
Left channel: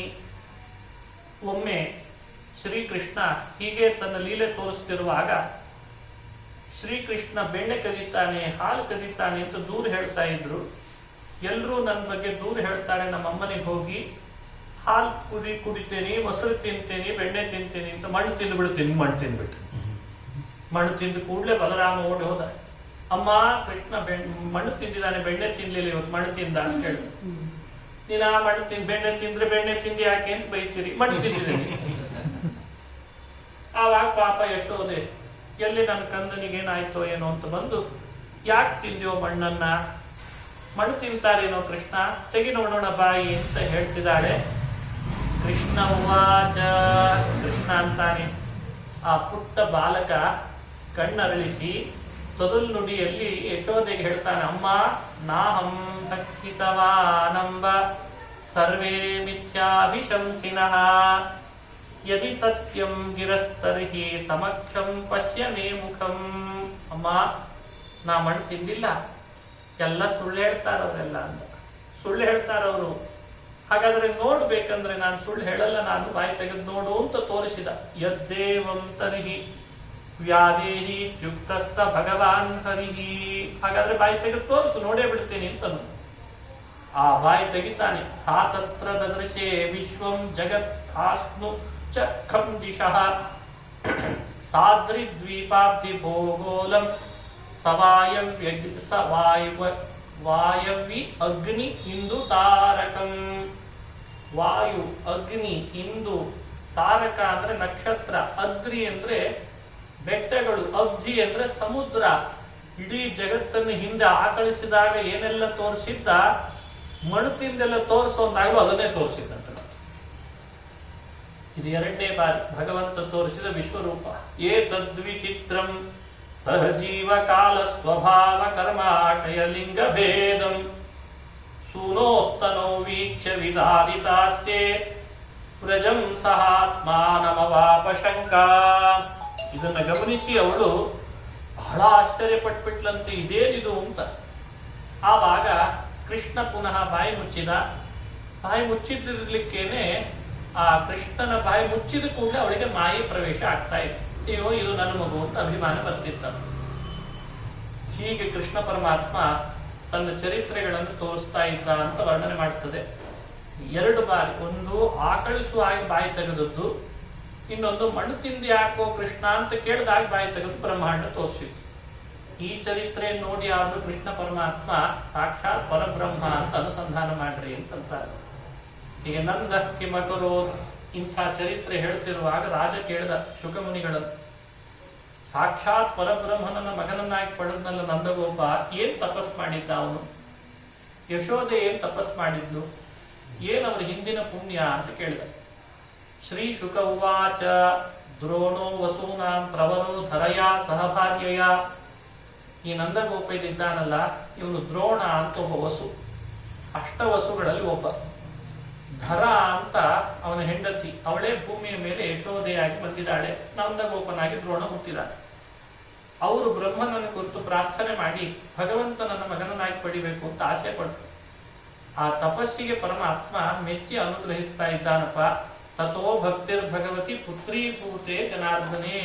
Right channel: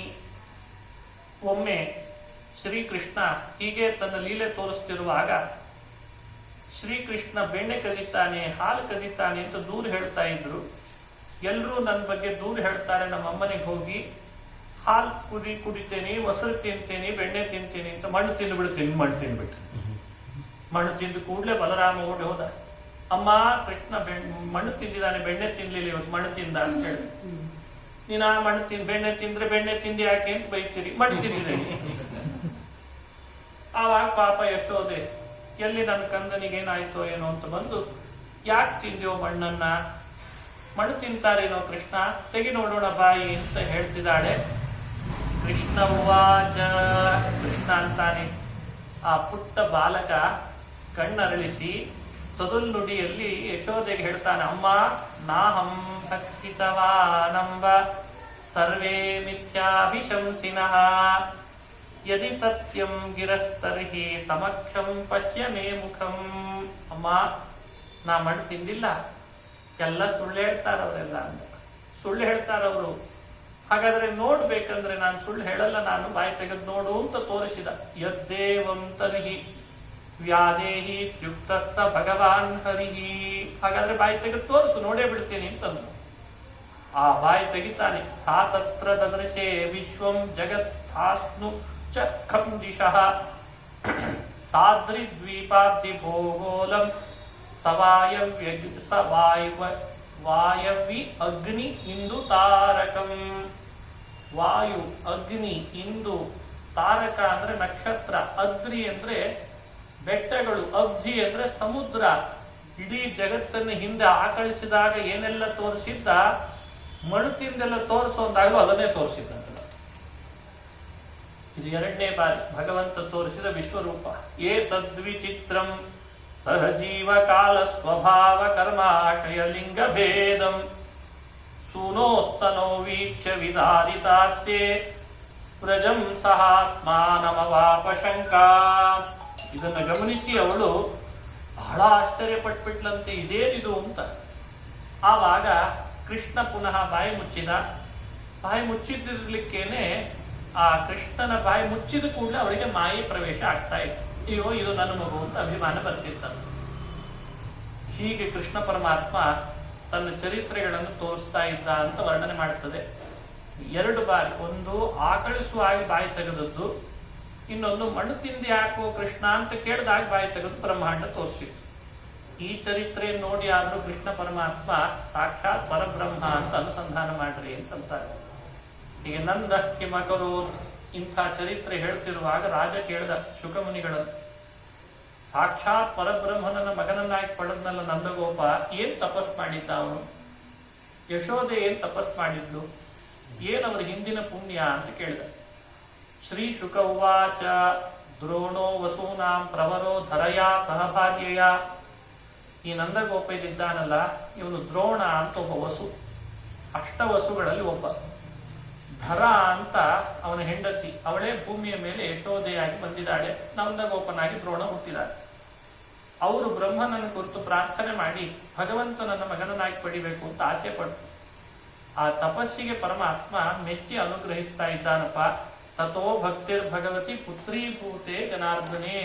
ಒಮ್ಮೆ ಶ್ರೀಕೃಷ್ಣ ಹೀಗೆ ತನ್ನ ಲೀಲೆ ತೋರಿಸ್ತಿರುವಾಗ ಶ್ರೀಕೃಷ್ಣ ಬೆಣ್ಣೆ ಕದೀತಾನೆ, ಹಾಲು ಕದೀತಾನೆ ಅಂತ ದೂರ ಹೇಳ್ತಾ ಇದ್ರು. ಎಲ್ಲರೂ ನನ್ನ ಬಗ್ಗೆ ದೂರ ಹೇಳ್ತಾರೆ. ನಮ್ಮ ಅಮ್ಮನಿಗೆ ಹೋಗಿ ಹಾಲು ಕುಡಿತೇನೆ, ಮೊಸರು ತಿಂತೇನೆ, ಬೆಣ್ಣೆ ತಿಂತೇನೆ ಅಂತ ಮಣ್ಣು ತಿಂದು ಬಿಡ್ತೀನಿ. ಮಣ್ಣು ತಿಂದ್ಬಿಟ್ಟು ಮಣ್ಣು ತಿಂದು ಕೂಡಲೇ ಬಲರಾಮ ಓಡಿ ಹೋದ. ಅಮ್ಮ, ಕೃಷ್ಣ ಮಣ್ಣು ತಿಂದಿದ್ದಾನೆ, ಬೆಣ್ಣೆ ತಿನ್ಲಿಲ್ಲ, ಇವತ್ತು ಮಣ್ಣು ತಿಂದ ಅಂತ ಹೇಳಿ. ನೀನು ಆ ಮಣ್ಣು ಬೆಣ್ಣೆ ತಿಂದ್ರೆ ಬೆಣ್ಣೆ ತಿಂದು ಯಾಕೆ ಅಂತ ಬೈತೀರಿ, ಮಣ್ಣು ತಿಂದಿದ್ದೀನಿ. ಆವಾಗ ಪಾಪ ಯಶೋದೆ ಎಲ್ಲಿ ನನ್ನ ಕಂದನಿಗೇನಾಯ್ತೋ ಏನೋ ಅಂತ ಬಂದು, ಯಾಕೆ ತಿಂದ್ಯೋ ಮಣ್ಣನ್ನ, ಮಣ್ಣು ತಿಂತಾರೇನೋ ಕೃಷ್ಣ, ತೆಗಿ ನೋಡೋಣ ಬಾಯಿ ಅಂತ ಹೇಳ್ತಿದ್ದಾಳೆ. ಕೃಷ್ಣ ಉವಾಚ. ಕೃಷ್ಣ ಅಂತಾನೆ. ಆ ಪುಟ್ಟ ಬಾಲಕ ಕಣ್ಣರಳಿಸಿ ತೊದಲ್ನುಡಿಯಲ್ಲಿ ಯಶೋದೆಗೆ ಹೇಳ್ತಾನೆ, ಅಮ್ಮ ನಾಹಂ ಭಕ್ಷಿತವಾನಂಬ ಸರ್ವೇ ಮಿಥ್ಯಾಭಿಶಂಸಿನಃ ಯದಿ ಸತ್ಯಂ ಗಿರಸ್ತರ್ಹಿ ಸಮಕ್ಷಂ ಪಶ್ಯ ಮೇ ಮುಖಂ. ಅಮ್ಮ, ನಾ ಮಣ್ಣು ತಿಂದಿಲ್ಲ, ಎಲ್ಲ ಸುಳ್ಳು ಹೇಳ್ತಾರವರೆಲ್ಲ ಅಂತ. ಸುಳ್ಳು ಹೇಳ್ತಾರವರು. ಹಾಗಾದ್ರೆ ನೋಡ್ಬೇಕಂದ್ರೆ ನಾನು ಸುಳ್ಳು ಹೇಳಲ್ಲ, ನಾನು ಬಾಯಿ ತೆಗೆದು ನೋಡು ಅಂತ ತೋರಿಸಿದ. ಯದ್ದೇವಂ ತರ್ಹಿ ವ್ಯಾದೇಹಿ ಯುಕ್ತಸ್ಸ ಭಗವಾನ್ ಹರಿಹಿ. ಹಾಗಾದ್ರೆ ಬಾಯಿ ತೆಗೆದು ತೋರಿಸು, ನೋಡೇ ಬಿಡ್ತೀನಿ ಅಂತಂದು. ಆ ಬಾಯಿ ತೆಗಿತಾನೆ. ಸಾ ತತ್ರ ದದೃಶೇ ವಿಶ್ವಂ ಜಗತ್ ಸ್ಥಾಸ್ನು ಚ ಖಂ ದಿಶಃ ಸಾದ್ರಿ ದ್ವೀಪಾಬ್ಧಿ ಭೂಗೋಲಂ ವಾಯವಿ ಅಗ್ನಿ ಇಂದು ತಾರಕಂ. ವಾಯು, ಅಗ್ನಿ, ಇಂದು, ತಾರಕ ಅಂದ್ರೆ ನಕ್ಷತ್ರ, ಅಗ್ನಿ ಅಂದ್ರೆ ಬೆಟ್ಟಗಳು, ಅಬ್ಧಿ ಅಂದ್ರೆ ಸಮುದ್ರ. ಇಡೀ ಜಗತ್ತನ್ನು ಹಿಂದೆ ಆಕಳಿಸಿದಾಗ ಏನೆಲ್ಲ ತೋರಿಸಿದ್ದ, ಮಣುತಿಂದೆಲ್ಲ ತೋರಿಸೋದಾಗಲೂ ಅದನ್ನೇ ತೋರಿಸಿದ್ದಂತ. ಇದು 2ನೇ ಬಾರಿ ಭಗವಂತ ತೋರಿಸಿದ ವಿಶ್ವರೂಪ. ಏ ತದ್ವಿಚಿತ್ರಂ ಸಹಜೀವ ಕಾಲ ಸ್ವಭಾವ ಕರ್ಮಾಶಯ ಲಿಂಗ ಭೇದಂ ಸೂನೋಸ್ತನೋ ವೀಕ್ಷ್ಯ ವಿದಾರಿತಾಸ್ತೆ ವ್ರಜಂ ಸಹಾತ್ಮಾನಮವಾಪ ಶಂಕಾ. ಇದನ್ನ ಗಮನಿಸಿ ಅವಳು ಬಹಳ ಆಶ್ಚರ್ಯಪಟ್ಬಿಟ್ಲಂತೆ, ಇದೇನಿದು ಅಂತ. ಆವಾಗ ಕೃಷ್ಣ ಪುನಃ ಬಾಯಿ ಮುಚ್ಚಿದ. ಬಾಯಿ ಮುಚ್ಚಿದಿರ್ಲಿಕ್ಕೇನೆ ಆ ಕೃಷ್ಣನ ಬಾಯಿ ಮುಚ್ಚಿದ ಕೂಡಲೇ ಅವಳಿಗೆ ಮಾಯೆ ಪ್ರವೇಶ ಆಗ್ತಾ ಇತ್ತು. ಅಯ್ಯೋ ಇದು ನನ್ನ ಮಗು ಅಂತ ಅಭಿಮಾನ ಬರ್ತಿತ್ತ. ಹೀಗೆ ಕೃಷ್ಣ ಪರಮಾತ್ಮ ತನ್ನ ಚರಿತ್ರೆಗಳನ್ನು ತೋರಿಸ್ತಾ ಇದ್ದ ಅಂತ ವರ್ಣನೆ ಮಾಡ್ತದೆ. 2 ಬಾರಿ, ಒಂದು ಆಕಳಿಸುವಾಗಿ ಬಾಯಿ ತೆಗೆದದ್ದು, ಇನ್ನೊಂದು ಮಣ್ಣು ತಿಂದಿ ಹಾಕೋ ಕೃಷ್ಣ ಅಂತ ಕೇಳಿದಾಗ ಬಾಯಿ ತೆಗೆದು ಬ್ರಹ್ಮಾಂಡ ತೋರಿಸಿತ್ತು. ಈ ಚರಿತ್ರೆ ನೋಡಿ ಆದ್ರೂ ಕೃಷ್ಣ ಪರಮಾತ್ಮ ಸಾಕ್ಷಾತ್ ಪರಬ್ರಹ್ಮ ಅಂತ ಅನುಸಂಧಾನ ಮಾಡ್ರಿ ಅಂತಂತಾರೆ. ಈಗ ನಂದ ಕಿಮಕರು ಇಂಥ ಚರಿತ್ರೆ ಹೇಳ್ತಿರುವಾಗ ರಾಜ ಕೇಳಿದ ಶುಕಮುನಿಗಳನ್ನು, ಸಾಕ್ಷಾತ್ ಪರಬ್ರಹ್ಮನನ್ನ ಮಗನನ್ನಾಗಿ ಪಡೆದ್ನಲ್ಲ ನಂದಗೋಪ, ಏನ್ ತಪಸ್ ಮಾಡಿದ್ದ ಅವನು? ಯಶೋದೆ ಏನ್ ತಪಸ್ ಮಾಡಿದ್ಲು? ಏನವ್ರ ಹಿಂದಿನ ಪುಣ್ಯ ಅಂತ ಕೇಳಿದ. ಶ್ರೀ ಶುಕ ಉವಾಚ ದ್ರೋಣೋ ವಸೂನಾಂ ಪ್ರವರೋ ಧರಯಾ ಸಹಭಾರ್ಯಯ. ಈ ನಂದಗೋಪ ಇದ್ದಾನಲ್ಲ, ಇವನು ದ್ರೋಣ ಅಂತ ಒಬ್ಬ ವಸು, 8 ವಸುಗಳಲ್ಲಿ ಒಬ್ಬ. ಧರ ಅಂತ ಅವನ ಹೆಂಡತಿ, ಅವಳೇ ಭೂಮಿಯ ಮೇಲೆ ಯಶೋದೆಯಾಗಿ ಬಂದಿದ್ದಾಳೆ. ನಂದಗೋಪನಾಗಿ ದ್ರೋಣ ಹುಟ್ಟಿದಾಳೆ. ಅವರು ಬ್ರಹ್ಮನನ್ನು ಕುರಿತು ಪ್ರಾರ್ಥನೆ ಮಾಡಿ ಭಗವಂತನನ್ನ ಮಗನನ್ನಾಗಿ ಪಡಿಬೇಕು ಅಂತ ಆಸೆ ಪಟ್ಟರು. ಆ ತಪಸ್ಸಿಗೆ ಪರಮಾತ್ಮ ಮೆಚ್ಚಿ ಅನುಗ್ರಹಿಸ್ತಾ ಇದ್ದಾನಪ್ಪ. ತಥೋ ಭಕ್ತಿರ್ ಭಗವತಿ ಪುತ್ರೀಭೂತೆ ಜನಾರ್ದನೆ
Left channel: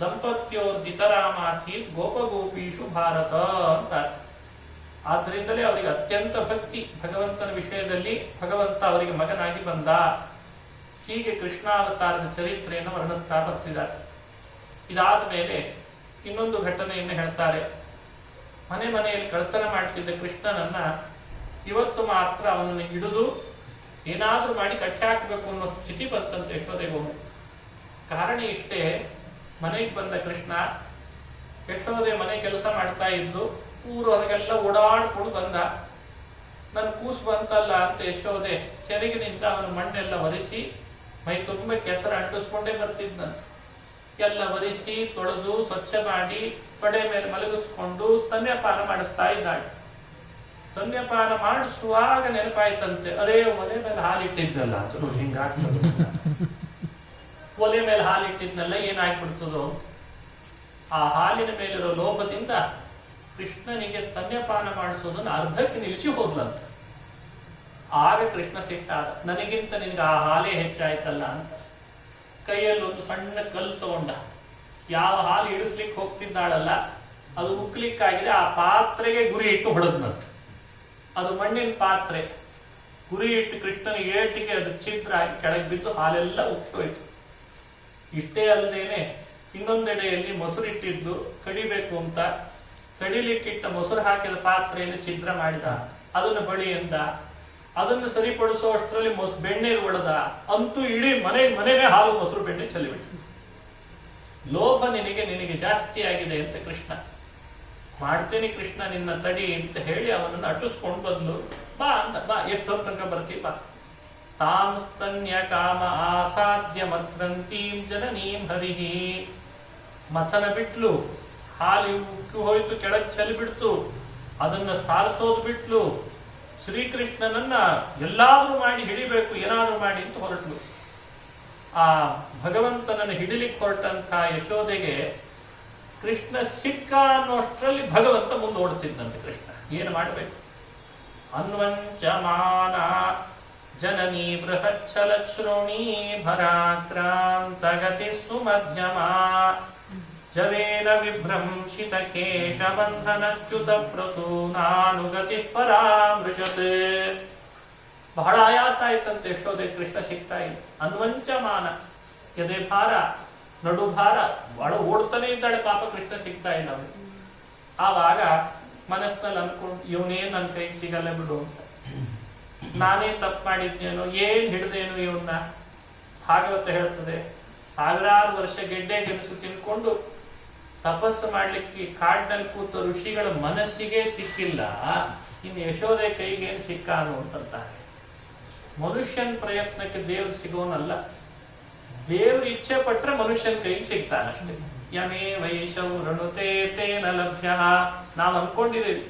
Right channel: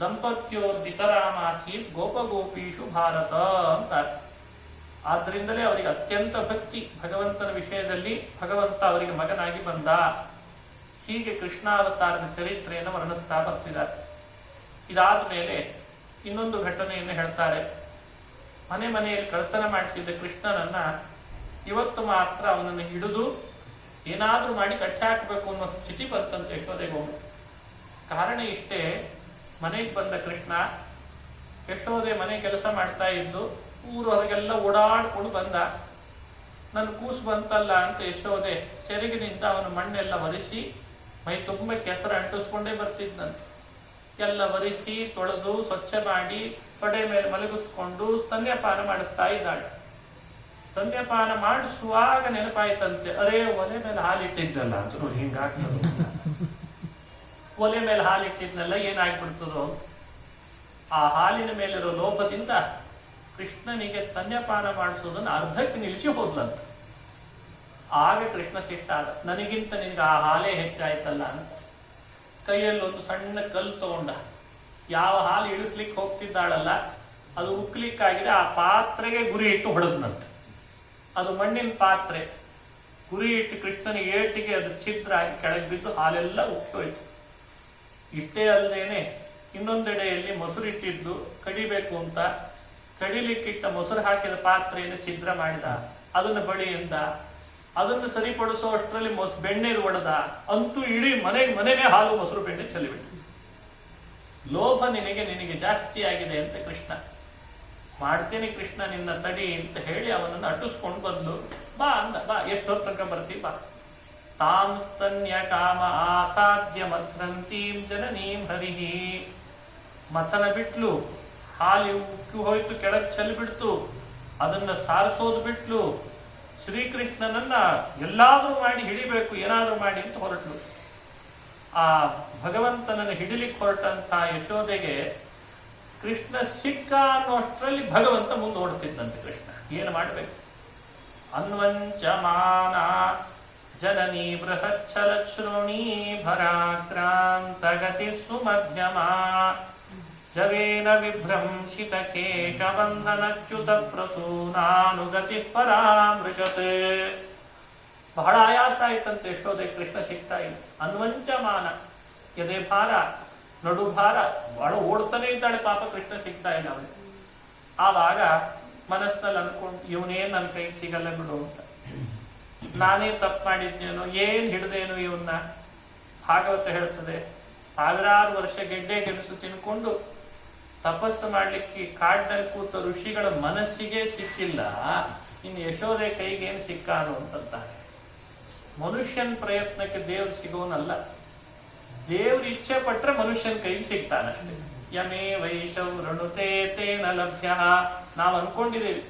ದಂಪತ್ಯೋರ್ದಿತರಾಮಾಸೀತ್ ಗೋಪಗೋಪೀಷು ಭಾರತ ಅಂತ. ಆದ್ರಿಂದಲೇ ಅವರಿಗೆ ಅತ್ಯಂತ ಭಕ್ತಿ ಭಗವಂತನ ವಿಷಯದಲ್ಲಿ. ಭಗವಂತ ಅವರಿಗೆ ಮಗನಾಗಿ ಬಂದ. ಹೀಗೆ ಕೃಷ್ಣಾವತಾರದ ಚರಿತ್ರೆಯನ್ನು ವರ್ಣಿಸ್ತಾ ಬರ್ತಿದ್ದಾರೆ. ಇದಾದ ಮೇಲೆ ಇನ್ನೊಂದು ಘಟನೆಯನ್ನು ಹೇಳ್ತಾರೆ. ಮನೆಯಲ್ಲಿ ಕಳ್ತನ ಮಾಡ್ತಿದ್ದ ಕೃಷ್ಣನನ್ನ ಇವತ್ತು ಮಾತ್ರ ಅವನನ್ನು ಹಿಡಿದು ಏನಾದ್ರೂ ಮಾಡಿ ಕಟ್ಟಿ ಹಾಕಬೇಕು ಅನ್ನೋ ಸ್ಥಿತಿ ಬಂತಂತೆ ಯಶೋದೆಗೊಮ್ಮೆ. ಕಾರಣ ಇಷ್ಟೇ, ಮನೆಗೆ ಬಂದ ಕೃಷ್ಣ, ಯಶೋದೆ ಮನೆ ಕೆಲಸ ಮಾಡ್ತಾ ಇದ್ದು ಊರು ಹೊರಗೆಲ್ಲ ಓಡಾಡ್ಕೊಂಡು ಬಂದ. ನನ್ನ ಕೂಸು ಬಂತಲ್ಲ ಅಂತ ಯಶೋದೆ ಸೆರಗಿನಿಂದ ಅವನ ಮಣ್ಣೆಲ್ಲ ಒರೆಸಿ ಮೈ ತುಂಬ ಕೆಸರು ಅಂಟಿಸ್ಕೊಂಡೇ ಬರ್ತಿದ್ನಂತ. ಎಲ್ಲ ಒರೆಸಿ ತೊಳೆದು ಸ್ವಚ್ಛ ಮಾಡಿ ತೊಡೆ ಮೇಲೆ ಮಲಗಿಸ್ಕೊಂಡು ಸ್ತನ್ಯಪಾನ ಮಾಡಿಸ್ತಾ ಇದ್ದಾಳೆ. ಸ್ತನ್ಯಪಾನ ಮಾಡಿಸುವಾಗ ನೆನಪಾಯ್ತಂತೆ, ಅರೇ ಒಲೆ ಮೇಲೆ ಹಾಲಿಟ್ಟಿದ್ನಲ್ಲ ಅಂತ. ನೋಡಿ ಹಿಂಗಾಗ್ತದೆ, ಒಲೆ ಮೇಲೆ ಹಾಲಿಟ್ಟಿದ್ನಲ್ಲ ಏನಾಗ್ಬಿಡ್ತದೋ. ಆ ಹಾಲಿನ ಮೇಲಿರೋ ಲೋಭದಿಂದ ಕೃಷ್ಣನಿಗೆ ಸ್ತನ್ಯಪಾನ ಮಾಡಿಸೋದನ್ನು ಅರ್ಧಕ್ಕೆ ನಿಲ್ಲಿಸಿ ಹೋದ್ಲಂತ. ಆಗ ಕೃಷ್ಣ ಸಿಟ್ಟಾದ, ನನಗಿಂತ ನಿನ್ಗೆ ಆ ಹಾಲೇ ಹೆಚ್ಚಾಯ್ತಲ್ಲ ಅಂತ. ಕೈಯಲ್ಲಿ ಒಂದು ಸಣ್ಣ ಕಲ್ಲು ತಗೊಂಡ, ಯಾವ ಹಾಲು ಇಳಿಸ್ಲಿಕ್ಕೆ ಹೋಗ್ತಿದ್ದಾಳಲ್ಲ ಅದು ಉಕ್ಲಿಕ್ಕಾಗಿದೆ, ಆ ಪಾತ್ರೆಗೆ ಗುರಿ ಇಟ್ಟು ಹೊಡೆದ್ನಂತ. ಅದು ಮಣ್ಣಿನ ಪಾತ್ರೆ. ಗುರಿ ಇಟ್ಟು ಕೃಷ್ಣನಿಗೆ ಏಟಿಗೆ ಅದು ಛಿದ್ರ ಆಗಿ ಕೆಳಗೆ ಬಿದ್ದು ಹಾಲೆಲ್ಲ ಉಕ್ಕೋಯ್ತು. ಇಷ್ಟೇ ಅಲ್ಲದೇನೆ ಇನ್ನೊಂದೆಡೆಯಲ್ಲಿ ಮೊಸರಿಟ್ಟಿದ್ದು ಕಡಿಬೇಕು ಅಂತ ಕಡಿಲಿಕ್ಕಿಟ್ಟ ಮೊಸರು ಹಾಕಿದ ಪಾತ್ರೆಯನ್ನು ಛಿದ್ರ ಮಾಡಿದ. ಅದನ್ನು ಬಳಿಯಿಂದ ಅದನ್ನು ಸರಿಪಡಿಸೋ ಅಷ್ಟರಲ್ಲಿ ಬೆಣ್ಣೆಗೆ ಒಡೆದ. ಅಂತೂ ಇಡೀ ಮನೆಗೆ ಹಾಲು ಮೊಸರು ಬೆಣ್ಣೆ ಚೆಲ್ಲಿಬಿಟ್ಟು. ಲೋಭ ನಿನಗೆ ಜಾಸ್ತಿ ಆಗಿದೆ ಅಂತ ಕೃಷ್ಣ. ಮಾಡ್ತೇನೆ ಕೃಷ್ಣ ನಿನ್ನ ತಡಿ ಅಂತ ಹೇಳಿ ಅವನನ್ನು ಅಟ್ಟಿಸ್ಕೊಂಡು ಬದ್ಲು. ಬಾ ಅಂದ, ಬಾ ಎಷ್ಟೊತ್ತು ತನಕ ಬರ್ತಿ ಬಾ. ತಾಂ ಸ್ತನ್ಯ ಕಾಮ ಆಸಾಧ್ಯ ಮಥ್ರಂತೀಂ ಜನನೀಂ ಹರಿಹಿ. ಮಥನ ಬಿಟ್ಲು, ಹಾಲು ಉಕ್ಕಿ ಹೋಯ್ತು, ಕೆಳಗೆ ಚೆಲ್ಲಿಬಿಡ್ತು. ಅದನ್ನ ಸಾರಿಸೋದು ಬಿಟ್ಲು. ಶ್ರೀಕೃಷ್ಣನನ್ನ ಎಲ್ಲಾದ್ರೂ ಮಾಡಿ ಹಿಡಿಬೇಕು, ಏನಾದ್ರೂ ಮಾಡಿ ಅಂತ ಹೊರಟ್ಲು. ಆ ಭಗವಂತನನ್ನು ಹಿಡಿಲಿಕ್ಕೆ ಹೊರಟಂತ ಯಶೋದೆಗೆ ಕೃಷ್ಣ ಸಿಕ್ಕ ಅನ್ನೋಷ್ಟರಲ್ಲಿ ಭಗವಂತ ಮುಂದೆ ಓಡ್ತಿದ್ದಂತೆ. ಕೃಷ್ಣ ಏನು ಮಾಡಬೇಕು? ಅನ್ವಂಚಮಾನ ಜನನೀ ಬೃಹಚ್ಛಲ ಶ್ರೋಣಿ ಭರಾಕ್ರಾಂತ ಗತಿ ಸುಮಧ್ಯಮ ಜವೇನ ವಿಭ್ರಂಶಿತ ಕೇಶ ಬಂಧನಚ್ಯುತ ಪ್ರಸೂನಾನುಗತಿ ಪರಾಮೃಶತ್. ಬಹಳ ಆಯಾಸ ಆಯ್ತಂತೆ ಯಶೋದೆ, ಕೃಷ್ಣ ಸಿಗ್ತಾ ಇಲ್ಲ. ಅನ್ವಂಚಮಾನ, ಎದೆ ಭಾರ, ನಡು ಭಾರ, ಬಹಳ ಓಡ್ತಾನೆ ಇದ್ದಾಳೆ ಪಾಪ, ಕೃಷ್ಣ ಸಿಗ್ತಾ ಇಲ್ಲ ಅವನಿಗೆ. ಆವಾಗ ಮನಸ್ಸಿನಲ್ಲಿ ಅನ್ಕೊಂಡು, ಇವನೇನ್ ನನ್ನ ಕೈ ಸಿಗಲ್ಲ ಬಿಡು ಅಂತ. ನಾನೇ ತಪ್ಪು ಮಾಡಿದ್ದೇನೋ, ಏನ್ ಹಿಡ್ದೇನು ಇವನ್ನ. ಭಾಗವತ ಹೇಳ್ತದೆ, ಸಾವಿರಾರು ವರ್ಷ ಗೆಡ್ಡೆ ಗೆಣಸು ತಿನ್ಕೊಂಡು ತಪಸ್ಸು ಮಾಡ್ಲಿಕ್ಕೆ ಕಾಡಿನಲ್ಲಿ ಕೂತ ಋಷಿಗಳ ಮನಸ್ಸಿಗೆ ಸಿಕ್ಕಿಲ್ಲ, ಇನ್ನು ಯಶೋದೆ ಕೈಗೇನು ಸಿಕ್ಕಾನು ಅಂತಾರೆ. ಮನುಷ್ಯನ ಪ್ರಯತ್ನಕ್ಕೆ ದೇವ್ರು ಸಿಗೋನಲ್ಲ, ದೇವ್ರ ಇಚ್ಛೆ ಪಟ್ರೆ ಮನುಷ್ಯನ ಕೈಗೆ ಸಿಗ್ತಾನಷ್ಟೇ. ಯಮೇ ವೈಶೌ ಋಣುತೆ ತೇನ ಲಭ್ಯ. ನಾವು ಅನ್ಕೊಂಡಿದ್ದೀವಿ,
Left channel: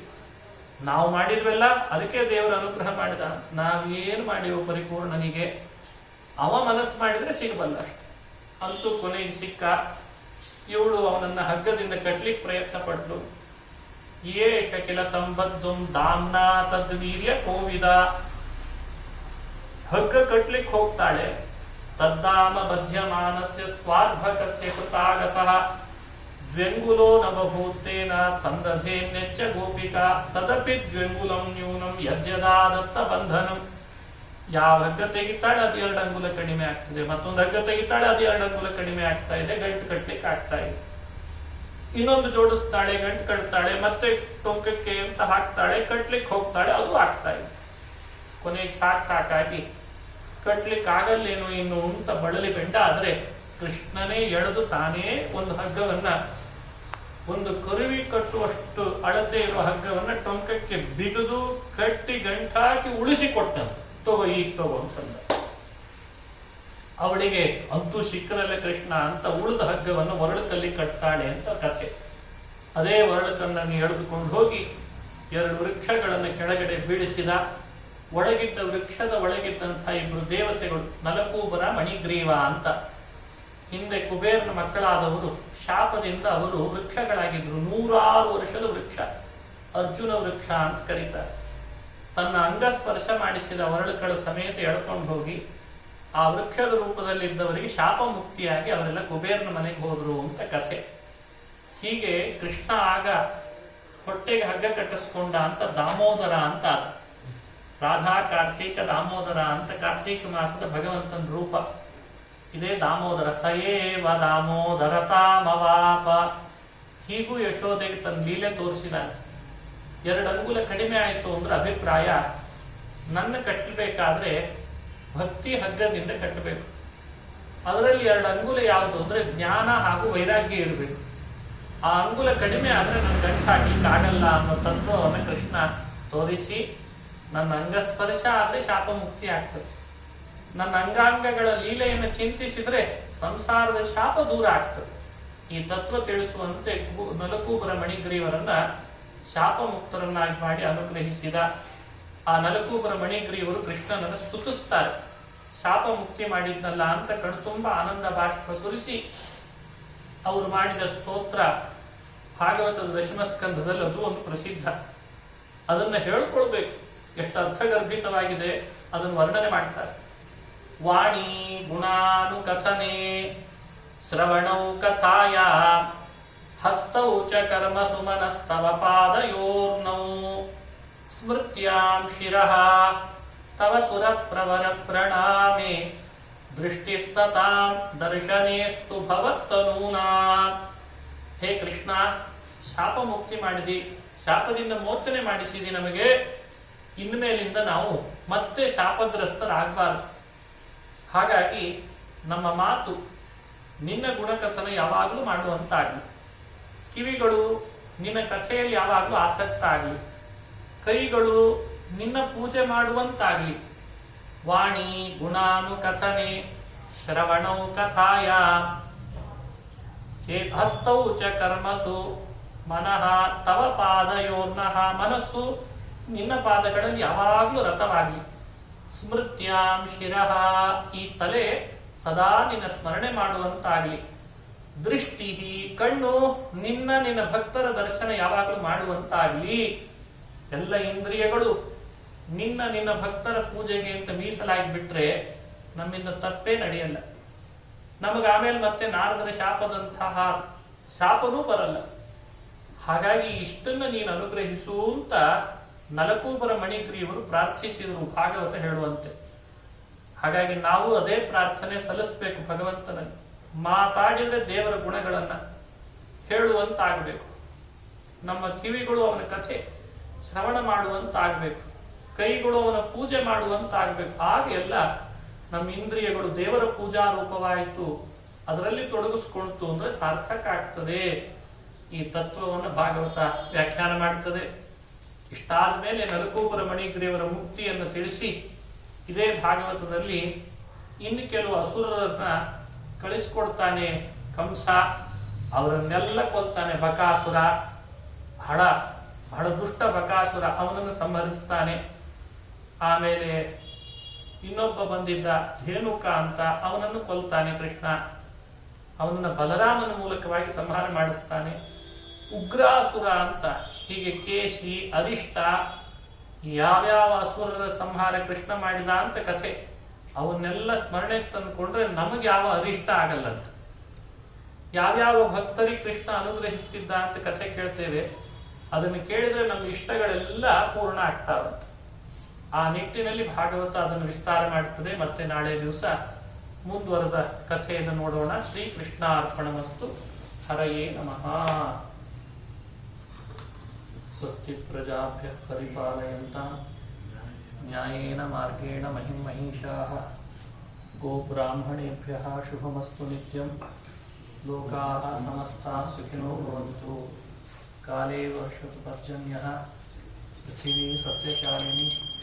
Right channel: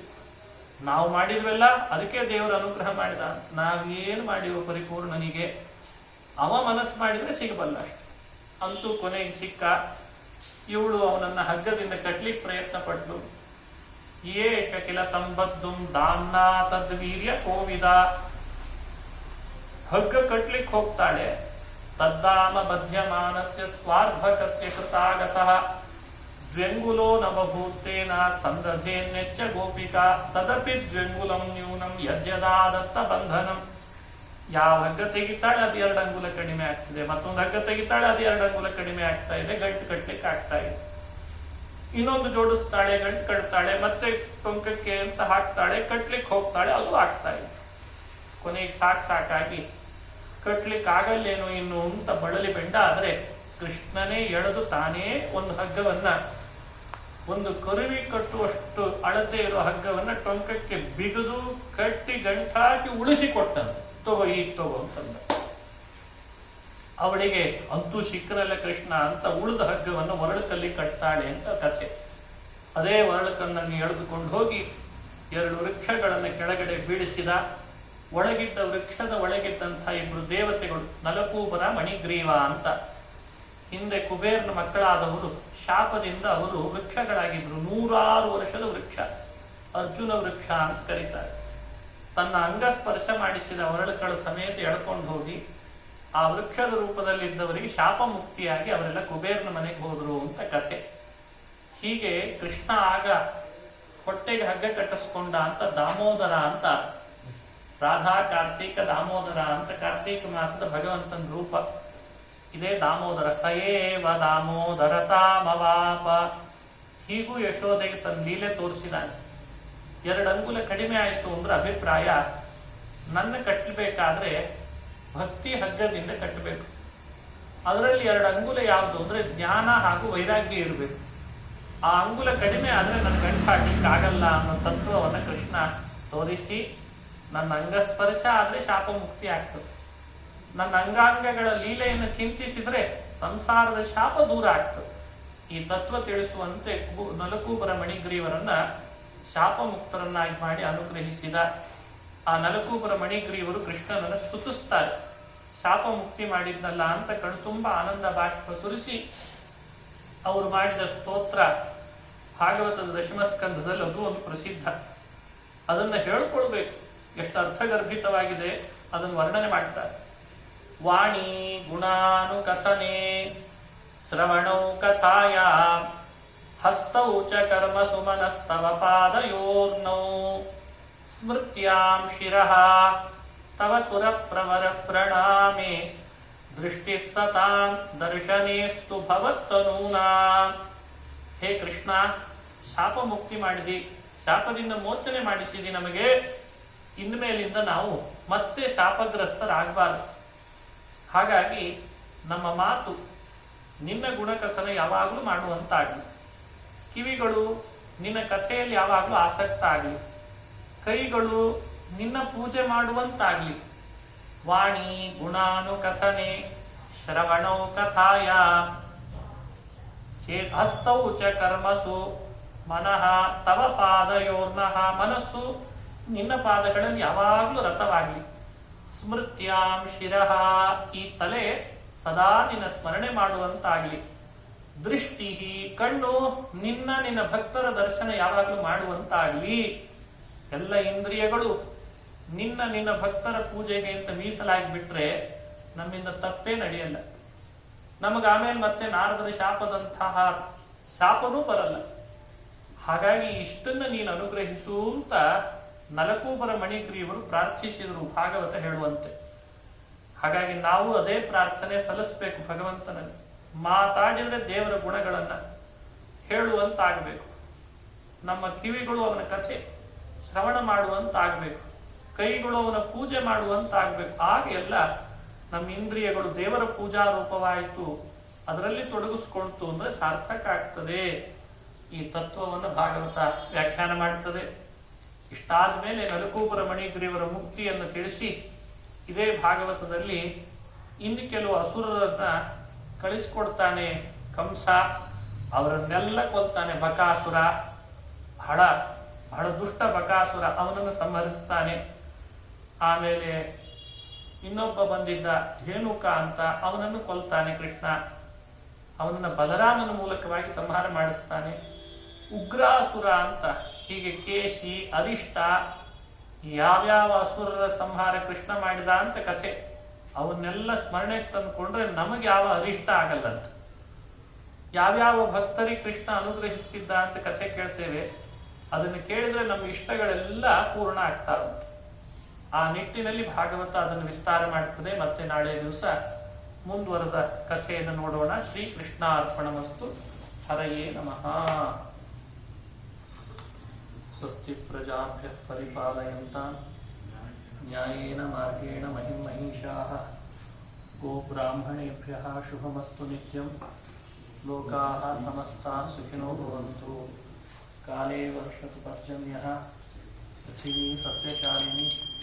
ನಾವು ಮಾಡಿದ್ವೆಲ್ಲ ಅದಕ್ಕೆ ದೇವರು ಅನುಗ್ರಹ ಮಾಡಿದ. ನಾವೇನು ಮಾಡಿವು ಪರಿಪೂರ್ಣನಿಗೆ, ಅವ ಮನಸ್ಸು ಮಾಡಿದ್ರೆ ಸಿಗಬಲ್ಲ ಅಷ್ಟೆ. ಅಂತೂ ಕೊನೆಗೆ ಸಿಕ್ಕ. ಇವಳು ಅವನನ್ನ ಹಗ್ಗದಿಂದ ಕಟ್ಲಿಕ್ಕೆ ಪ್ರಯತ್ನ ಪಟ್ಲು. ಯೇಷ ಕಿಲ ತಂಬದ್ದುಂ ದಾಮ್ನಾ ತದ್ವೀರ್ಯ ಕೋವಿದ. ಹಗ್ಗ ಕಟ್ಲಿಕ್ಕೆ ಹೋಗ್ತಾಳೆ. ತದ್ದಾಮ ಬಧ್ಯಮಾನಸ್ಯ ಸ್ವಾರ್ಭಕಸ್ಯ ಕೃತಾಗಸಃ ದ್ವ್ಯಂಗುಲೋ ನವಭೂತೇನ ಸಂದಧೇನ್ಯಚ್ಚ ಗೋಪಿಕಾ ತದಪಿ ದ್ವ್ಯಂಗುಲಂ ನ್ಯೂನಂ ಯಜ್ಯದಾದತ್ತ ಬಂಧನಂ. ಯಾವ ಹಗ್ಗ ತೆಗಿತಾಳೆ ಅದು 2 ಅಂಗುಲ ಕಡಿಮೆ ಆಗ್ತದೆ, ಮತ್ತೊಂದು ಹಗ್ಗ ತೆಗಿತಾಳೆ ಅದು 2 ಅಂಗುಲ ಕಡಿಮೆ ಆಗ್ತಾ ಇದೆ, ಗಂಟು ಕಟ್ಲಿಕ್ಕೆ ಆಗ್ತಾ ಇದೆ. ಇನ್ನೊಂದು ಜೋಡಿಸ್ತಾಳೆ, ಗಂಟು ಕಟ್ತಾಳೆ, ಮತ್ತೆ ಟೊಂಕಕ್ಕೆ ಅಂತ ಹಾಕ್ತಾಳೆ, ಕಟ್ಲಿಕ್ಕೆ ಹೋಗ್ತಾಳೆ, ಅದು ಆಗ್ತಾ ಇದೆ. ಕೊನೆಗೆ ಸಾಕಾಗಿ ಕಟ್ಲಿಕ್ಕೆ ಆಗಲ್ಲೇನೋ ಇನ್ನು ಅಂತ ಬಳಲಿ ಬೆಂಡ ಆದ್ರೆ ಕೃಷ್ಣನೇ ಎಳೆದು ತಾನೇ ಒಂದು ಹಗ್ಗವನ್ನ, ಒಂದು ಕರುವಿ ಕಟ್ಟುವಷ್ಟು ಅಳತೆ ಇರುವ ಹಗ್ಗವನ್ನ ಟೊಂಕಕ್ಕೆ ಬಿಗಿದು ಕಟ್ಟಿ ಗಂಟಾಕಿ ಉಳಿಸಿಕೊಟ್ಟಂತೆ. ತಗೋ ಈಗ ತಗೋ ಅಂತಂದ. ಅವಳಿಗೆ ಅಂತೂ ಸಿಕ್ಕನಲ್ಲ ಕೃಷ್ಣ ಅಂತ ಉಳಿದ ಹಗ್ಗವನ್ನು ಒರಳಕಲ್ಲಿ ಕಟ್ತಾಳೆ ಅಂತ ಕಥೆ. ಅದೇ ಒರಳಕನ್ನು ಎಳೆದುಕೊಂಡು ಹೋಗಿ 2 ವೃಕ್ಷಗಳನ್ನು ಕೆಳಗಡೆ ಬೀಳಿಸಿದ. ಒಳಗಿದ್ದ ವೃಕ್ಷದ ಒಳಗಿದ್ದಂಥ 2 ದೇವತೆಗಳು ನಲಕೂಬರ ಮಣಿಗ್ರೀವ ಅಂತ. ಹಿಂದೆ ಕುಬೇರನ ಮಕ್ಕಳಾದವರು ಶಾಪದಿಂದ ಅವರು ವೃಕ್ಷಗಳಾಗಿದ್ರು. 106 ವರ್ಷದ ವೃಕ್ಷ, ಅರ್ಜುನ ವೃಕ್ಷ ಅಂತ ಕರೀತಾರೆ. ತನ್ನ ಅಂಗಸ್ಪರ್ಶ ಮಾಡಿಸಿದ ಒರಳುಗಳ ಸಮೇತ ಎಳ್ಕೊಂಡು ಹೋಗಿ ಆ ವೃಕ್ಷದ ರೂಪದಲ್ಲಿದ್ದವರಿಗೆ ಶಾಪ ಮುಕ್ತಿಯಾಗಿ ಅವರೆಲ್ಲ ಕುಬೇರನ ಮನೆಗೆ ಹೋದ್ರು ಅಂತ ಕಥೆ. ಹೀಗೆ ಕೃಷ್ಣ ಆಗ ಹೊಟ್ಟೆಗೆ ಹಗ್ಗ ಕಟ್ಟಿಸ್ಕೊಂಡ ಅಂತ ದಾಮೋದರ ಅಂತ. ರಾಧಾ ಕಾರ್ತೀಕ ದಾಮೋದರ ಅಂತ ಕಾರ್ತೀಕ ಮಾಸದ ಭಗವಂತನ ರೂಪ ಇದೇ ದಾಮೋದರ. ಸಯೇವ ದಾಮೋದರತಾಮವಾಪ. ಹೀಗೂ ಯಶೋದೆಗೆ ತನ್ನ ಲೀಲೆ ತೋರಿಸಿದಾನೆ. 2 ಅಂಗುಲ ಕಡಿಮೆ ಆಯಿತು ಅಂದ್ರೆ ಅಭಿಪ್ರಾಯ, ನನ್ನ ಕಟ್ಟಬೇಕಾದ್ರೆ ಭಕ್ತಿ ಹಗ್ಗದಿಂದ ಕಟ್ಟಬೇಕು. ಅದರಲ್ಲಿ 2 ಅಂಗುಲ ಯಾವುದು ಅಂದ್ರೆ ಜ್ಞಾನ ಹಾಗೂ ವೈರಾಗ್ಯ ಇರಬೇಕು. ಆ ಅಂಗುಲ ಕಡಿಮೆ ಆದ್ರೆ ನನ್ನ ಗಂಟು ಹಾಕ್ಲಿಕ್ಕೆ ಆಗಲ್ಲ ಅನ್ನೋ ತತ್ವವನ್ನು ಕೃಷ್ಣ ತೋರಿಸಿ, ನನ್ನ ಅಂಗಸ್ಪರ್ಶ ಆದ್ರೆ ಶಾಪ ಮುಕ್ತಿ ಆಗ್ತದೆ, ನನ್ನ ಅಂಗಾಂಗಗಳ ಲೀಲೆಯನ್ನು ಚಿಂತಿಸಿದ್ರೆ ಸಂಸಾರದ ಶಾಪ ದೂರ ಆಗ್ತದೆ. ಈ ತತ್ವ ತಿಳಿಸುವಂತೆ ನಲಕೂಬರ ಮಣಿಗ್ರೀವರನ್ನ ಶಾಪ ಮುಕ್ತರನ್ನಾಗಿ ಮಾಡಿ ಅನುಗ್ರಹಿಸಿದ. ಆ ನಲಕೂಬರ ಮಣಿಗ್ರೀವರು ಕೃಷ್ಣನನ್ನು ಸ್ತುತಿಸ್ತಾರೆ. ಶಾಪ ಮುಕ್ತಿ ಮಾಡಿದ್ನಲ್ಲ ಅಂತ ಕಣ್ತುಂಬ ಆನಂದ ಬಾಷ್ಪ ಸುರಿಸಿ ಅವರು ಮಾಡಿದ ಸ್ತೋತ್ರ ಭಾಗವತದ 10ಮ ಸ್ಕಂಧದಲ್ಲಿ ಅದು ಒಂದು ಪ್ರಸಿದ್ಧ. ಅದನ್ನು ಹೇಳ್ಕೊಳ್ಬೇಕು, ಎಷ್ಟು ಅರ್ಥಗರ್ಭಿತವಾಗಿದೆ ಅದನ್ನು ವರ್ಣನೆ ಮಾಡ್ತಾರೆ. ವಾಣಿ ಗುಣಾನುಕಥನೆ ಶ್ರವಣೌ ಕಥಾಯ ಹಸ್ತೌ ಚ ಕರ್ಮ ಸುಮನಸ್ತವ ಪಾದಯೋರ್ನೌ ಸ್ಮೃತ್ಯಾಂ ಶಿರಃ ತವ ಸುರ ಪ್ರವರ ಪ್ರಣಾಮೆ ದೃಷ್ಟಿ ಸತಾಂ ದರ್ಶನೇಸ್ತು ಭವತ್ತನೂನಾ. ಹೇ ಕೃಷ್ಣ, ಶಾಪ ಮುಕ್ತಿ ಮಾಡಿದಿ, ಶಾಪದಿಂದ ಮೋಚನೆ ಮಾಡಿಸಿದಿ ನಮಗೆ. ಇನ್ಮೇಲಿಂದ ನಾವು ಮತ್ತೆ ಶಾಪಗ್ರಸ್ತರಾಗಬಾರದು. ಹಾಗಾಗಿ ನಮ್ಮ ಮಾತು ನಿನ್ನ ಗುಣಕಥನ ಯಾವಾಗಲೂ ಮಾಡುವಂತಾಗಲಿ, ಕಿವಿಗಳು ನಿನ್ನ ಕಥೆಯಲ್ಲಿ ಯಾವಾಗಲೂ ಆಸಕ್ತ ಆಗಲಿ, ಕೈಗಳು ನಿನ್ನ ಪೂಜೆ ಮಾಡುವಂತಾಗಲಿ. ವಾಣಿ ಗುಣಾನುಕಥನೆ ಶ್ರವಣೌ ಕಥಾಯ ಹಸ್ತೌ ಚ ಕರ್ಮಸು ಮನಃ ತವ ಪಾದಯೋರ್ನಃ. ಮನಸ್ಸು ನಿನ್ನ ಪಾದಗಳಲ್ಲಿ ಯಾವಾಗಲೂ ರಥವಾಗಲಿ. ಸ್ಮೃತ್ಯಾಂ ಶಿರಃ, ಈ ತಲೆ ಸದಾ ನಿನ್ನ ಸ್ಮರಣೆ ಮಾಡುವಂತಾಗಲಿ. ದೃಷ್ಟಿ, ಕಣ್ಣು ನಿನ್ನ ಭಕ್ತರ ದರ್ಶನ ಯಾವಾಗಲೂ ಮಾಡುವಂತಾಗಲಿ. ಎಲ್ಲ ಇಂದ್ರಿಯಗಳು ನಿನ್ನ ಭಕ್ತರ ಪೂಜೆಗೆ ಅಂತ ಮೀಸಲಾಗಿ ಬಿಟ್ರೆ ನಮ್ಮಿಂದ ತಪ್ಪೇ ನಡೆಯಲ್ಲ. ನಮಗೆ ಆಮೇಲೆ ಮತ್ತೆ ನಾರದರ ಶಾಪದಂತಹ ಶಾಪನೂ ಬರಲ್ಲ. ಹಾಗಾಗಿ ಇಷ್ಟನ್ನ ನೀನು ಅನುಗ್ರಹಿಸು ಅಂತ ನಲಕೂಬರ ಮಣಿಗ್ರೀವರು ಪ್ರಾರ್ಥಿಸಿದರು ಭಾಗವತ ಹೇಳುವಂತೆ. ಹಾಗಾಗಿ ನಾವು ಅದೇ ಪ್ರಾರ್ಥನೆ ಸಲ್ಲಿಸಬೇಕು ಭಗವಂತನಲ್ಲಿ. ಮಾತಾಡಿದ್ರೆ ದೇವರ ಗುಣಗಳನ್ನ ಹೇಳುವಂತಾಗಬೇಕು. ನಮ್ಮ ಕಿವಿಗಳು ಅವನ ಕಥೆ ಶ್ರವಣ ಮಾಡುವಂತಾಗಬೇಕು, ಕೈಗಳು ಅವನ ಪೂಜೆ ಮಾಡುವಂತಾಗಬೇಕು. ಆಗ ಎಲ್ಲ ನಮ್ಮ ಇಂದ್ರಿಯಗಳು ದೇವರ ಪೂಜಾ ರೂಪವಾಯಿತು, ಅದರಲ್ಲಿ ತೊಡಗಿಸ್ಕೊಳ್ತು ಅಂದ್ರೆ ಸಾರ್ಥಕ ಆಗ್ತದೆ. ಈ ತತ್ವವನ್ನು ಭಾಗವತ ವ್ಯಾಖ್ಯಾನ ಮಾಡುತ್ತದೆ. ಇಷ್ಟಾದ ಮೇಲೆ ನಲಕೂಬರ ಮಣಿಗ್ರೀವರ ಮುಕ್ತಿಯನ್ನು ತಿಳಿಸಿ ಇದೇ ಭಾಗವತದಲ್ಲಿ ಇನ್ನು ಕೆಲವು ಅಸುರರನ್ನ ಕಳಿಸ್ಕೊಡ್ತಾನೆ ಕಂಸ. ಅವರನ್ನೆಲ್ಲ ಕೊಲ್ತಾನೆ. ಬಕಾಸುರ ಬಹಳ ದುಷ್ಟ ಬಕಾಸುರ, ಅವನನ್ನು ಸಂಹರಿಸ್ತಾನೆ. ಆಮೇಲೆ ಇನ್ನೊಬ್ಬ ಬಂದಿದ್ದ ಧೇನುಕ ಅಂತ, ಅವನನ್ನು ಕೊಲ್ತಾನೆ ಕೃಷ್ಣ. ಅವನನ್ನು ಬಲರಾಮನ ಮೂಲಕವಾಗಿ ಸಂಹಾರ ಮಾಡಿಸ್ತಾನೆ. ಉಗ್ರಾಸುರ ಅಂತ ಹೀಗೆ ಕೇಶಿ ಅರಿಷ್ಟ ಯಾವ್ಯಾವ ಅಸುರರ ಸಂಹಾರ ಕೃಷ್ಣ ಮಾಡಿದ ಅಂತ ಕಥೆ ಅವನ್ನೆಲ್ಲ ಸ್ಮರಣೆಗೆ ತಂದುಕೊಂಡ್ರೆ ನಮಗೆ ಯಾವ ಅರಿಷ್ಟ ಆಗಲ್ಲ. ಯಾವ್ಯಾವ ಭಕ್ತರಿಗೆ ಕೃಷ್ಣ ಅನುಗ್ರಹಿಸ್ತಿದ್ದ ಅಂತ ಕಥೆ ಕೇಳ್ತೇವೆ, ಅದನ್ನು ಕೇಳಿದ್ರೆ ನಮ್ಮ ಇಷ್ಟಗಳೆಲ್ಲ ಪೂರ್ಣ ಆಗ್ತಾವಂತೆ. ಆ ನಿಟ್ಟಿನಲ್ಲಿ ಭಾಗವತ ಅದನ್ನು ವಿಸ್ತಾರ ಮಾಡ್ತದೆ. ಮತ್ತೆ ನಾಳೆ ದಿವಸ ಮುಂದುವರೆದ ಕಥೆಯನ್ನು ನೋಡೋಣ. ಶ್ರೀಕೃಷ್ಣ ಅರ್ಪಣಮಸ್ತು. ಹರಯೇ ನಮಃ. ಸ್ವಸ್ತಿ ಪ್ರಜಾಭ್ಯ ಪರಿಪಾಲಯಂತಾಂ ನ್ಯಾಯೇನ ಮಾರ್ಗೇಣ ಮಹಿಂ ಮಹಿಷಾಃ ಗೋಬ್ರಾಹ್ಮಣೇಭ್ಯಃ ಶುಭಮಸ್ತು ನಿತ್ಯಂ. ಲೋಕಾಃ ಸಮಸ್ತಾಃ ಸುಖಿನೋ ಭವಂತು. ಕಾಲೇ ವರ್ಷತು ಪರ್ಜನ್ಯಃ. ಪೃಥಿವೀ ಸಸ್ಯಶಾಲಿನಿ.